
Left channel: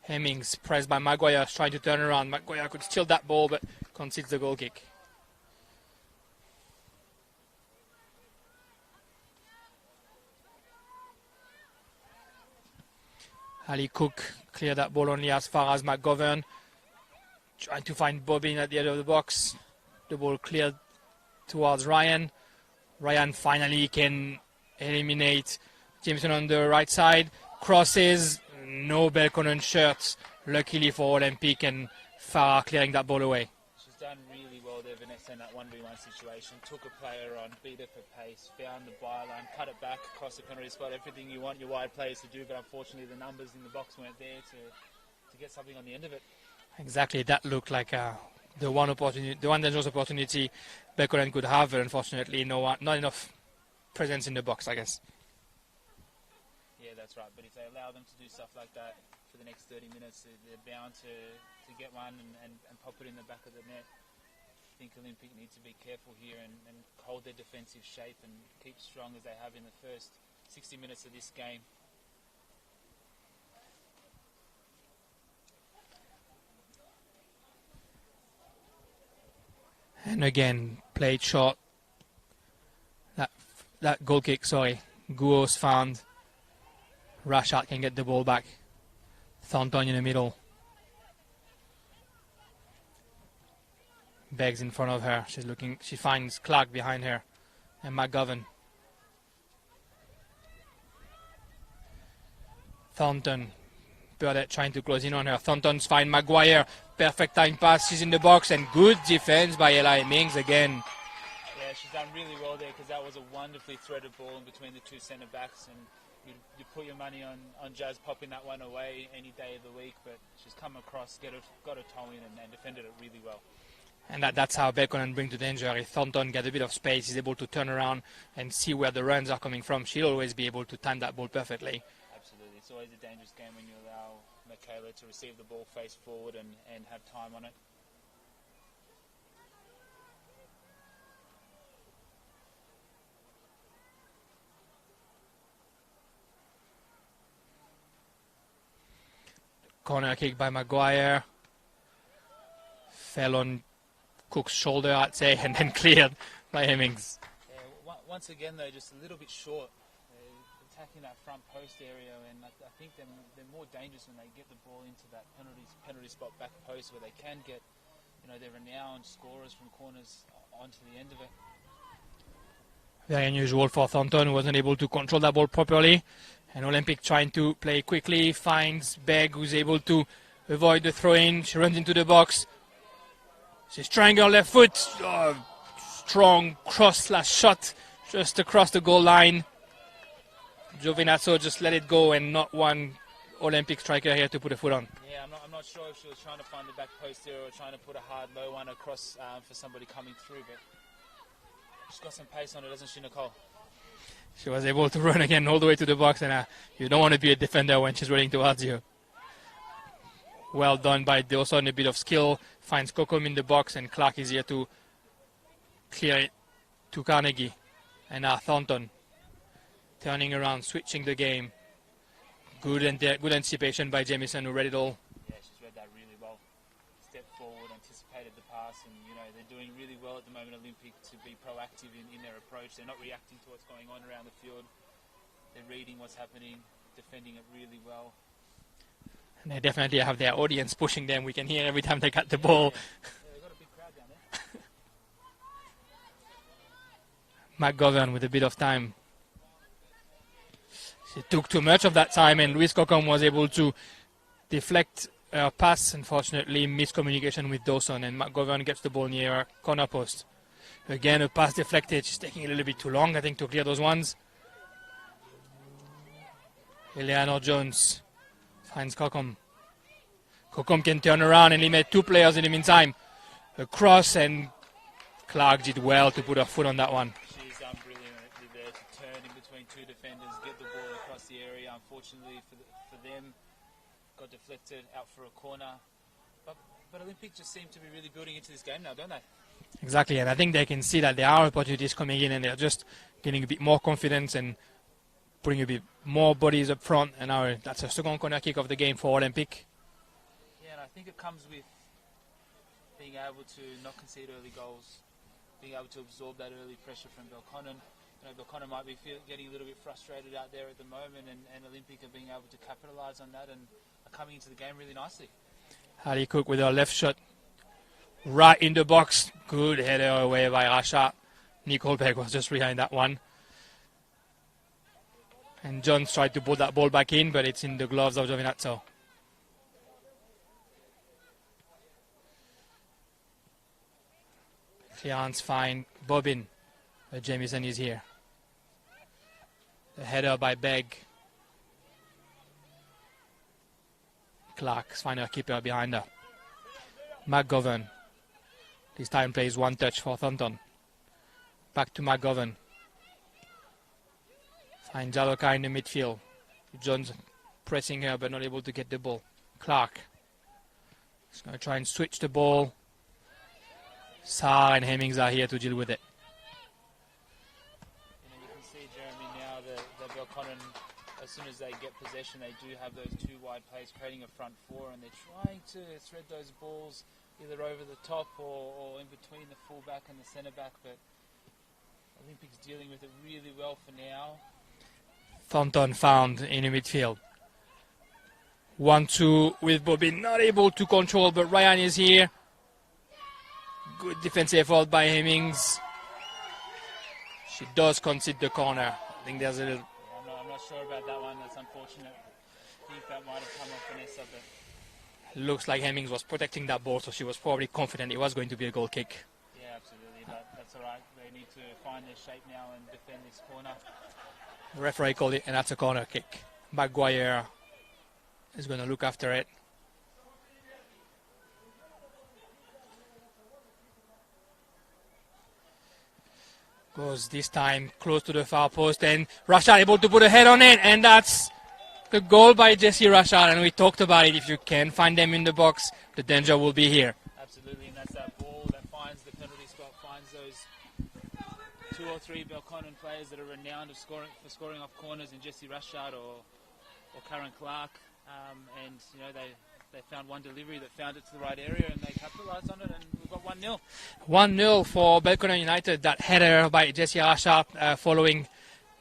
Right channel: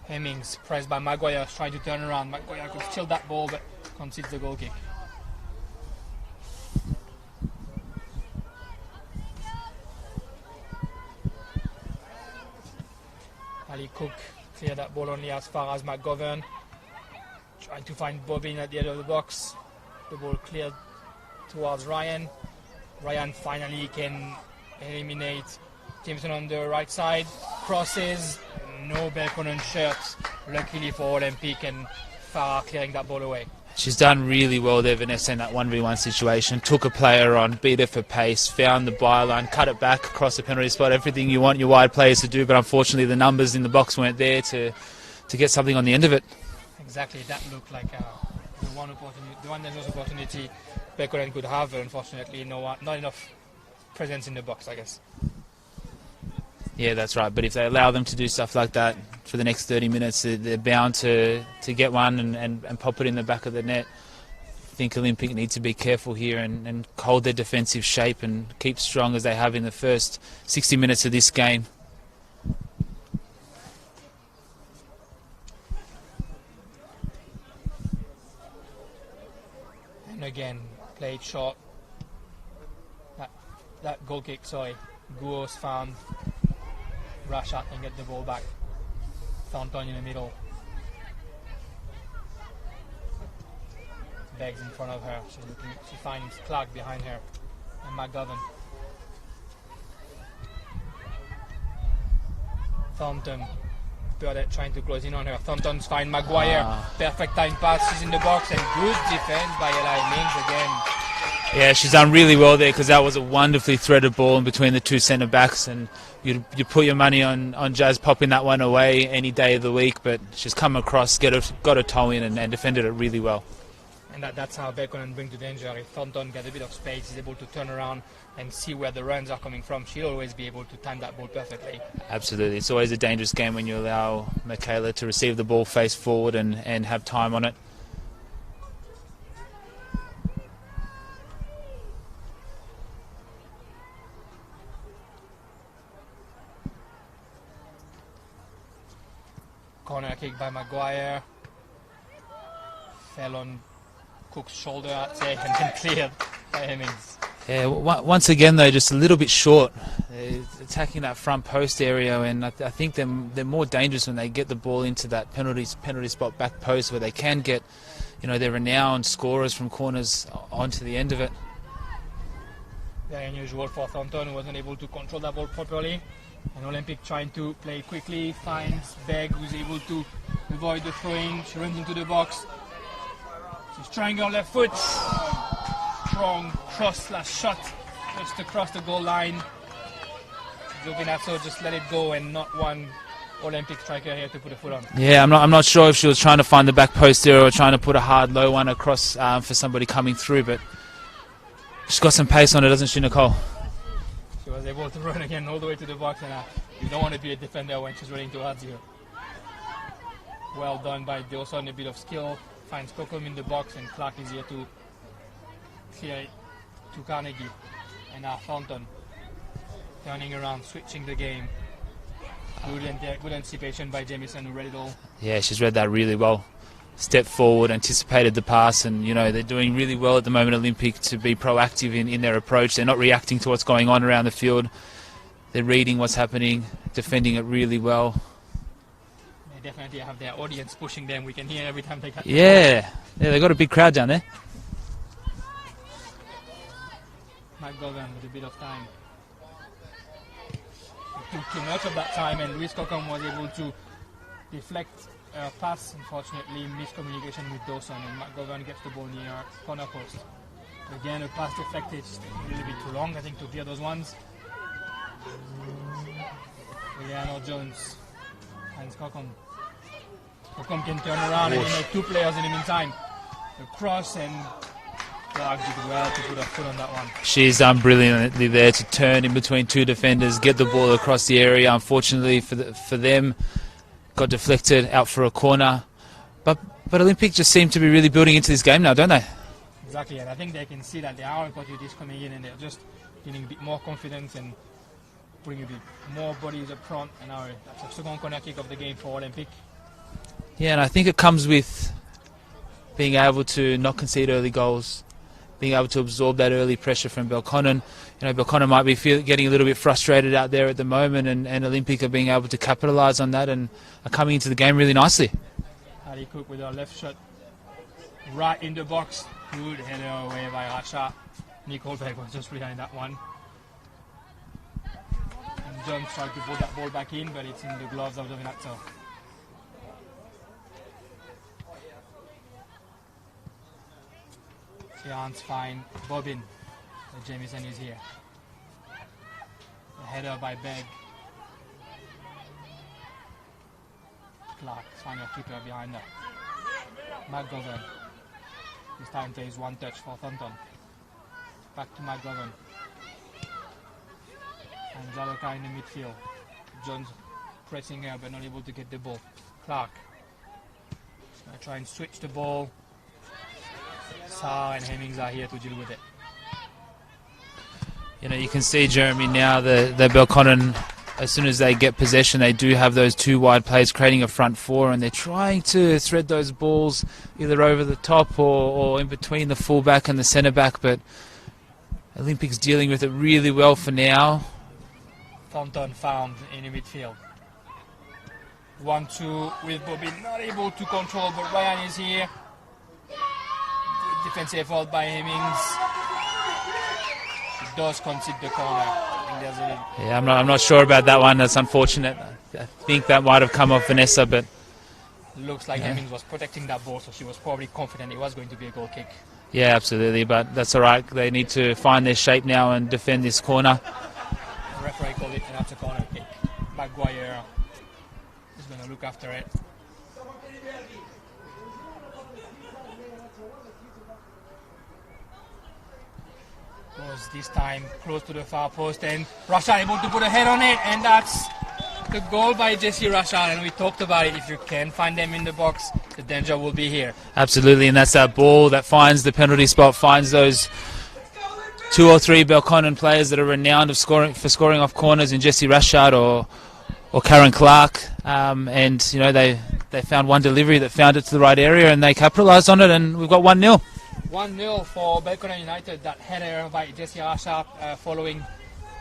Hemmings pressed by Maguire, tried to turn around. Maguire could steal that ball, but concedes the goal kick. Ali Cook cleared that ball only as far as McGovern. Trying to find Bobbin at the end of the box. The ball cleared towards Ryan. Ryan finally can eliminate Jameson on the right side. Crosses, no Belconnen shirts. Luckily for Olympic, and Farah clearing that ball away. She's done really well there, Vanessa, in that 1v1 situation. Took a player on, beat her for pace, found the byline, cut it back across the penalty spot. Everything you want your wide players to do, but unfortunately the numbers in the box weren't there to get something on the end of it. Exactly, that looked like the one opportunity, the one dangerous opportunity Belconnen could have, but unfortunately not enough presence in the box, I guess. Yeah, that's right. But if they allow them to do stuff like that for the next 30 minutes, they're bound to get one and pop it in the back of the net. I think Olympic need to be careful here and hold their defensive shape and keep strong as they have in the first 60 minutes of this game. And again, played short. That goal kick, sorry. Guos found. Rashad can get the ball back. Thornton in the middle. Beggs in front of her. She's looking. She finds Clark behind her, and McGovern. Thornton. Burdett trying to close in on her. Thornton's find Maguire. Perfect time pass. She's in the box, and good defense by Eli Mings again. Yeah, she's done really well there because that was a wonderfully threaded ball in between the two centre backs, and you put your money on Jazz popping that one away any day of the week, but she's come across, got a toe in and defended it really well. And that's how Belconnen bring to danger. If Thornton get a bit of space, he's able to turn around and see where the runs are coming from. She'll always be able to time that ball perfectly. Absolutely. It's always a dangerous game when you allow Michaela to receive the ball face forward and have time on it. Corner kick by Maguire. Fell on Cook's shoulder, I'd say, and then cleared by Hemmings. Yeah, once again, though, just a little bit short. They're attacking that front post area, and I think they're more dangerous when they get the ball into that penalty spot back post where they can get, their renowned scorers from corners onto the end of it. Very unusual for Thornton, who wasn't able to control that ball properly. And Olympic trying to play quickly, finds Begg, who's able to avoid the throw-in. She runs into the box. She's trying her left foot. Strong cross/shot just across the goal line. Giovinazzo just let it go, and not one Olympic striker here to put a foot on. Yeah, I'm not sure if she was trying to find the back post there or trying to put a hard low one across for somebody coming through, but she's got some pace on her, doesn't she, Nicole? She was able to run again all the way to the box, and you don't want to be a defender when she's running towards you. Well done by Dawson, a bit of skill. Finds Kokom in the box, and Clark is here to clear it to Carnegie. And now Thornton turning around, switching the game. Good anticipation by Jamieson, who read it all. Yeah, she's read that really well. Stepped forward, anticipated the pass, and they're doing really well at the moment, Olympic, to be proactive in their approach. They're not reacting to what's going on around the field. They're reading what's happening, defending it really well. They definitely have their audience pushing them. We can hear every time they got the ball. Yeah, they've got a big crowd down there. McGovern with a bit of time. She took too much of that time, and Louise Kokom was able to deflect her pass. Unfortunately, miscommunication with Dawson, and McGovern gets the ball near corner post. Again, a pass deflected. She's taking a little bit too long, I think, to clear those ones. Eleanor Jones finds Kokom. Kokom can turn around and eliminate two players in the meantime. The cross, and Clark did well to put her foot on that one. She's done brilliantly there to turn in between two defenders, get the ball across the area. Unfortunately for them, got deflected out for a corner. But Olympic just seem to be really building into this game now, don't they? Exactly, and I think they can see that there are opportunities coming in, and they're just getting a bit more confidence and putting a bit more bodies up front. And now that's a second corner kick of the game for Olympic. Yeah, and I think it comes with being able to not concede early goals, being able to absorb that early pressure from Belconnen. Belconnen might be getting a little bit frustrated out there at the moment, and Olympic are being able to capitalise on that and are coming into the game really nicely. Ali Cook with her left shot right in the box. Good header away by Rasha. Nicole Berg was just behind that one. And Jones tried to pull that ball back in, but it's in the gloves of Giovinazzo. Clearance fine. Bobbin. Jamieson is here. A header by Begg. Clark's find her keeper behind her. McGovern. This time plays one touch for Thornton. Back to McGovern. And Jaloka in the midfield. Jones pressing her but not able to get the ball. Clark. He's going to try and switch the ball. Sarr and Hemmings are here to deal with it. You know, you can see, Jeremy, now the Belconnen, as soon as they get possession, they do have those two wide players creating a front four, and they're trying to thread those balls either over the top or in between the fullback and the centre back, but Olympics dealing with it really well for now. Thornton found in the midfield. 1-2 with Bobbin, not able to control, but Ryan is here. Good defensive effort by Hemmings. She does concede the corner. I think there's a Yeah, I'm not sure about that one. That's unfortunate. I think that might have come off Vanessa, but looks like Hemmings was protecting that ball, so she was probably confident it was going to be a goal kick. yeah, absolutely. But that's all right. They need to find their shape now and defend this corner. The referee called it, and that's a corner kick. Maguire is going to look after it. Goes this time close to the far post, and Rashad able to put a head on it, and that's the goal by Jesse Rashad. And we talked about it. If you can find them in the box, the danger will be here. Absolutely, and that's that ball that finds the penalty spot, finds those 2 or 3 Belconnen players that are renowned for scoring off corners in Jesse Rashad or Karen Clark, and you know they found one delivery that found it to the right area, and they capitalised on it, and we've got 1-0. 1-0 for Belconnen United. That header by Jesse Rashad following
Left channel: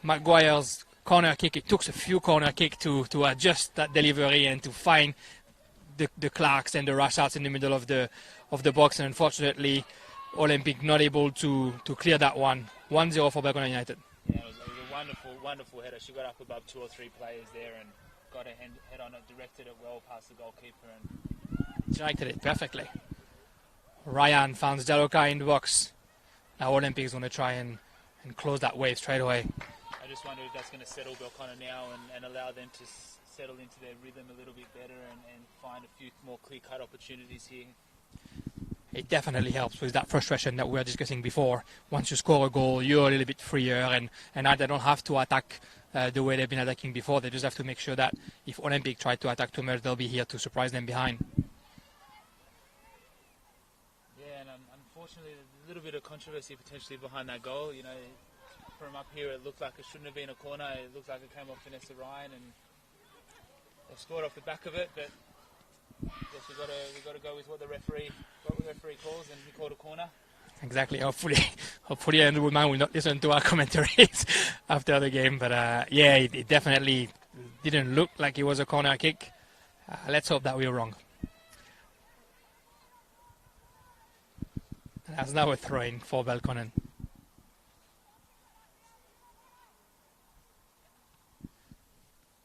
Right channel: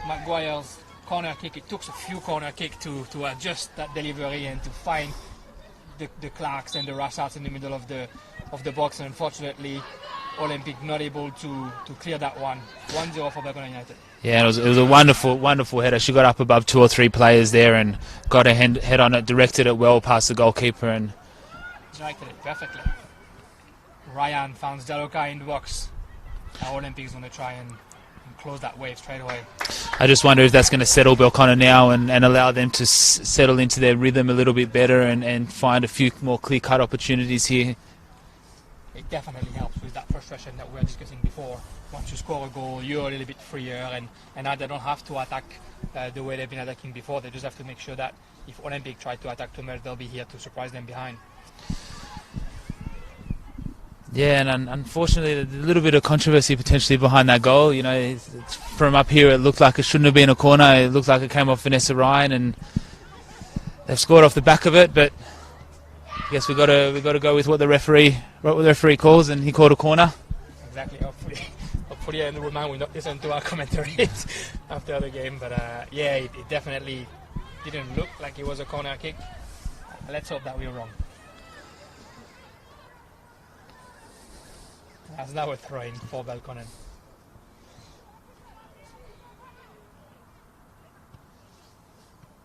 Maguire's corner kick. It took a few corner kick to adjust that delivery and to find the Clarks and the Rashads in the middle of the box, and unfortunately Olympic not able to clear that one. 1-0 for Belconnen United. Yeah, it was a wonderful header. She got up above 2 or 3 players there and got her head on it, directed it well past the goalkeeper, and Directed it perfectly. Ryan finds Jaloka in the box. Now Olympic is going to try and close that wave straight away. I just wonder if that's going to settle Belconnen now and allow them to settle into their rhythm a little bit better and find a few more clear-cut opportunities here. It definitely helps with that frustration that we were discussing before. Once you score a goal, you're a little bit freer, and now they don't have to attack the way they've been attacking before. They just have to make sure that if Olympic try to attack too much, they'll be here to surprise them behind. Yeah, and unfortunately, a little bit of controversy potentially behind that goal. You know, from up here, it looked like it shouldn't have been a corner. It looked like it came off Vanessa Ryan, and they've scored off the back of it. But I guess we got to go with what the referee calls, and he called a corner. Exactly. Hopefully, Andrew Woodman will not listen to our commentaries after the game. But yeah, it definitely didn't look like it was a corner kick. Let's hope that we were wrong. That's now a throw-in for Belconnen.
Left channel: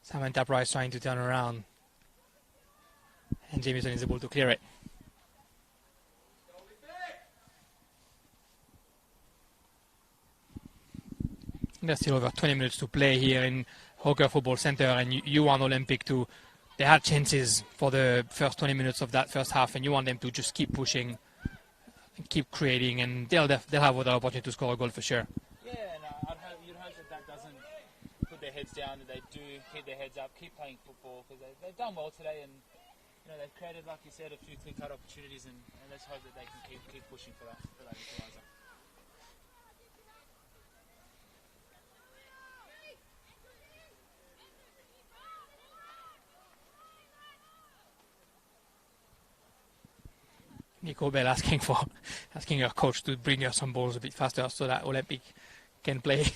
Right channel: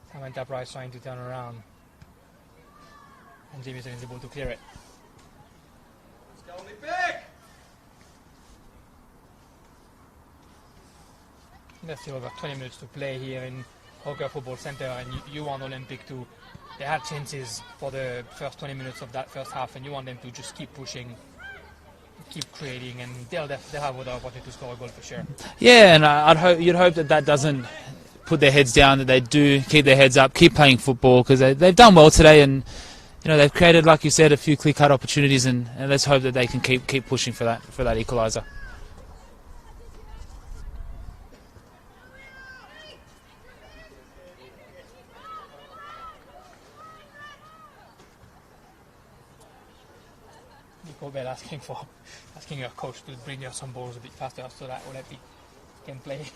Samantha Price trying to turn around, and Jamieson is able to clear it. There's still over 20 minutes to play here in Hawker Football Centre, and you want Olympic to. They had chances for the first 20 minutes of that first half, and you want them to just keep pushing, keep creating, and they'll have other opportunity to score a goal for sure. Yeah, and you'd hope that doesn't put their heads down, that they do keep their heads up, keep playing football, because they've done well today, and you know they've created, like you said, a few clear-cut opportunities, and let's hope that they can keep pushing for that equaliser. Nico Bell asking her coach to bring her some balls a bit faster so that Olympic can play.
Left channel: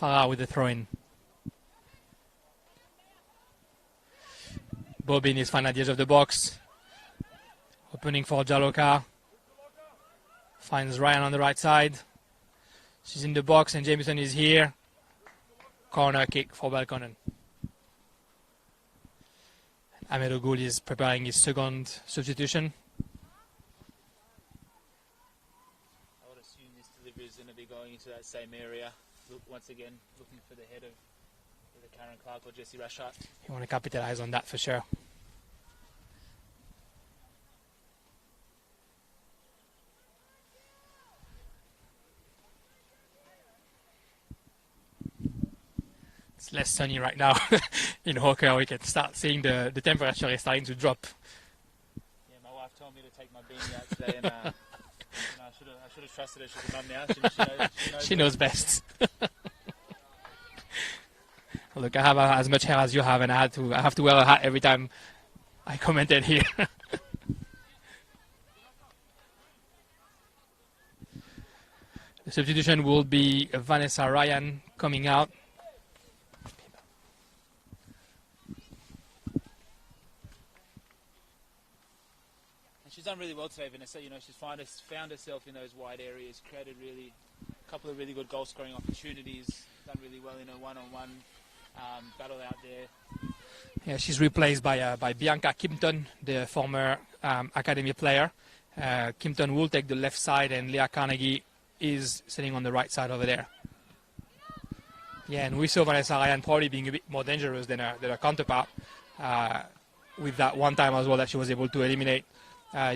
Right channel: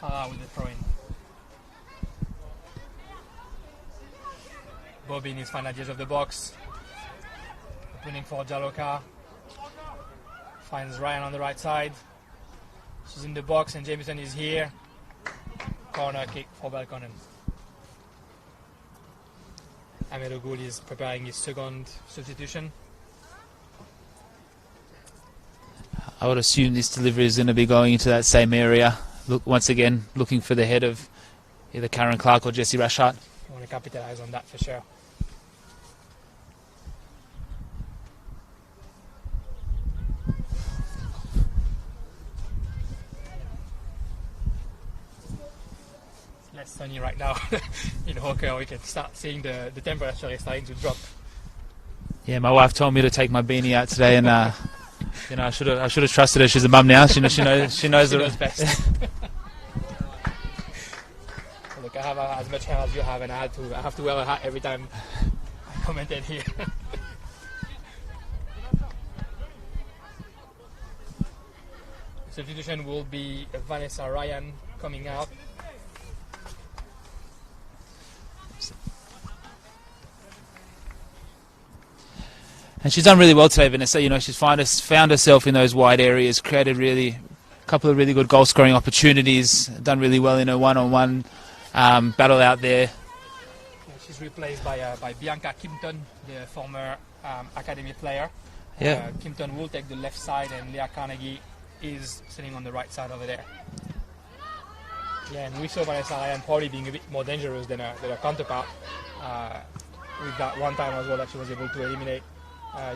Farah with the throw-in. Bobbin is fine at the edge of the box. Opening for Jaloka. Finds Ryan on the right side. She's in the box and Jameson is here. Corner kick for Belconnen. Ahmed Ogoul is preparing his second substitution. I would assume this delivery is going to be going into that same area. Look, once again, looking for the head of either Karen Clark or Jesse Rashart. I want to capitalize on that for sure. It's less sunny right now in Hawker. We can start seeing the temperature is starting to drop. Yeah, my wife told me to take my beanie out today, and you know, I should have trusted her. She's a mum now. She knows She knows best. Well, look, I have as much hair as you have, and I have to wear a hat every time I commented here. The substitution will be Vanessa Ryan coming out. And she's done really well today, Vanessa. You know, she's found herself in those wide areas, created a couple of really good goal scoring opportunities, done really well in her one-on-one battle out there. Yeah, she's replaced by Bianca Kimpton, the former academy player. Yeah. Kimpton will take the left side, and Leah Carnegie is sitting on the right side over there. Yeah, and we saw Vanessa Ryan probably being a bit more dangerous than her counterpart with that one time as well that she was able to eliminate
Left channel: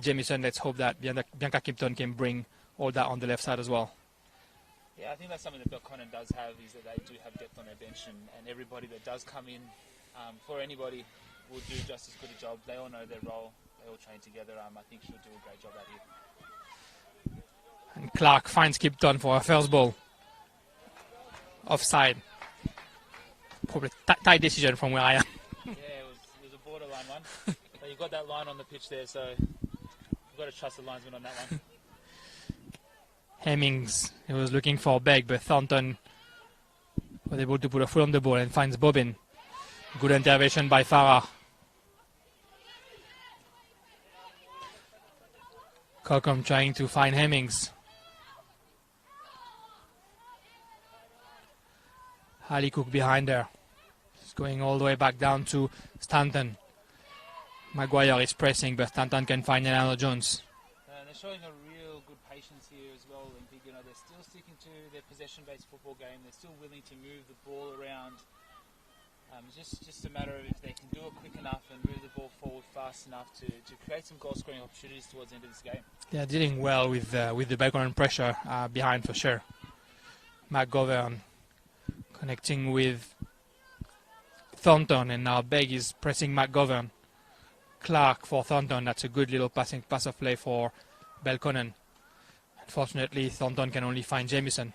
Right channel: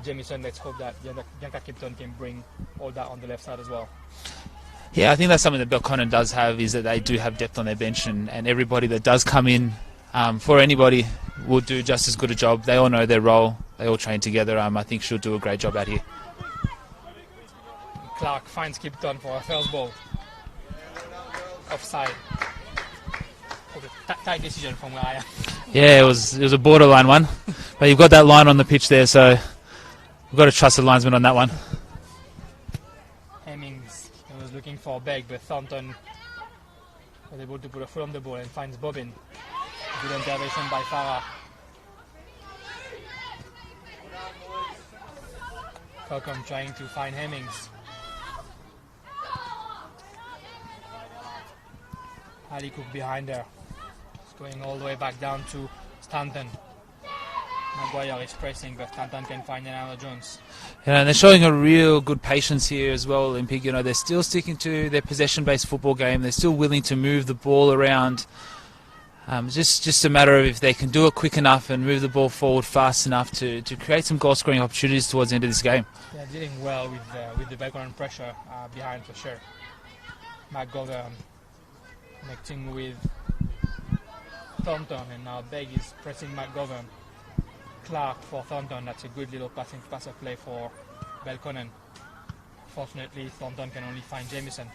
Jamieson. Let's hope that Bianca Kimpton can bring all that on the left side as well. Yeah, I think that's something that Belconnen does have, is that they do have depth on their bench, and everybody that does come in for anybody will do just as good a job. They all know their role. They all train together. I think she'll do a great job out here. Clark finds Kimpton for her first ball. Offside. Probably tight decision from where I am. Yeah, it was a borderline one, but you've got that line on the pitch there, so we've got to trust the linesman on that one. Hemmings, he was looking for Begg, but Thornton was able to put a foot on the ball and finds Bobbin. Good intervention by Farah. Colcom trying to find Hemmings. Ali Cook behind her. He's going all the way back down to Stanton. Maguire is pressing, but Stanton can find Elano Jones. Yeah, and they're showing a real good patience here as well, Olympic. You know, they're still sticking to their possession-based football game. They're still willing to move the ball around. Just a matter of if they can do it quick enough and move the ball forward fast enough to create some goal-scoring opportunities towards the end of this game. Yeah, dealing well with the background pressure behind for sure. McGovern connecting with Thornton, and now Begg is pressing McGovern. Clark for Thornton. That's a good little pass of play for Belconnen. Unfortunately, Thornton can only find Jamieson.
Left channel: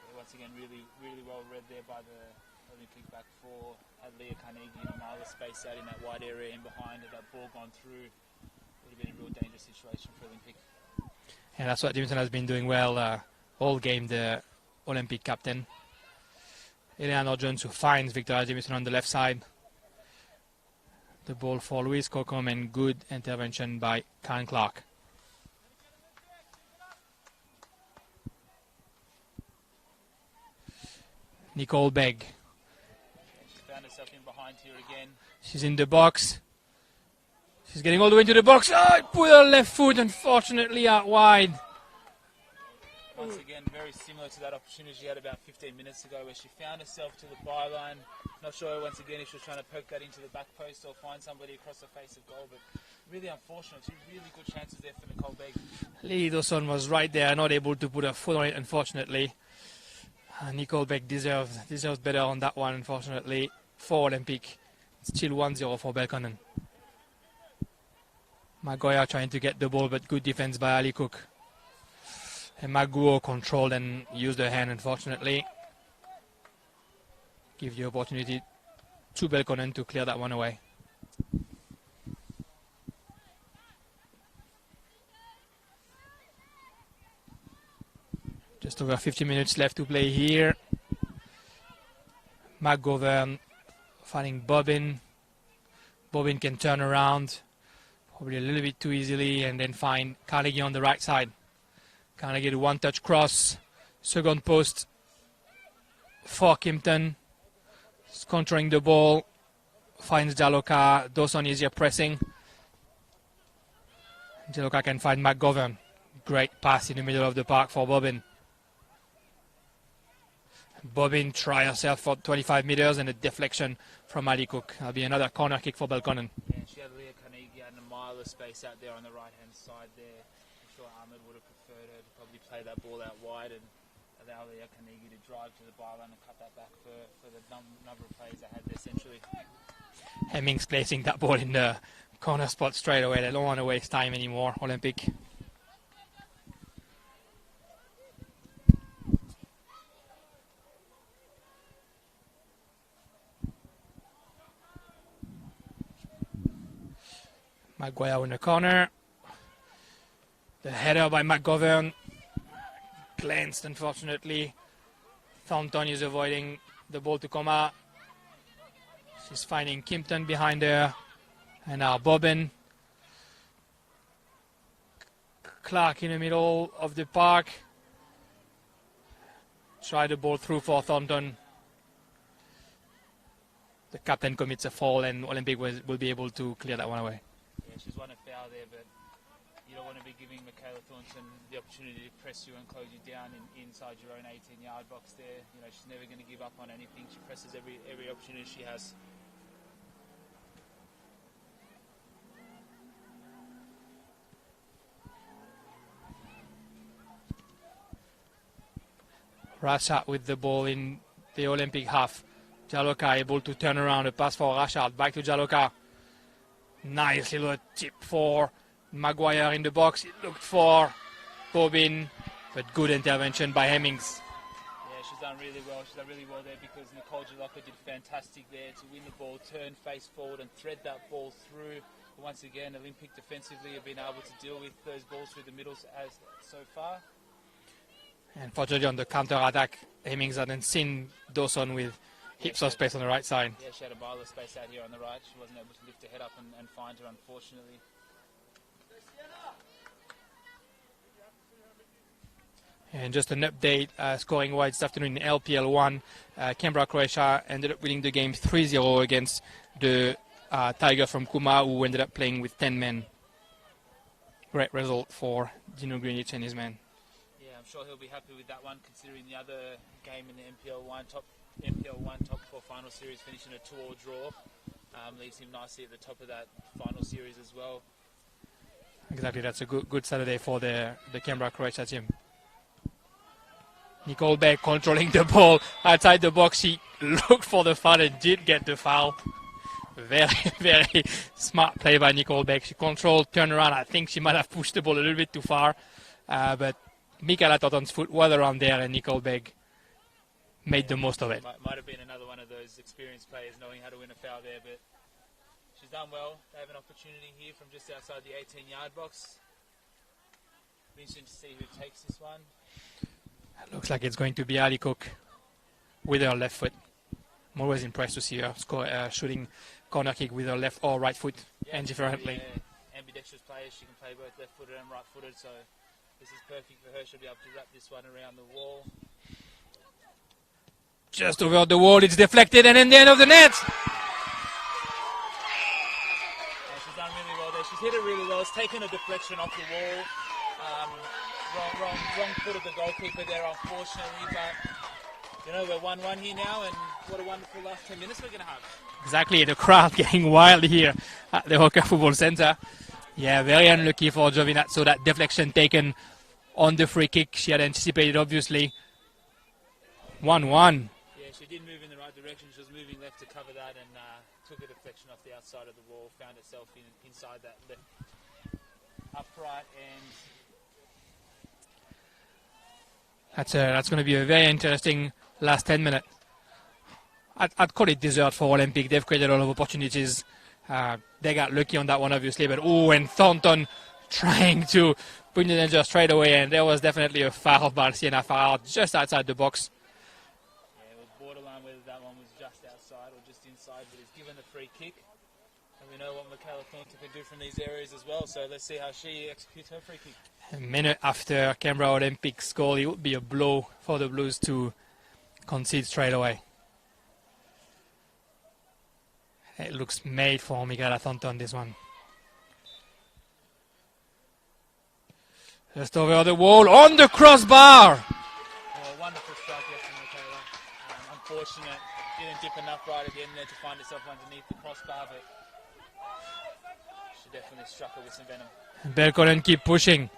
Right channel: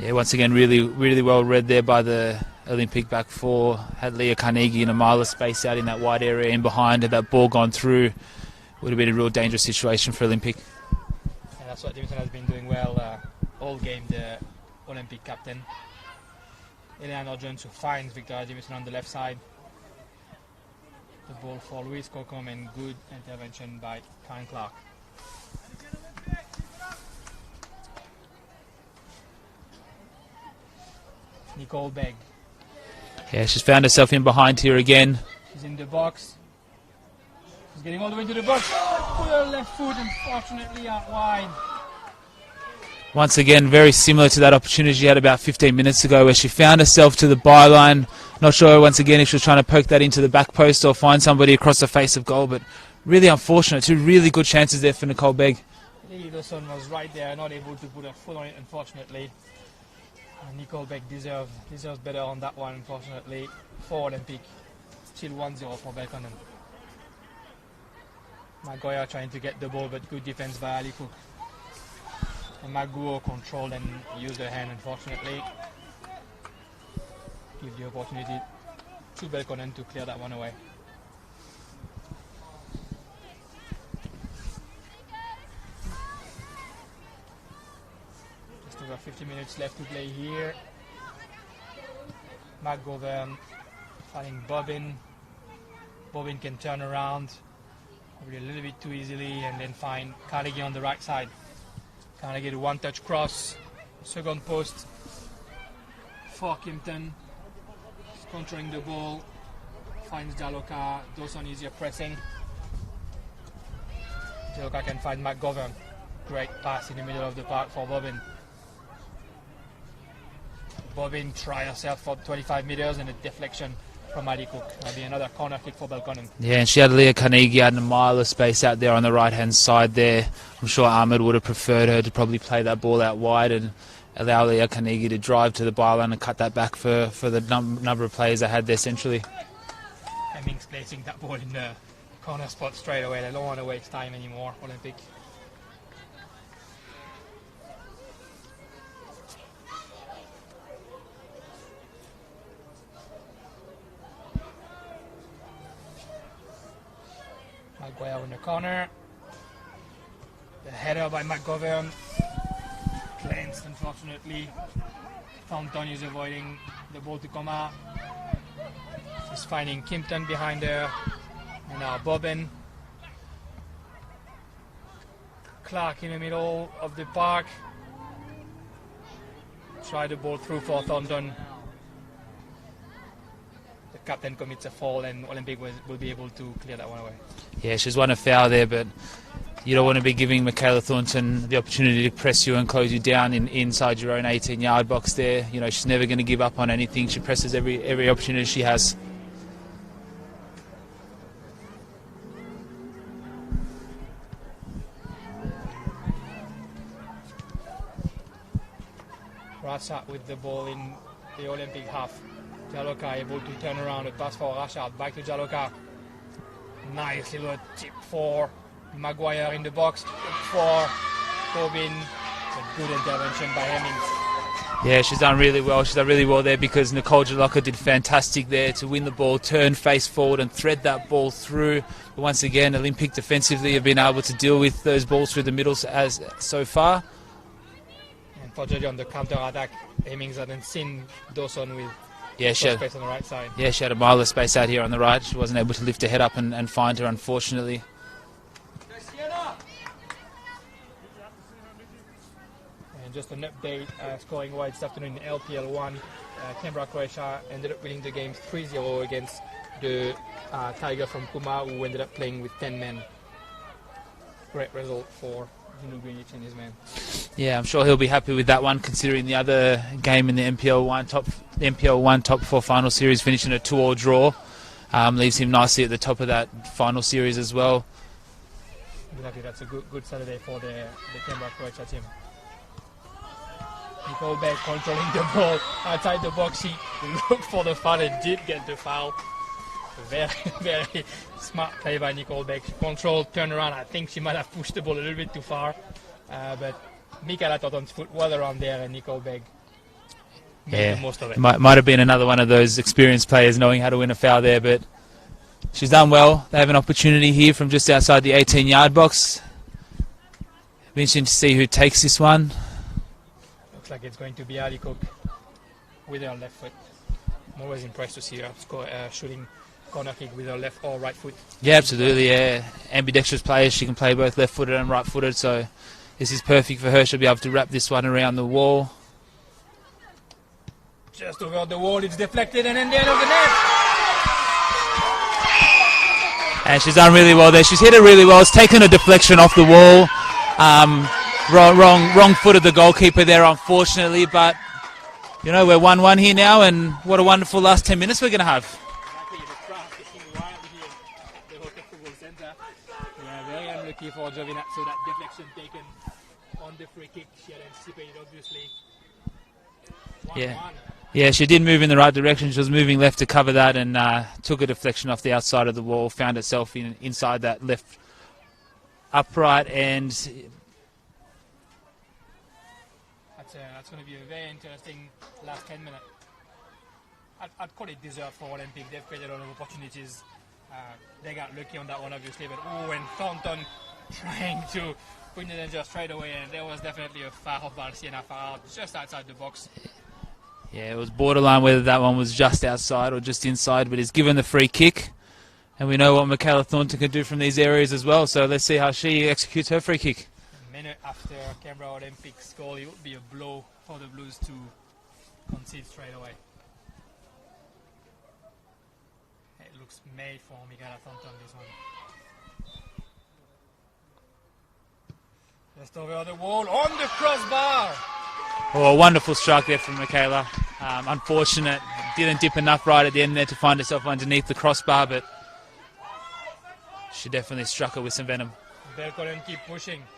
Yeah, once again, really well read there by the Olympic back four. Had Leah Carnegie in a mile of space out in that wide area in behind. Had that ball gone through, would have been a real dangerous situation for Olympic. And that's what Jamieson has been doing well all game, the Olympic captain. Eleanor Jones, who finds Victoria Jamieson on the left side. The ball for Louise Colcom, and good intervention by Karen Clark. Nicole Begg. Yeah, she's found herself in behind here again. She's in the box. She's getting all the way into the box. Oh, put her left foot, unfortunately, out wide. Once again, very similar to that opportunity she had about 15 minutes ago, where she found herself to the byline. Not sure, once again, if she was trying to poke that into the back post or find somebody across the face of goal, but really unfortunate. Two really good chances there for Nicole Begg. Lily Dawson was right there, not able to put her foot on it, unfortunately. Nicole Begg deserves better on that one, unfortunately, for Olympic. Still 1-0 for Belconnen. Maguire trying to get the ball, but good defense by Ali Cook. And Maguo controlled and used her hand, unfortunately. Give the opportunity to Belconnen to clear that one away. Just over 50 minutes left to play here. McGovern finding Bobbin. Bobbin can turn around, probably a little bit too easily, and then find Carnegie on the right side. Carnegie to one-touch cross, second post for Kimpton. He's controlling the ball, finds Jaloka. Dawson is here pressing. Jaloka can find McGovern. Great pass in the middle of the park for Bobbin. Bobbin try herself for 25 meters and a deflection from Ali Cook. That'll be another corner kick for Belconnen. Yeah, and she had Leah Carnegie out in a mile of space out there on the right-hand side there. I'm sure Ahmed would have preferred her to probably play that ball out wide and allow Leah Carnegie to drive to the byline and cut that back for the number of players they had there centrally. Hemmings placing that ball in the corner spot straight away. They don't want to waste time anymore, Olympic. Maguire in the corner. The header by McGovern. Cleansed, unfortunately. Thornton is avoiding the ball to come out. She's finding Kimpton behind her. And now Bobbin. Clark in the middle of the park. Try the ball through for Thornton. The captain commits a foul and Olympic will be able to clear that one away. Yeah, she's won a foul there, but you don't want to be giving Michaela Thornton the opportunity to press you and close you down inside your own 18-yard box there. You know, she's never going to give up on anything. She presses every opportunity she has. Rashad with the ball in the Olympic half. Jaloka able to turn around, a pass for Rashad, back to Jaloka. Nice little tip for Maguire in the box. Look for Bobbin, but good intervention by Hemmings. Yeah, she's done really well. She's done really well there because Nicole Jaloka did fantastic there to win the ball, turn face forward and thread that ball through. But once again, Olympic defensively have been able to deal with those balls through the middle as so far. And for Georgia on the counter-attack, Hemmings hadn't seen Dawson with space on the right side. Yeah, she had a mile of space out here on the right. She wasn't able to lift her head up and find her, unfortunately. And just an update, scoring wise this afternoon in LPL 1, Canberra, Croatia ended up winning the game 3-0 against the Tiger from Kuma, who ended up playing with 10 men. Great result for Dino Greenwich and his men. Yeah, I'm sure he'll be happy with that one, considering the other game in the NPL 1 top 4 final series finishing a 2-2 draw. Leaves him nicely at the top of that final series as well. Exactly, that's a good Saturday for the Canberra Croatia team. Nicole Beck controlling the ball outside the box. She looked for the foul and did get the foul. Very, very smart play by Nicole Beck. She controlled, turned around. I think she might have pushed the ball a little bit too far. But Michaela Thornton's foot was around there and Nicole Beck made the most of it. Might have been another one of those experienced players knowing how to win a foul there, but she's done well. They have an opportunity here from just outside the 18-yard box. Be interesting to see who takes this one. Looks like it's going to be Ali Cook with her left foot. I'm always impressed to see her shooting corner kick with her left or right foot. Yeah, absolutely. Yeah, ambidextrous player. She can play both left-footed and right-footed, so this is perfect for her. She'll be able to wrap this one around the wall. Just over the wall, it's deflected and in the end of the net. And she's done really well there. She's hit it really well. It's taken a deflection off the wall. Wrong foot of the goalkeeper there, unfortunately. But, you know, we're 1-1 here now, and what a wonderful last 10 minutes we're going to have. Exactly, the crowd getting wild here at the Hawker Football Centre. Yeah, very unlucky for Jovinat. So that deflection taken on the free kick. She had anticipated, obviously. 1-1. Yeah, she did move in the right direction. She was moving left to cover that and took a deflection off the outside of the wall, found herself inside that left upright, and that's going to be a very interesting last 10 minutes. I'd call it dessert for Olympic. They've created a lot of opportunities. They got lucky on that one, obviously, but and Thornton trying to bring the danger straight away, and there was definitely a foul by Sienna Farrar just outside the box. Yeah, it was borderline whether that one was just outside or just inside, but he's given the free kick. And we know what Michaela Thornton can do from these areas as well, so let's see how she executes her free kick. A minute after Canberra Olympics goal, it would be a blow for the Blues to concede straight away. It looks made for Michaela Thornton, this one. Just over the wall, on the crossbar. Oh, a wonderful strike there from Michaela. Unfortunate, didn't dip enough right at the end there to find herself underneath the crossbar, but she definitely struck her with some venom. Belconnen keep pushing.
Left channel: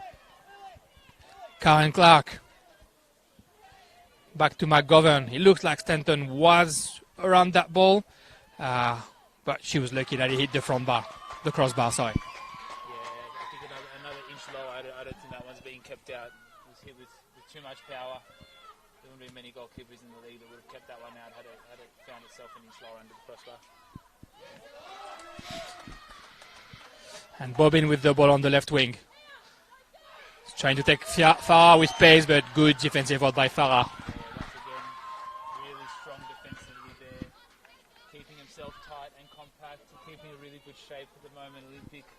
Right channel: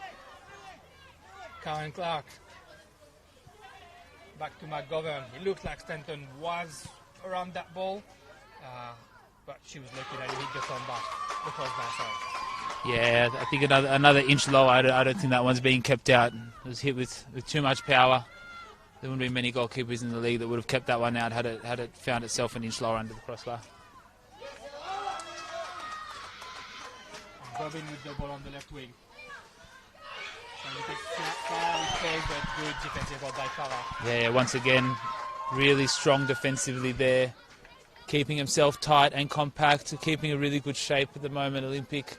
Karen Clark. Back to McGovern. It looks like Stanton was around that ball, but she was lucky that he hit the crossbar, sorry. Yeah, I think another inch low. I don't think that one's being kept out. It was hit with too much power. There wouldn't be many goalkeepers in the league that would have kept that one out had it found itself an inch lower under the crossbar. And Bobbin with the ball on the left wing. Trying to take Farah with pace, but good defensive effort by Farah. Yeah, once again, really strong defensively there. Keeping himself tight and compact, keeping a really good shape at the moment. Olympic,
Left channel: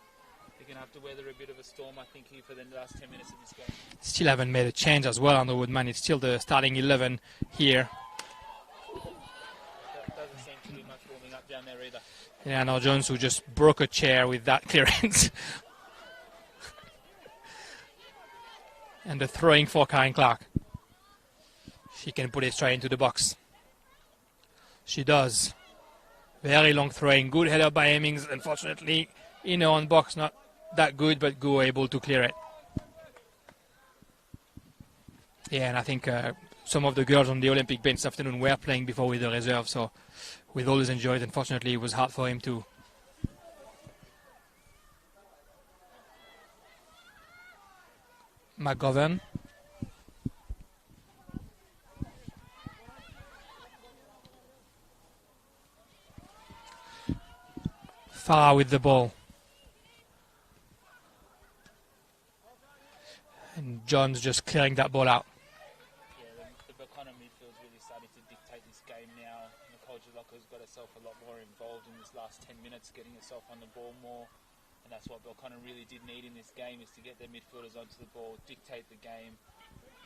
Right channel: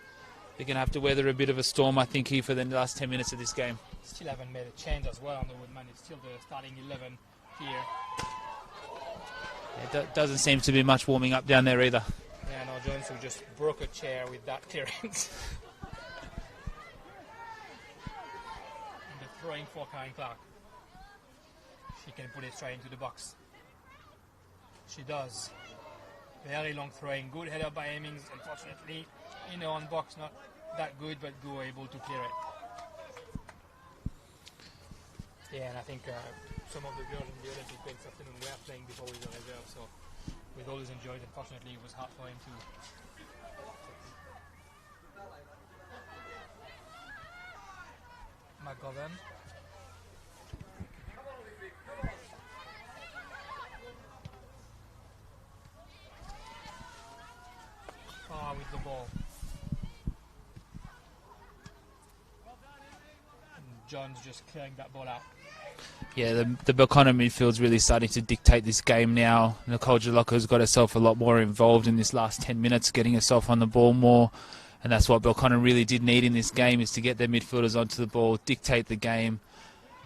they're going to have to weather a bit of a storm, I think, here for the last 10 minutes of this game. Still haven't made a change as well on the Woodman. It's still the starting 11 here. It doesn't seem to be much warming up down there either. Yeah, now Jones, who just broke a chair with that clearance. And the throwing for Karen Clark. She can put it straight into the box. She does. Very long throwing. Good header by Hemmings. Unfortunately, in her own box, not that good, but Go able to clear it. Yeah, and I think some of the girls on the Olympic bench this afternoon were playing before with the reserve, so with all his injuries, unfortunately, it was hard for him to. McGovern. Farah with the ball. And John's just clearing that ball out. Yeah, the Belconnen midfield's really starting to dictate this game now. Nicole Jalocco's got herself a lot more involved in this last 10 minutes, getting herself on the ball more. And that's what Belconnen really did need in this game, is to get their midfielders onto the ball, dictate the game.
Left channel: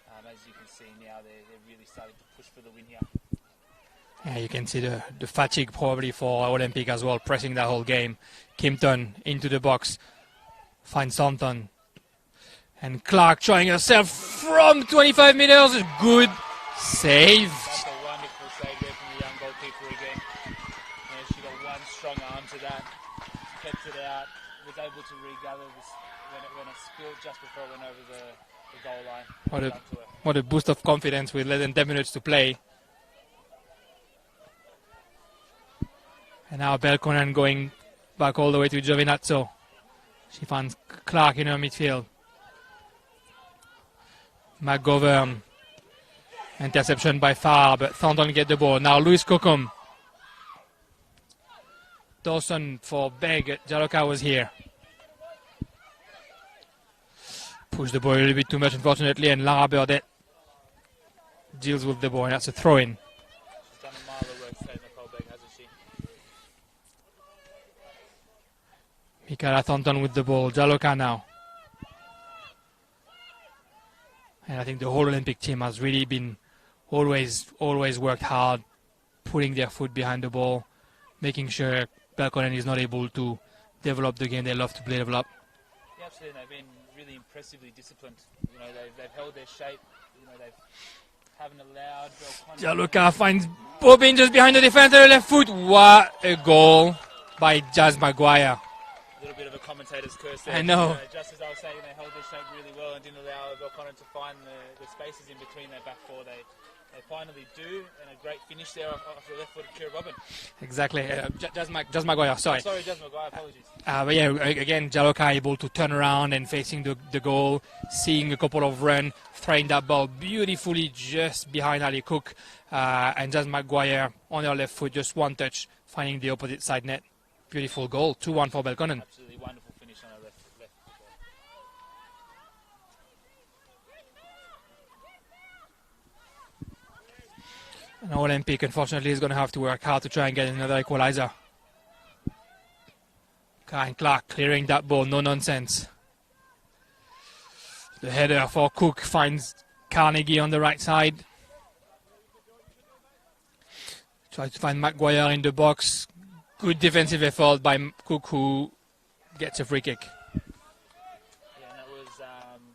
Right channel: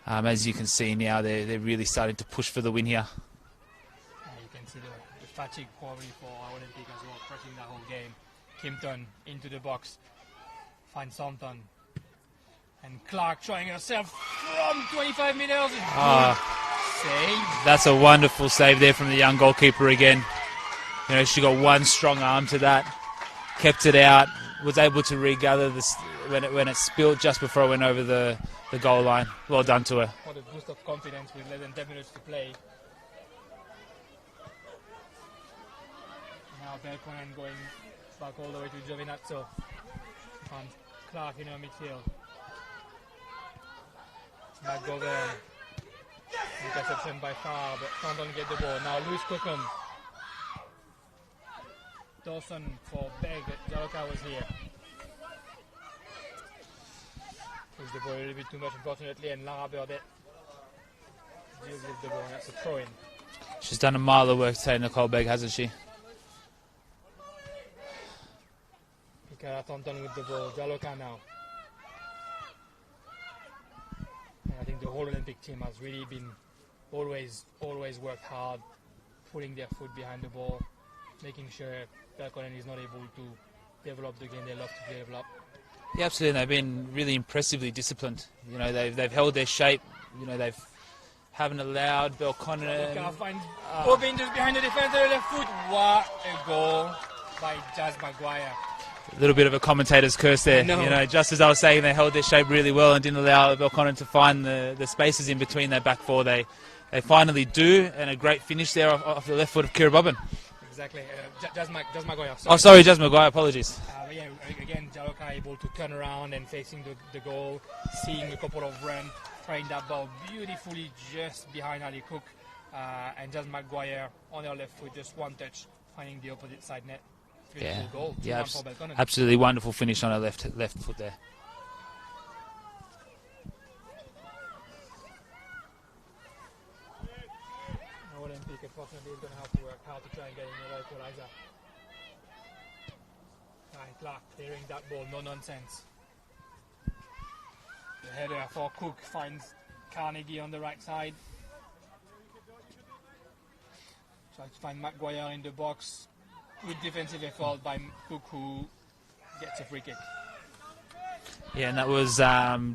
As you can see now, they're really starting to push for the win here. Yeah, you can see the fatigue probably for Olympic as well, pressing that whole game. Kimpton into the box, finds Thornton. And Clark trying herself from 25 meters. Good save. That's a wonderful save there from the young goalkeeper again. You know, she got one strong arm to that, kept it out, was able to regather this when it spilled just before it went over the goal line. Well done to her. What a boost of confidence with less than 10 minutes to play. And now Belconnen going back all the way to Giovinazzo. She finds Clark in her midfield. McGovern. Interception by Farah, but Thornton get the ball. Now Louis Cocom. Dawson for Beg. Jaloka was here. Push the ball a little bit too much, unfortunately, and Lara Burdett deals with the ball. That's a throw-in. She's done a mile of work today, Nicole Beg, hasn't she? Michaela Thornton with the ball. Jaloka now. And I think the whole Olympic team has really been always worked hard, putting their foot behind the ball, making sure Belconnen is not able to develop the game they love to play develop. Yeah, absolutely. They've been really impressively disciplined. You know, they've held their shape. You know, haven't allowed Belconnen. Jaloka finds Bobbin just behind the defender, left foot. What a goal by Jazz Maguire. A little bit of a commentator's curse there. No. You know, just as I was saying, they held their shape really well and didn't allow Belconnen to find the spaces in between their back four. They finally do, and a great finish there off the left foot of Kira Bobbin. Exactly. Jazz Maguire. Sorry. Oh, sorry, Jazz Maguire. Apologies. But yeah, again, Jaloka able to turn around and facing the goal, seeing a couple of runs, throwing that ball beautifully just behind Ali Cook, and Jazz Maguire on her left foot, just one touch, finding the opposite side net. Beautiful goal, 2-1 for Belconnen. Absolutely wonderful finish on her left foot there. And Olympic, unfortunately, is going to have to work hard to try and get another equalizer. Karen Clark clearing that ball, no nonsense. The header for Cook finds Carnegie on the right side. Try to find Maguire in the box. Good defensive effort by Cook, who gets a free kick. Yeah, and that was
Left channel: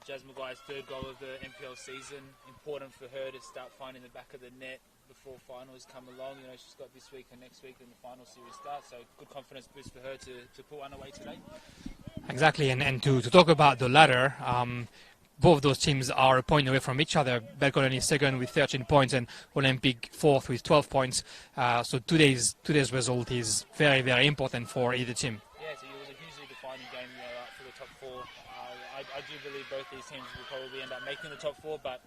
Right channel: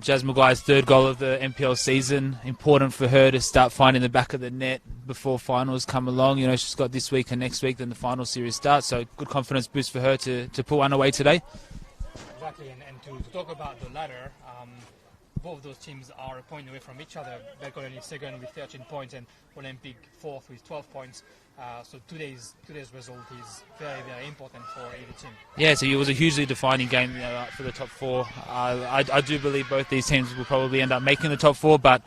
Jazz Maguire's third goal of the NPL season. Important for her to start finding the back of the net before finals come along. You know, she's got this week and next week, then the final series starts. So good confidence boost for her to pull one away today. Exactly, and to talk about the latter, both those teams are a point away from each other. Belconnen is second with 13 points and Olympic fourth with 12 points. So today's result is very, very important for either team. Yeah, so it was a hugely defining game for the top four. I do believe both these teams will probably end up making the top four, but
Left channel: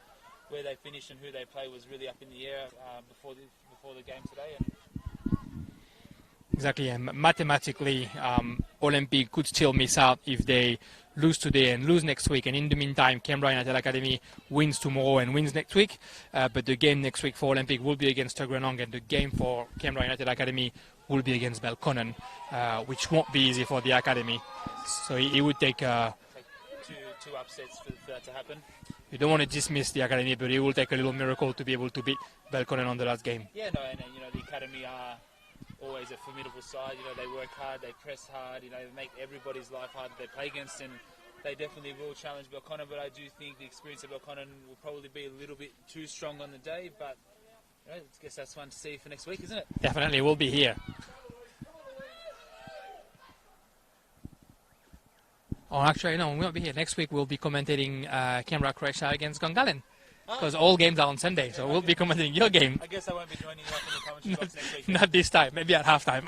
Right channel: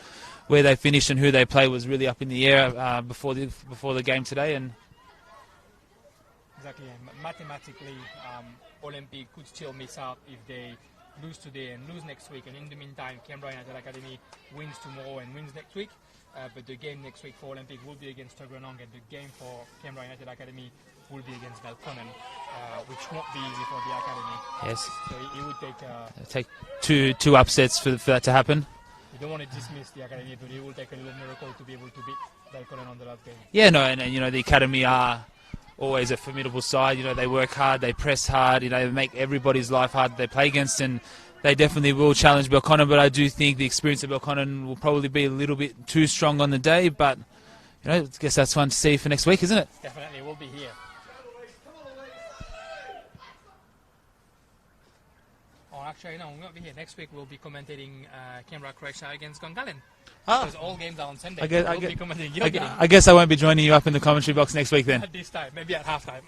where they finish and who they play was really up in the air before the game today. And exactly, and mathematically, Olympic could still miss out if they lose today and lose next week, and in the meantime Canberra United Academy wins tomorrow and wins next week, but the game next week for Olympic will be against Tuggeranong, and the game for Canberra United Academy will be against Belconnen, which won't be easy for the Academy. yes, So it would take two upsets for that to happen. you don't want to dismiss the Academy, but it will take a little miracle to be able to beat Belconnen on the last game. Yeah, no, and you know the Academy are always a formidable side. You know, they work hard, they press hard, you know, they make everybody's life hard they play against, and they definitely will challenge Belconnen, but I do think the experience of Belconnen will probably be a little bit too strong on the day, but you know, I guess that's fun to see for next week, isn't it? Definitely will be here. Oh, actually, no, we won't be here. Next week we'll be commentating Canberra Croatia against Gungahlin. Because all games are on Sunday, so we'll be commentating your game. I guess I won't be joining you up in the commentary box next week then. Not this time, maybe at halftime.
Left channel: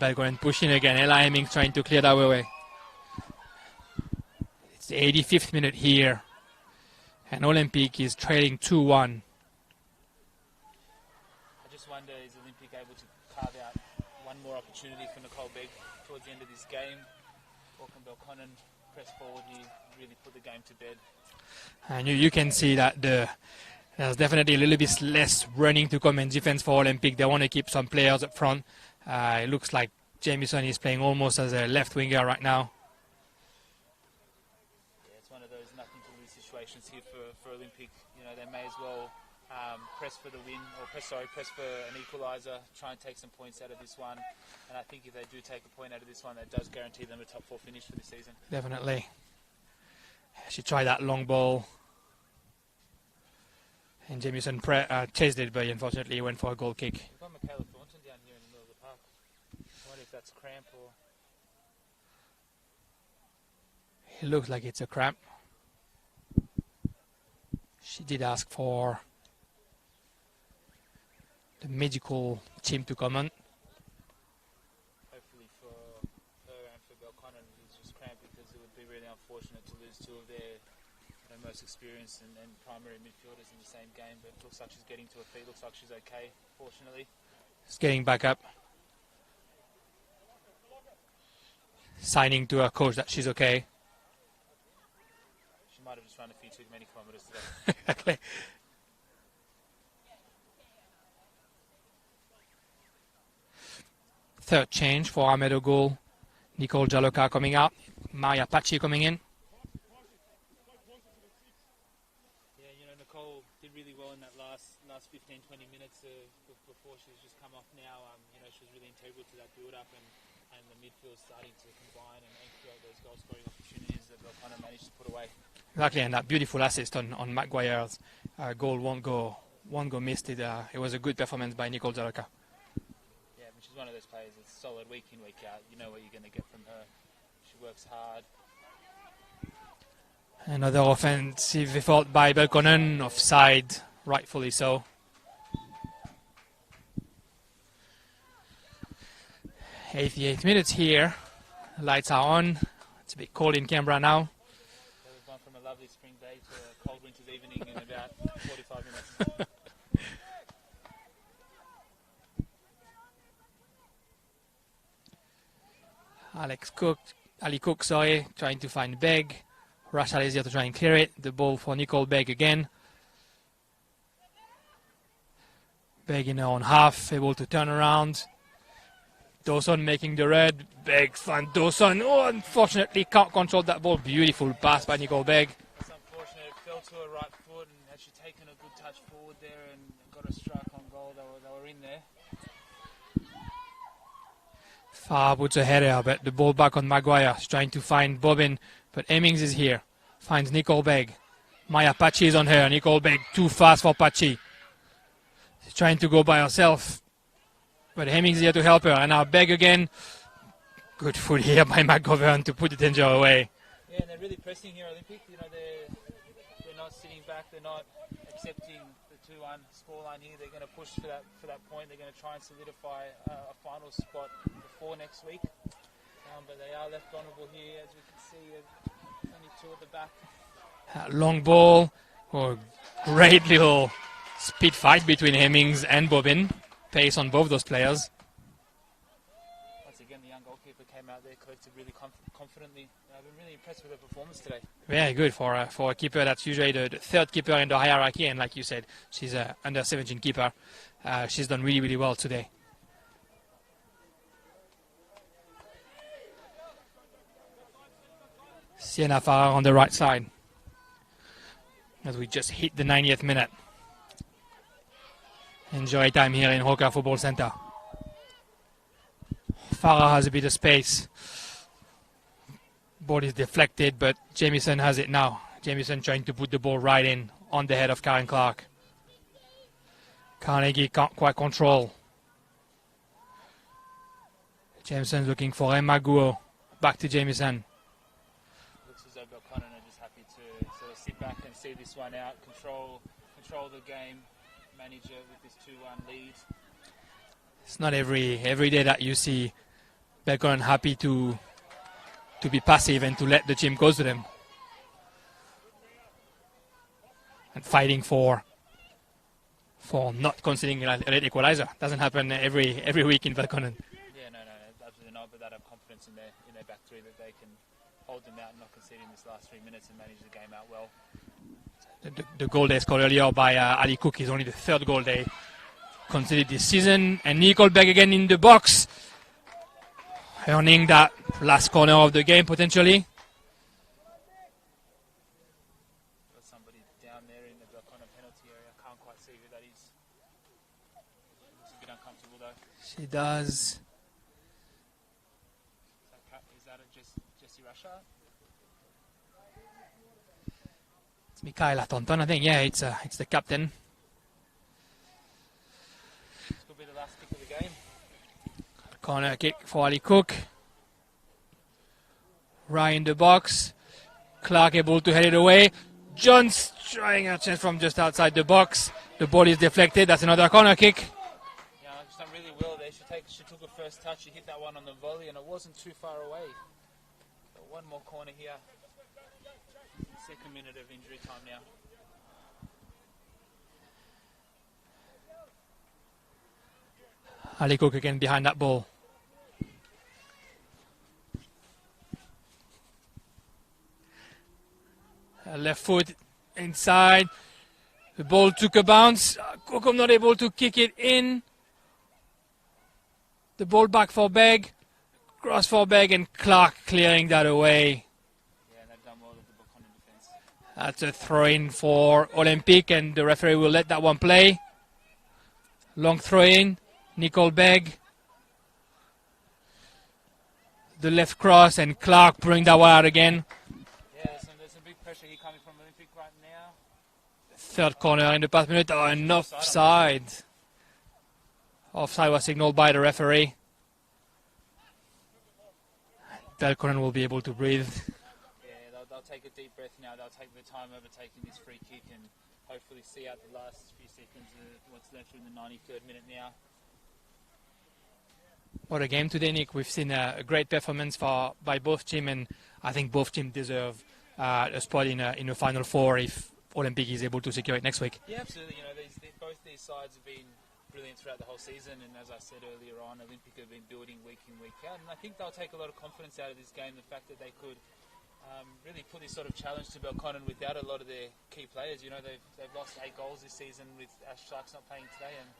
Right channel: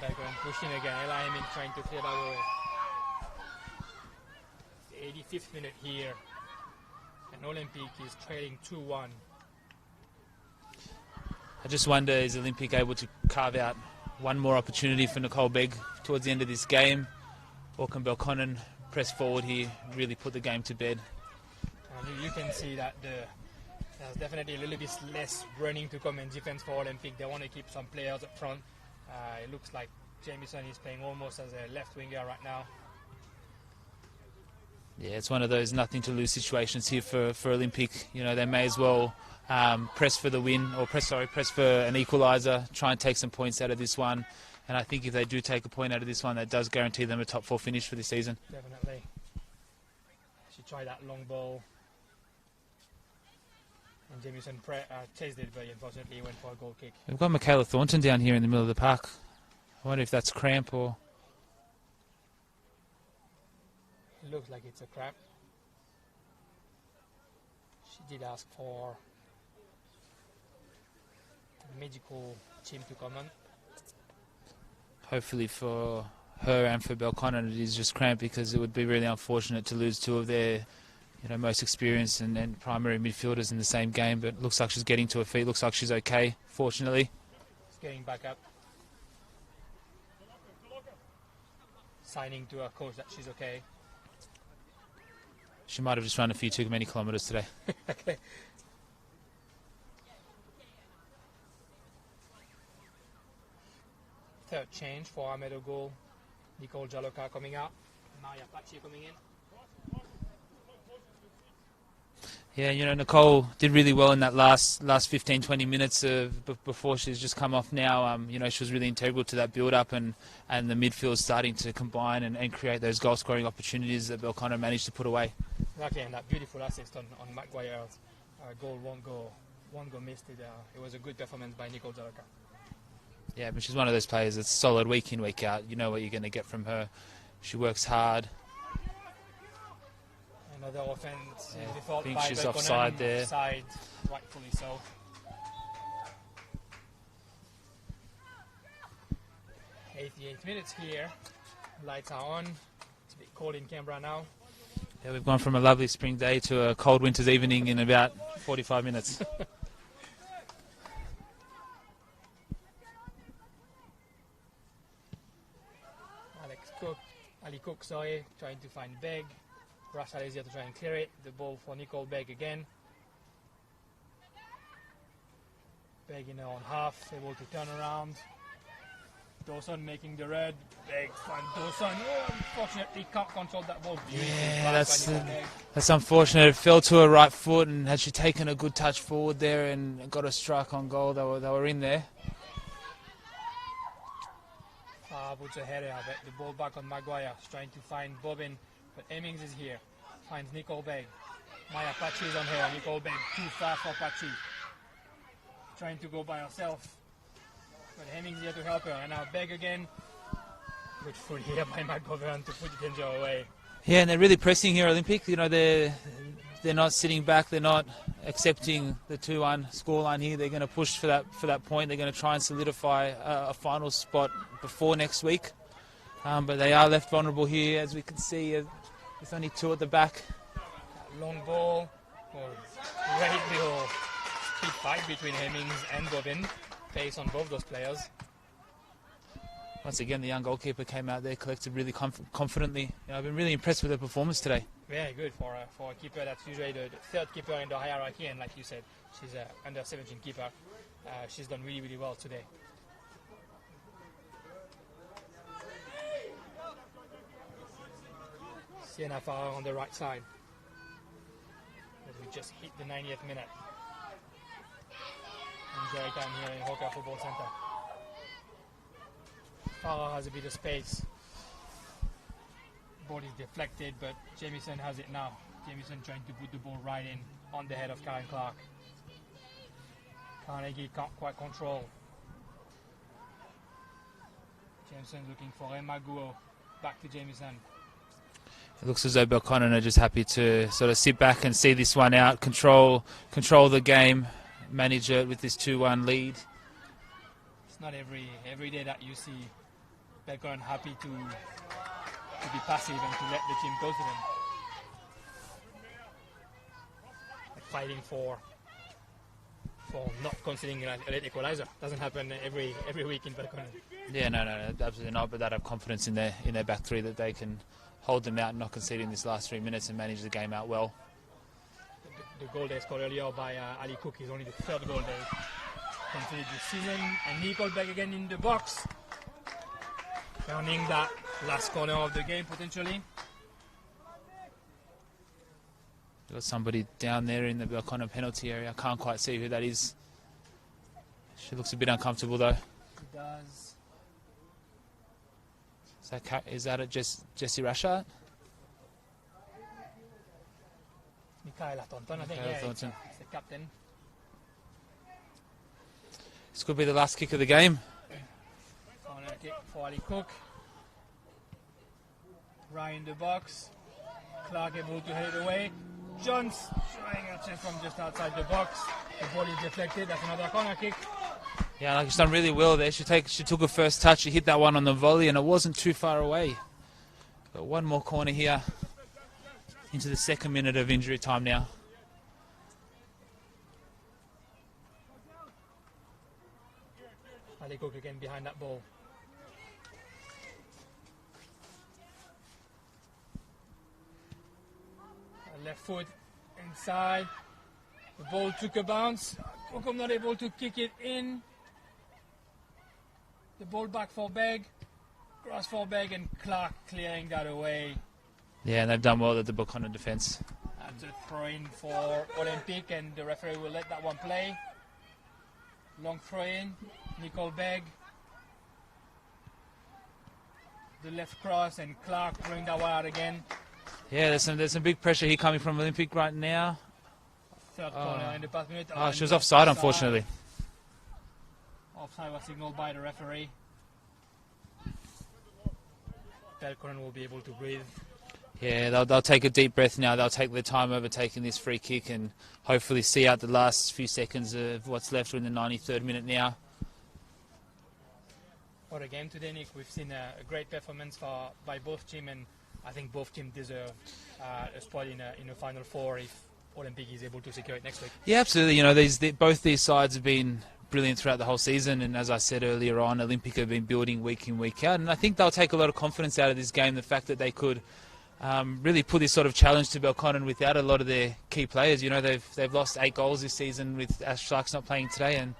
Belconnen pushing again. Ella Hemming trying to clear that away. It's the 85th minute here, and Olympic is trailing 2-1. I just wonder, is Olympic able to carve out one more opportunity for Nicole Begg towards the end of this game? Or can Belconnen press forward here, really put the game to bed? And you can see that there's definitely a little bit less running to come in defense for Olympic. They want to keep some players up front. It looks like Jamieson is playing almost as a left winger right now. Yeah, it's one of those nothing to lose situations here for Olympic. You know, they may as well press for the win, or press for an equaliser, try and take some points out of this one. And I think if they do take a point out of this one, that does guarantee them a top four finish for this season. Definitely. She tried that long ball. And Jamieson chased it, but unfortunately he went for a goal kick. We've got Michaela Thornton down here in the middle of the park. I wonder if that's cramp or... It looks like it's a cramp. She did ask for the medical team to come on. Hopefully for her and for Belconnen it is just cramp, because it would be really unfortunate to lose two of their most experienced and primary midfielders in the same game. But it looks like she's getting to her feet. Looks like she's okay, fortunately. She's getting back up. Signing to her coach that she's okay. She might have just run a few too many kilometres today. Exactly. Third change for Ahmed Ogul. Nicole Jaloka coming out. Maria Pachi coming in. Yeah, Nicole did really well in that last 15, 20 minutes before she's just come off now. She was really integral to that build-up, and the midfield starting to combine and create those goal-scoring opportunities that Belconnen managed to put away. Exactly, and that beautiful assist on Maguire's goal won't go missed. It was a good performance by Nicole Jaloka. Yeah, but she's one of those players that's solid week in, week out. You know what you're going to get from her. She works hard. Another offensive effort by Belconnen, offside, rightfully so. 88 minutes here. Lights are on. It's a bit cold in Canberra now. Yeah, we've gone from a lovely spring day to a cold winter's evening in about 45 minutes. Ali Cook, trying to find Begg. Rachel is here to try and clear it. The ball for Nicole Begg again. Begg in her own half, able to turn around. Dawson making the red. Begg finds Dawson. Oh, unfortunately can't control that ball. Beautiful pass by Nicole Begg. That's unfortunate. It fell to her right foot, and had she taken a good touch forward there and got a strike on goal, they were in there. Farah puts a header, but the ball back on Maguire. She's trying to find Bobbin, but Hemmings is here. Finds Nicole Begg. Maya Pachi is on her. Nicole Begg too fast for Pachi. She's trying to go by herself, but Hemmings is here to help her. And now Begg again. Good foot here by McGovern to put the danger away. Yeah, and they're really pressing here, Olympic. You know, they're not sitting back. They're not accepting the 2-1 scoreline here. They're going to push for that point. They're going to try and solidify a final spot before next week. But they are left vulnerable here, as we can see. There's only 2 at the back. Long ball. Oh, great little speed fight between Hemmings and Bobbin. Pace on both those players. Once again, the young goalkeeper came out there, collected really confidently. I've been really impressed with her performance today. Very good for a keeper that's usually the third keeper in the hierarchy, and like you said, she's an under-17 keeper. She's done really, really well today. Sienna Farah on the right side, as we just hit the 90th minute. Enjoy time here in Hoka Football Center. Farah has a bit of space. Ball is deflected, but Jamieson has it now. Jamieson trying to put the ball right in on the head of Karen Clark. Carnegie can't quite control. Jamieson looking for Emma Guo. Back to Jamieson. It looks as though Belconnen are just happy to sort of sit back and see this one out, control the game, manage it with this 2-1 lead. It's not every day that you see Belconnen happy to be passive and to let the team go to them. And fighting for not conceding an equalizer. Doesn't happen every week in Belconnen. Yeah, no, absolutely not. But they have confidence in their back three that they can hold them out and not concede in this last 3 minutes and manage the game out well. The goal they scored earlier by Ali Cook is only the 3rd goal they conceded this season. And Nicole Begg again in the box, earning that last corner of the game potentially. Got somebody down there in the Belconnen penalty area. I can't quite see who that is. She looks a bit uncomfortable though. She does. Is that Jessie Rashard? It's Michaela Tonton, I think. Yeah, it's the captain. This could be the last kick of the game. Corner kick for Ali Cook. Right in the box. Clark able to head it away. Jones trying a chance from just outside the box. The ball is deflected. That's another corner kick. Yeah, like she's done really well there. She took her first touch. She hit that one on the volley, and it wasn't too far away. But one more corner here into the 2nd minute of injury time now. Ali Cook again behind that ball. Left foot inside. The ball took a bounce. Kokum not able to kick it in. The ball back for Begg. Cross for Begg, and Clark clearing that away. Yeah, and they've done well at the Belconnen defence. That's a throw-in for Olympique, and the referee will let that one play. Long throw-in. Nicole Begg. The left cross, and Clark bring that one out again. Yeah, there's some big pressure here coming from Olympic right now. 3rd corner in the past minute. She was offside, unfortunately. Offside was signaled by the referee. Belconnen will be able to breathe. Yeah, they'll take a deep breath now. They'll take their time overtaking this free kick and hopefully see out the last few seconds of what's left in the 93rd minute now. What a game today, Nick. We've seen a great performance by both teams, and I think both teams deserve a spot in a Final Four if Olympique is able to secure it next week. Yeah, absolutely. You know, both these sides have been brilliant throughout the whole season, and as I said earlier on, Olympique have been building week in, week out, and I think they'll take a lot of confidence out of this game, the fact that they could really put this sort of challenge to Belconnen without a lot of their key players. You know, they've lost 8 goals this season with Ash Sharks not playing today, and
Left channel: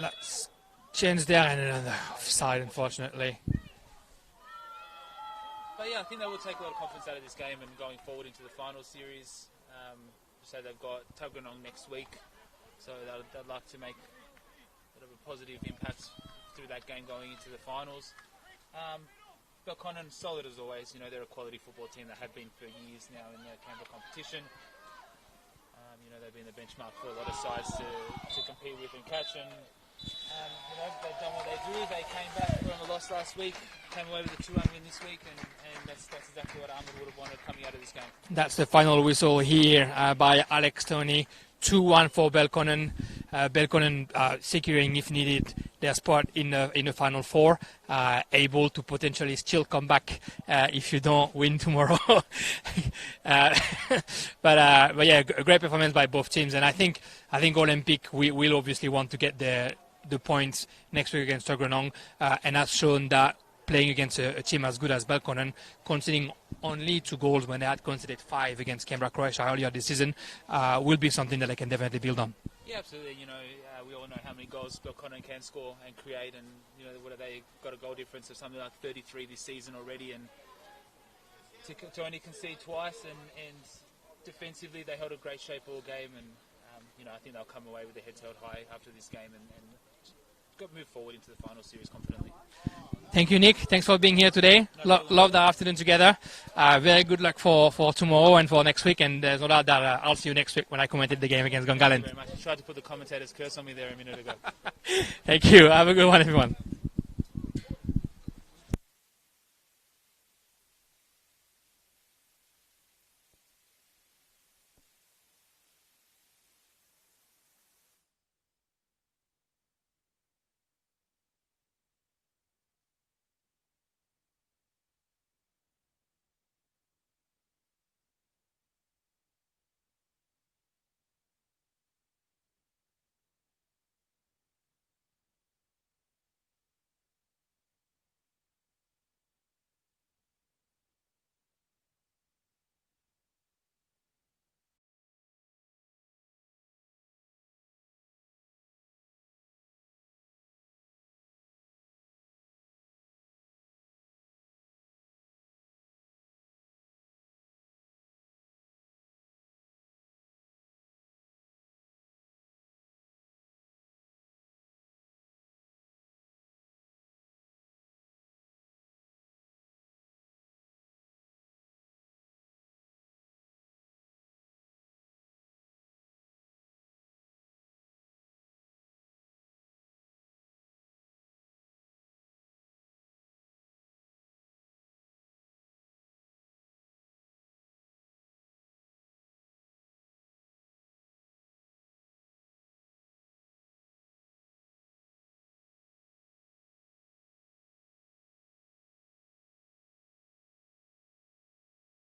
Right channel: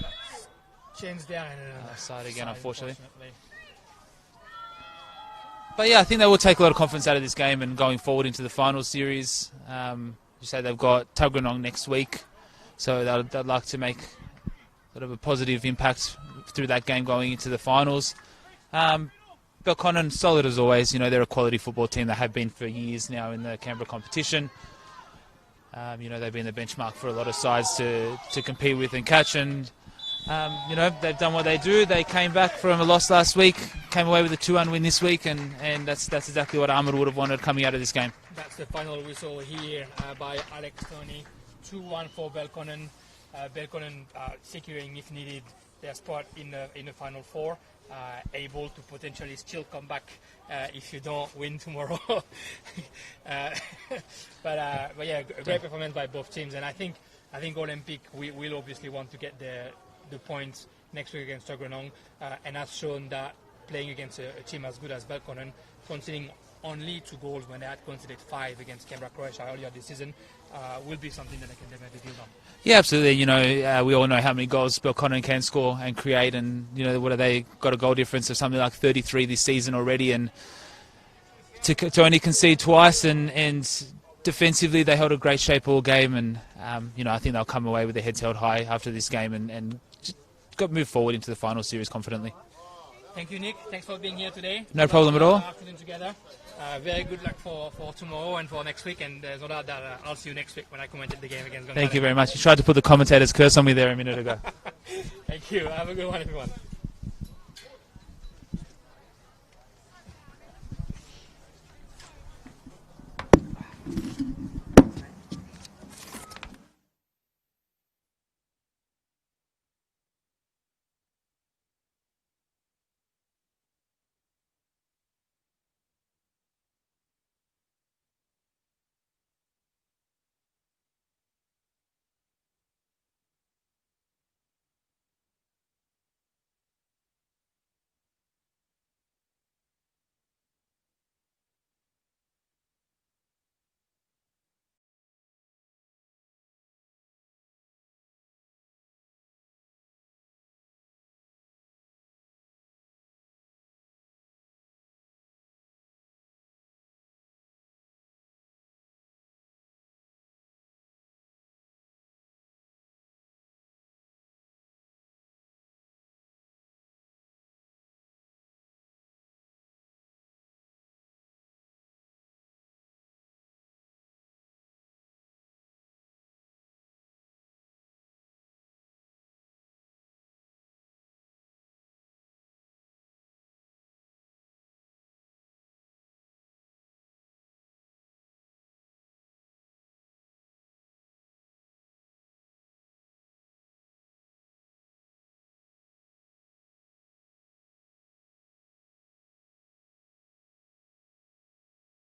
that's changed there and another side, unfortunately. But yeah, I think they will take a lot of confidence out of this game and going forward into the final series. You say they've got Tuggeranong next week, so they'd like to make sort of a positive impact through that game going into the finals. Belconnen, solid as always. You know, they're a quality football team. They have been for years now in the Canberra competition. You know, they've been the benchmark for a lot of sides to compete with and catch. And, you know, they've done what they do. They came back from a loss last week, came away with a 2-1 win this week, and that's exactly what Ahmed would have wanted coming out of this game. That's the final whistle here by Alex Tony. 2-1 for Belconnen. Belconnen securing, if needed, their spot in the final four, able to potentially still come back if you don't win tomorrow. But yeah, a great performance by both teams, and I think Olympic will obviously want to get the points next week against Tuggeranong, and has shown that playing against a team as good as Belconnen, conceding only 2 goals when they had conceded 5 against Canberra, Croatia earlier this season, will be something that they can definitely build on. Yeah, absolutely. You know, we all know how many goals Belconnen can score and create, and you know, what have they got a goal difference of something like 33 this season already, and to only concede twice, and defensively they held a great shape all game, and you know, I think they'll come away with their heads held high after this game and just got move forward into the final series confidently. Thank you, Nick. Thanks for being here today. No problem at all. all. Love the afternoon together. Very good luck for tomorrow and for next week. And there's no doubt that I'll see you next week when I commented the game against Gungahlin. Thank you very much. You tried to put the commentator's curse on me there a minute ago. Thank you. Have a good one, everyone.